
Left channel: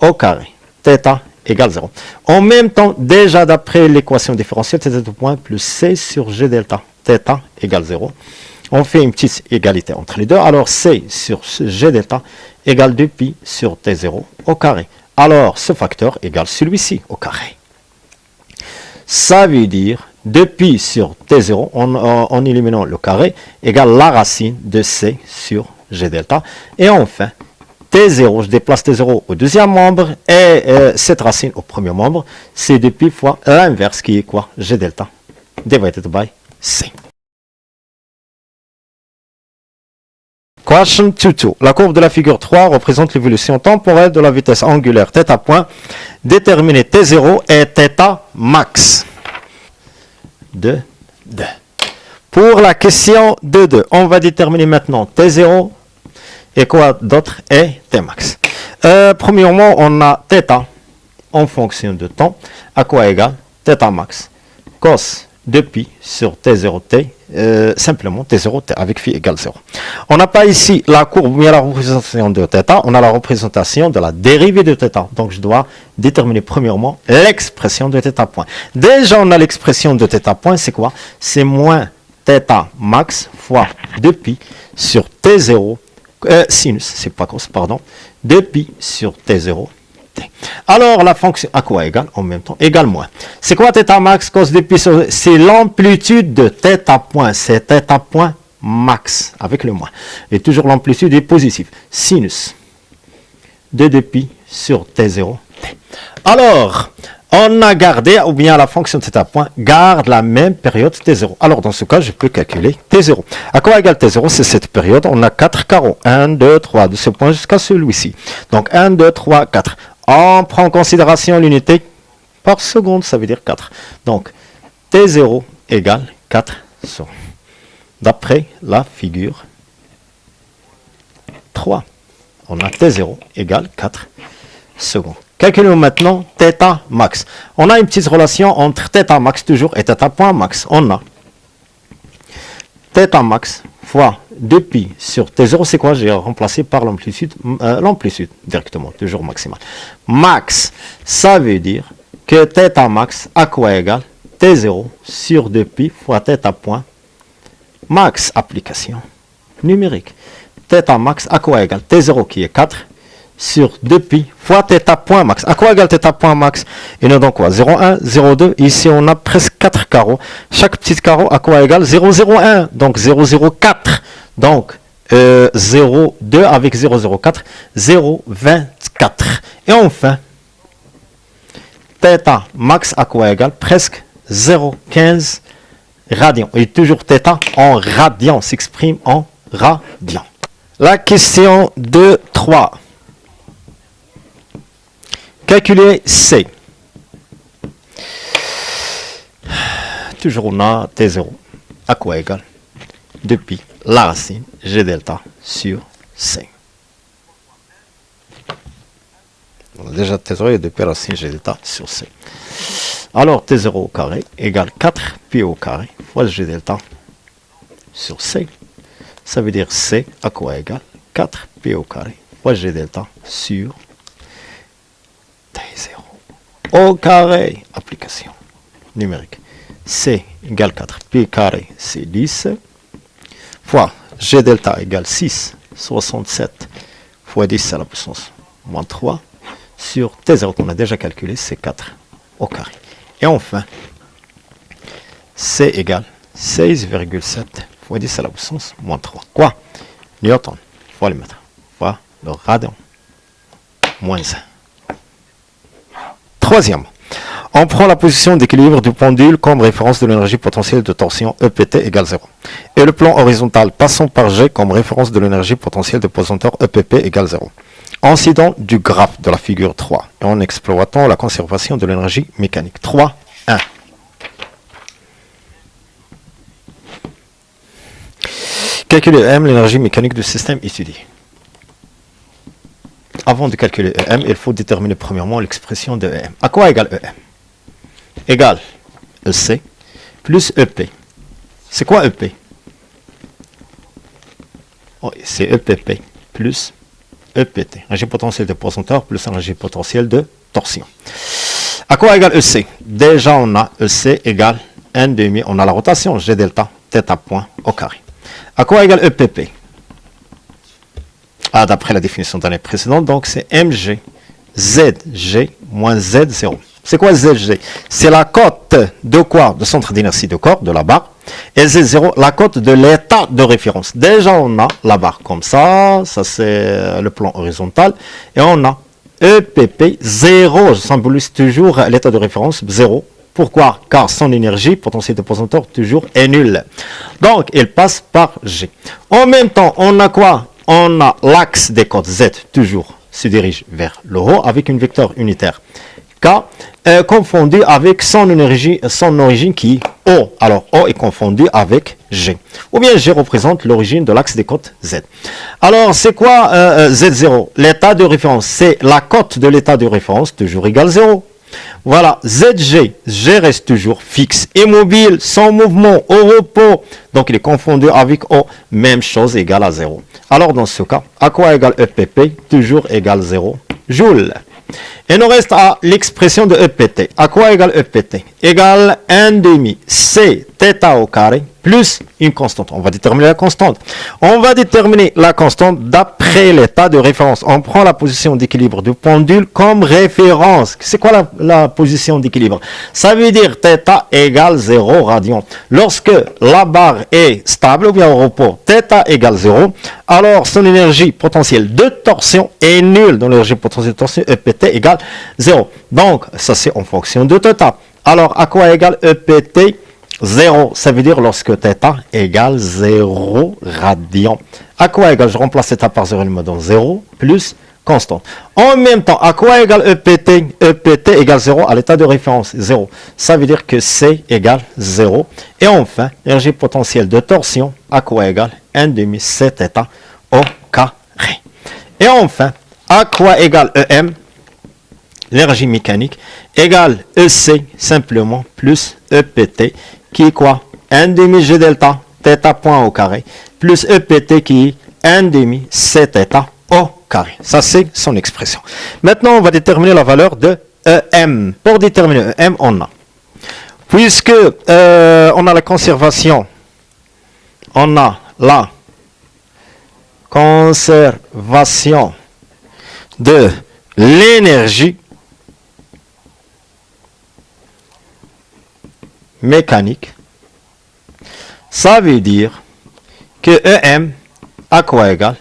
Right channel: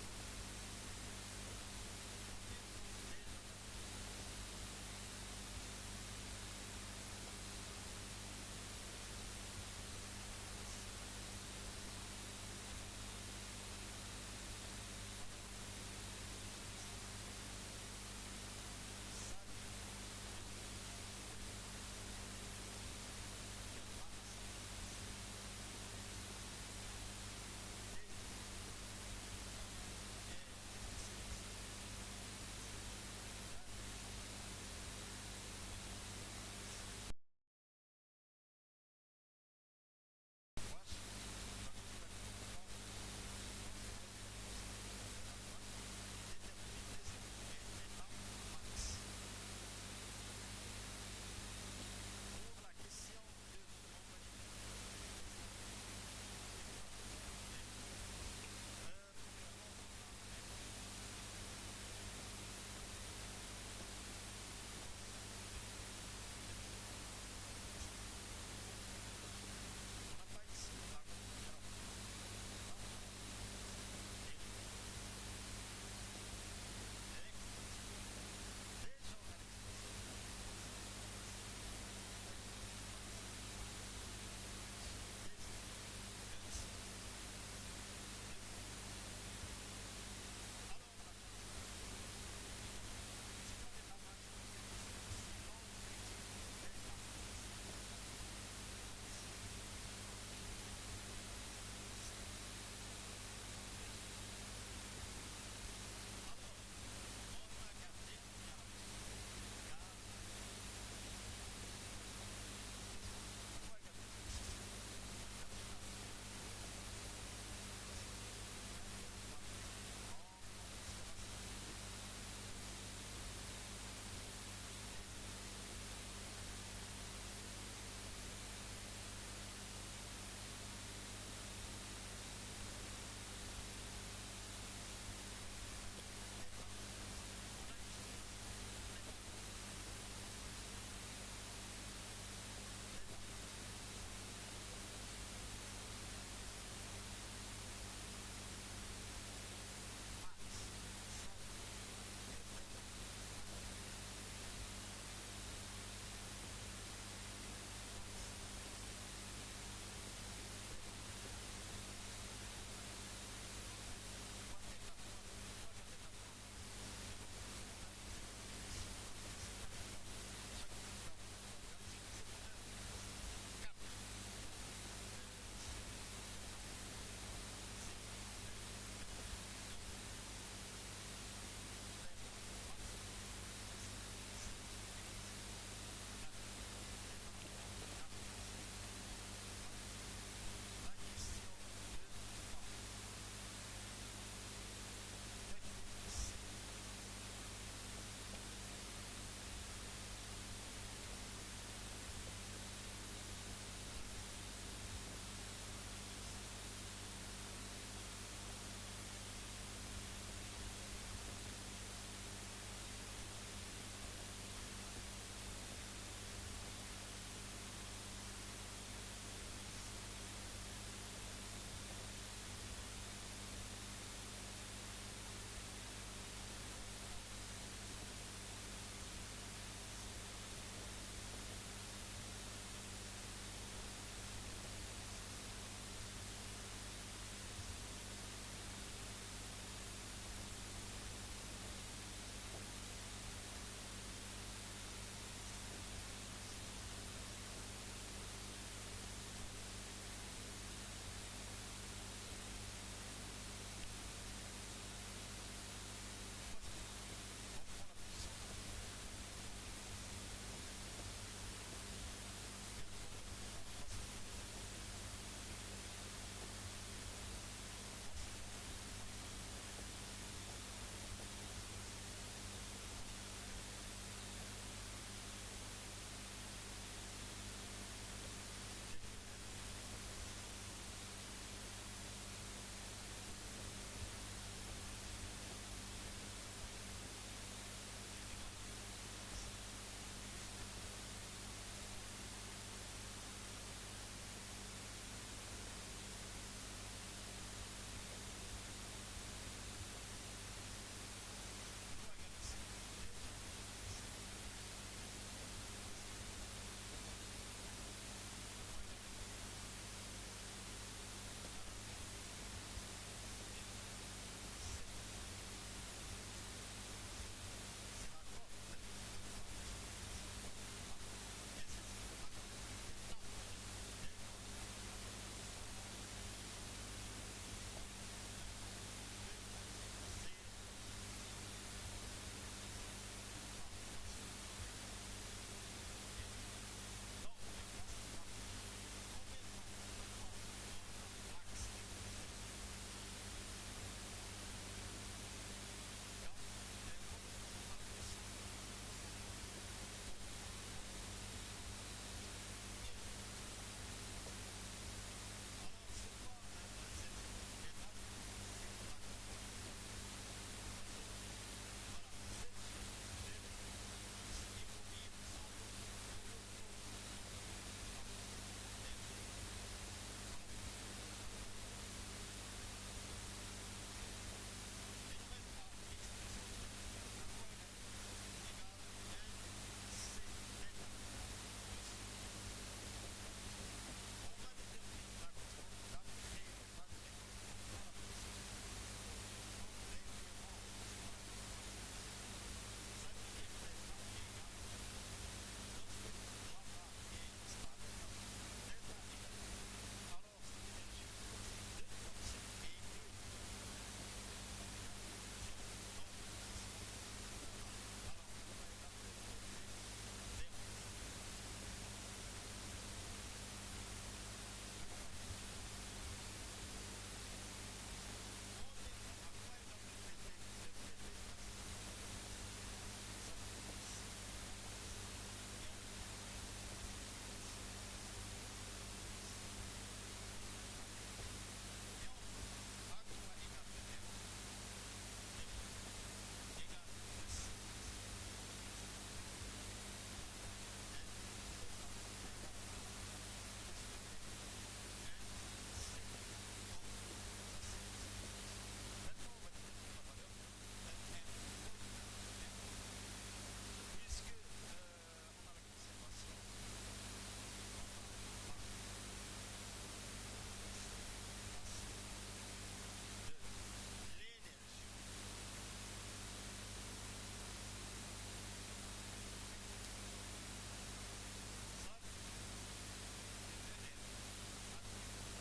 au carré, θ égale 0. En même temps, déjà d'après l'équation différentielle, θ de point plus c sur g delta, θ égale 0. On fait une petite égalité entre les deux. Alors c sur g delta égale 2 pi sur t0 au carré. Alors ce facteur égale celui-ci au carré. Ça veut dire 2 pi sur t0 en éliminant le carré égale la racine de c sur g delta. Et enfin, T0, je déplace T0 au deuxième membre et cette racine au premier membre, c'est depuis fois l'inverse qui est quoi? G delta divided by C. Question 2. La courbe de la figure 3 représente l'évolution temporelle de la vitesse angulaire θ point. Déterminez T0 et θ max. 2. Pour la question 2, on va déterminer maintenant T0 et quoi d'autre et T max. Premièrement, on a θ en fonction de temps, à quoi égale θ max cos de pi sur T0t, simplement T0t avec phi égale 0. On n'a pas ici la courbe, mais la représentation de θ, on a la représentation de la dérivée de θ. Donc je dois déterminer premièrement l'expression de θ point. Déjà on a l'expression de θ point, c'est quoi? C'est moins θ max fois 2pi sur T0, sinus, c'est pas cos, pardon, 2pi sur T0. Alors la fonction à quoi égale en même temps? Égale moins. C'est quoi θ max cos de pi sur... C'est l'amplitude de θ point. C'est θ point max avec le moins. Et toujours l'amplitude est positive. Sinus de 2pi sur T0. Alors, on a gardé, ou bien la fonction θ point garde la même période T0. Alors dans ce cas, je peux calculer T0. À quoi égale T0? C'est cette période. On a 4 carreaux. 1, 2, 3, de ce point jusqu'à celui-ci. Donc 1, 2, 3, 4. On prend en considération l'unité par seconde, ça veut dire 4. Donc, T0 égale 4 secondes. D'après la figure 3, on a T0 égale 4 secondes. Calculons maintenant θ max. On a une petite relation entre θ max toujours et θ point max. On a θ max fois 2pi sur T0, c'est quoi? J'ai remplacé par l'amplitude directement, toujours maximale. Max, ça veut dire que θ max à quoi égale? T0 sur 2pi fois θ point max, application numérique. θ max à quoi égale? T0 qui est 4 sur 2pi fois θ point max. À quoi égale θ point max? Et nous donc quoi? 0,1, 0,2. Ici, on a presque 4 carreaux. Chaque petit carreau à quoi égale? 0,01. Donc 0,04. Donc 0,2 avec 0,04, 0,24. Et enfin, θ max à quoi égale? Presque 0,15 radians. Et toujours θ en radians, s'exprime en radians. La question 2.3. Calculer C. Toujours on a T0. À quoi égale? Depuis la racine G delta sur C. On a déjà T0 et depuis racine G delta sur C. Alors T0 au carré égale 4 pi au carré fois G delta sur C. Ça veut dire C à quoi égale 4 pi au carré fois G delta sur T0 au carré, application numérique. C égale 4 pi carré, c'est 10, fois G delta égale 6, 67, fois 10 à la puissance moins 3, sur T0 qu'on a déjà calculé, c'est 4 au carré. Et enfin, C égale 16,7 fois 10 à la puissance moins 3. Quoi? Newton fois le mètre, fois le radian, moins 1. Troisièmement, on prend la position d'équilibre du pendule comme référence de l'énergie potentielle de torsion EPT égale 0. Et le plan horizontal passant par G comme référence de l'énergie potentielle de pesanteur EPP égale 0. Incident du graphe de la figure 3 et en exploitant la conservation de l'énergie mécanique. 3, 1. Calculer EM, l'énergie mécanique du système étudié. Avant de calculer EM, il faut déterminer premièrement l'expression de EM. À quoi égale EM? Égale EC plus EP. C'est quoi EP? Oh, c'est EPP plus EPT. Énergie potentielle de pesanteur plus énergie potentielle de torsion. À quoi égale EC? Déjà, on a EC égale 1,5. On a la rotation G delta, θ point au carré. À quoi égale EPP? D'après la définition de l'année précédente, donc c'est mg zg moins z0. C'est quoi ZG? C'est la cote de quoi? De centre d'inertie de corps, de la barre. Et Z0, la cote de l'état de référence. Déjà, on a la barre comme ça c'est le plan horizontal. Et on a EPP 0, je symbolise toujours l'état de référence 0. Pourquoi? Car son énergie, potentiel de posanteur, toujours est nulle. Donc, il passe par G. En même temps, on a quoi? On a l'axe des cotes Z, toujours se dirige vers le haut avec une vecteur unitaire K confondu avec son origine qui est O. Alors O est confondu avec G. Ou bien G représente l'origine de l'axe des cotes Z. Alors c'est quoi Z0? L'état de référence, c'est la cote de l'état de référence toujours égale 0. Voilà, ZG, G reste toujours fixe, immobile, sans mouvement, au repos. Donc il est confondu avec O, même chose égale à 0. Alors dans ce cas, à quoi égale EPP? Toujours égale 0 joules. Et nous reste à l'expression de EPT. À quoi égale EPT? Égale 1 demi C θ au carré plus une constante. On va déterminer la constante. On va déterminer la constante d'après l'état de référence. On prend la position d'équilibre du pendule comme référence. C'est quoi la position d'équilibre? Ça veut dire θ égale 0 radian. Lorsque la barre est stable ou bien au repos, θ égale 0, alors son énergie potentielle de torsion est nulle. Donc l'énergie potentielle de torsion EPT égale 0. Donc ça c'est en fonction de θ. Alors à quoi égale EPT? 0, ça veut dire lorsque θ égale 0 radian. À quoi égale? Je remplace θ par 0, il me donne 0 plus constante. En même temps, à quoi égale EPT? EPT égale 0 à l'état de référence, 0. Ça veut dire que C égale 0. Et enfin, l'énergie potentielle de torsion, à quoi égale? 1 demi C θ au carré. Et enfin, à quoi égale EM? L'énergie mécanique égale EC simplement plus EPT qui est quoi? 1 demi G delta θ point au carré plus EPT qui est 1 demi C θ au carré. Ça c'est son expression. Maintenant on va déterminer la valeur de EM. Pour déterminer EM on a, puisque on a la conservation, on a la conservation de l'énergie mécanique, ça veut dire que EM à quoi égale?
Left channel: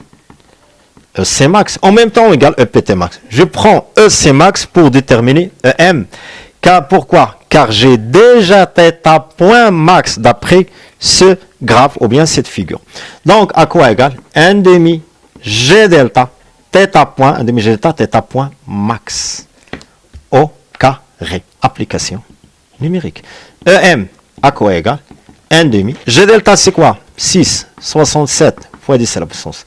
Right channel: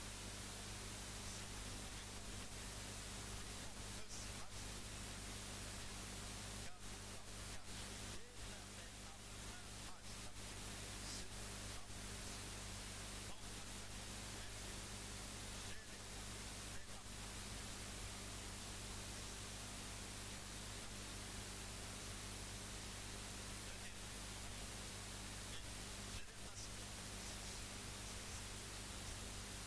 EC max. En même temps égale EPT max. Je prends EC max pour déterminer EM. Car, pourquoi? Car j'ai déjà θ point max d'après ce graphe ou bien cette figure. Donc à quoi égale? 1 demi G delta θ point, 1 demi G delta θ point max au carré. Application numérique. EM à quoi égale? 1 demi. G delta c'est quoi? 6, 67 fois 10 à la puissance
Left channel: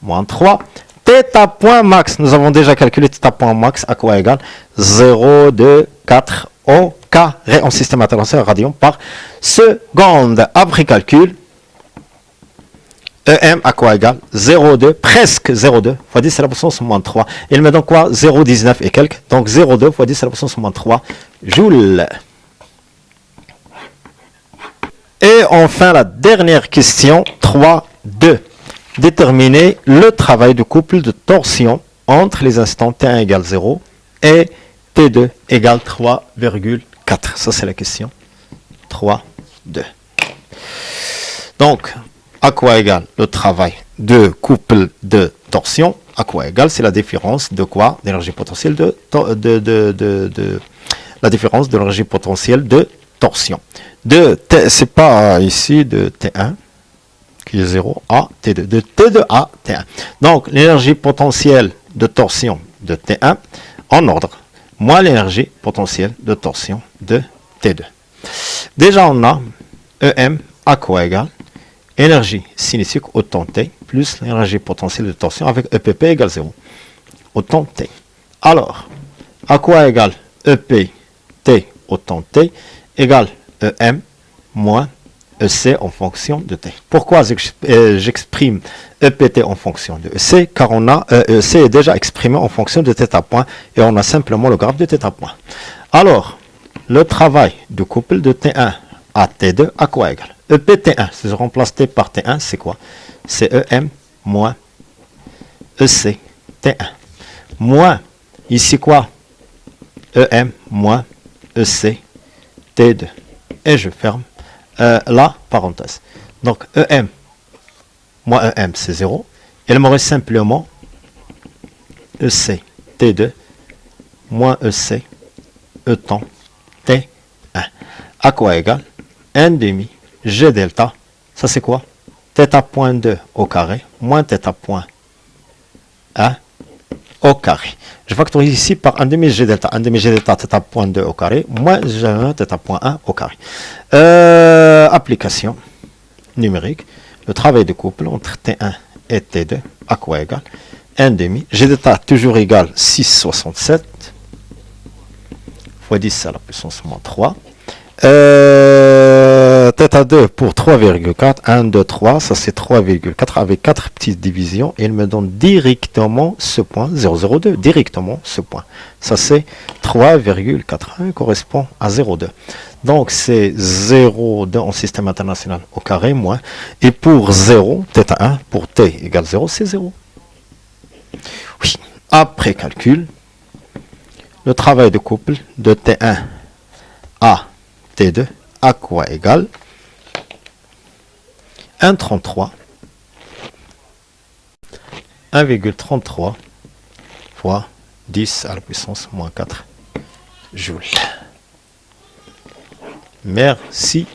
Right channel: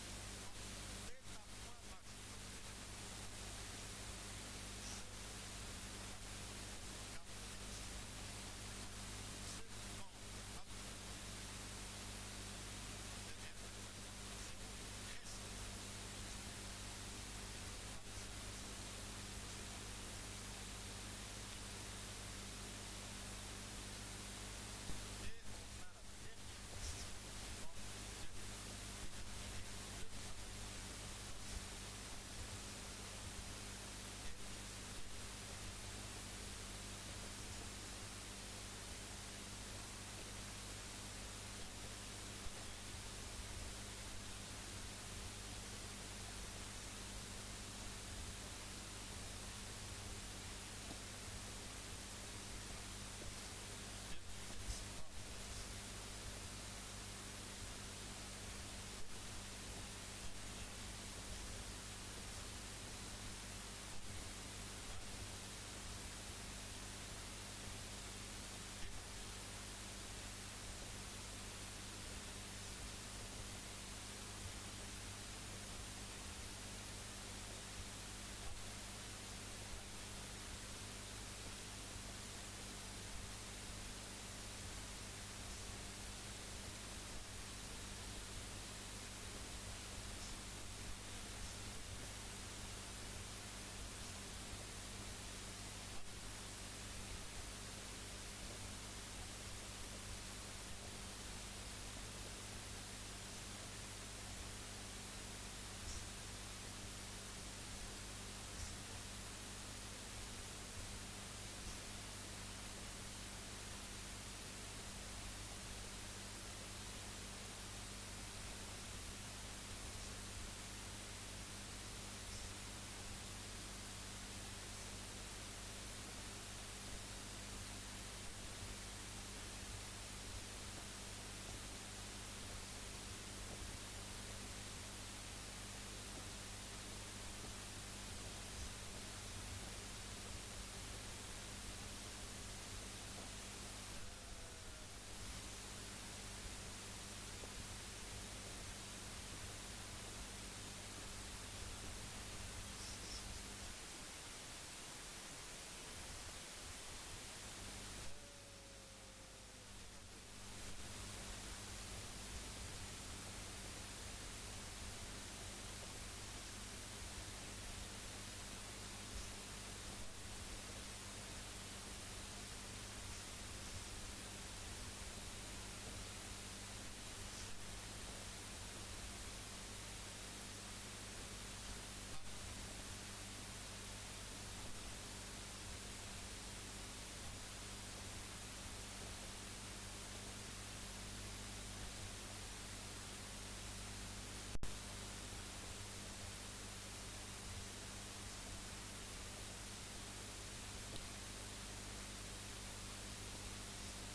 moins 3. θ point max, nous avons déjà calculé θ point max à quoi égale? 0,24 au carré en système international radian par seconde. Après calcul, EM à quoi égale? 0,2, presque 0,2 fois 10 à la puissance moins 3. Il me donne quoi? 0,19 et quelques. Donc 0,2 fois 10 à la puissance moins 3 joules. Et enfin, la dernière question, 3,2. Déterminer le travail de couple de torsion entre les instants T1 égale 0 et T2 égale 3,4. Ça, c'est la question 3,2. Donc, à quoi égale le travail de couple de torsion? À quoi égale? C'est la différence de quoi? D'énergie potentielle la différence de l'énergie potentielle de torsion. C'est pas ici de T1 qui est 0 à T2, de T2 à T1. Donc l'énergie potentielle de torsion de T1 en ordre, moins l'énergie potentielle de torsion de T2. Déjà on a EM à quoi égale? Énergie cinétique autant T plus l'énergie potentielle de torsion avec EPP égale 0. Autant T. Alors, à quoi égale EP T autant T égale EM moins EC en fonction de T. Pourquoi j'exprime EPT en fonction de EC? Car on a EC est déjà exprimé en fonction de θ point et on a simplement le graphe de θ point. Alors, le travail de couple de T1 à T2 à quoi égale? EPT1, si je remplace T par T1, c'est quoi? C'est EM moins EC T1. Moins, ici quoi? EM moins EC T2. Et je ferme la parenthèse. Donc EM moins EM c'est 0. Il me reste simplement EC T2 moins EC E temps T1. À quoi égal 1 demi G delta. Ça c'est quoi? Θ point 2 au carré moins θ point 1 au carré. Je factorise ici par 1 demi G delta. 1 demi G delta θ point 2 au carré moins G1 θ point 1 au carré. Application numérique. Le travail de couple entre T1 et T2 à quoi égal 1 demi. G delta toujours égal 6,67 fois 10 à la puissance moins 3. θ2 pour 3,4, 1, 2, 3, ça c'est 3,4 avec 4 petites divisions, et il me donne directement ce point, 0,02, directement ce point. Ça c'est 3,4, correspond à 0,2. Donc c'est 0,2 en système international au carré moins, et pour 0, θ1, pour t égale 0, c'est 0. Oui, après calcul, le travail de couple de T1 à T2 à quoi égal 1,33 1,33 fois 10 à la puissance moins 4 joules. Merci.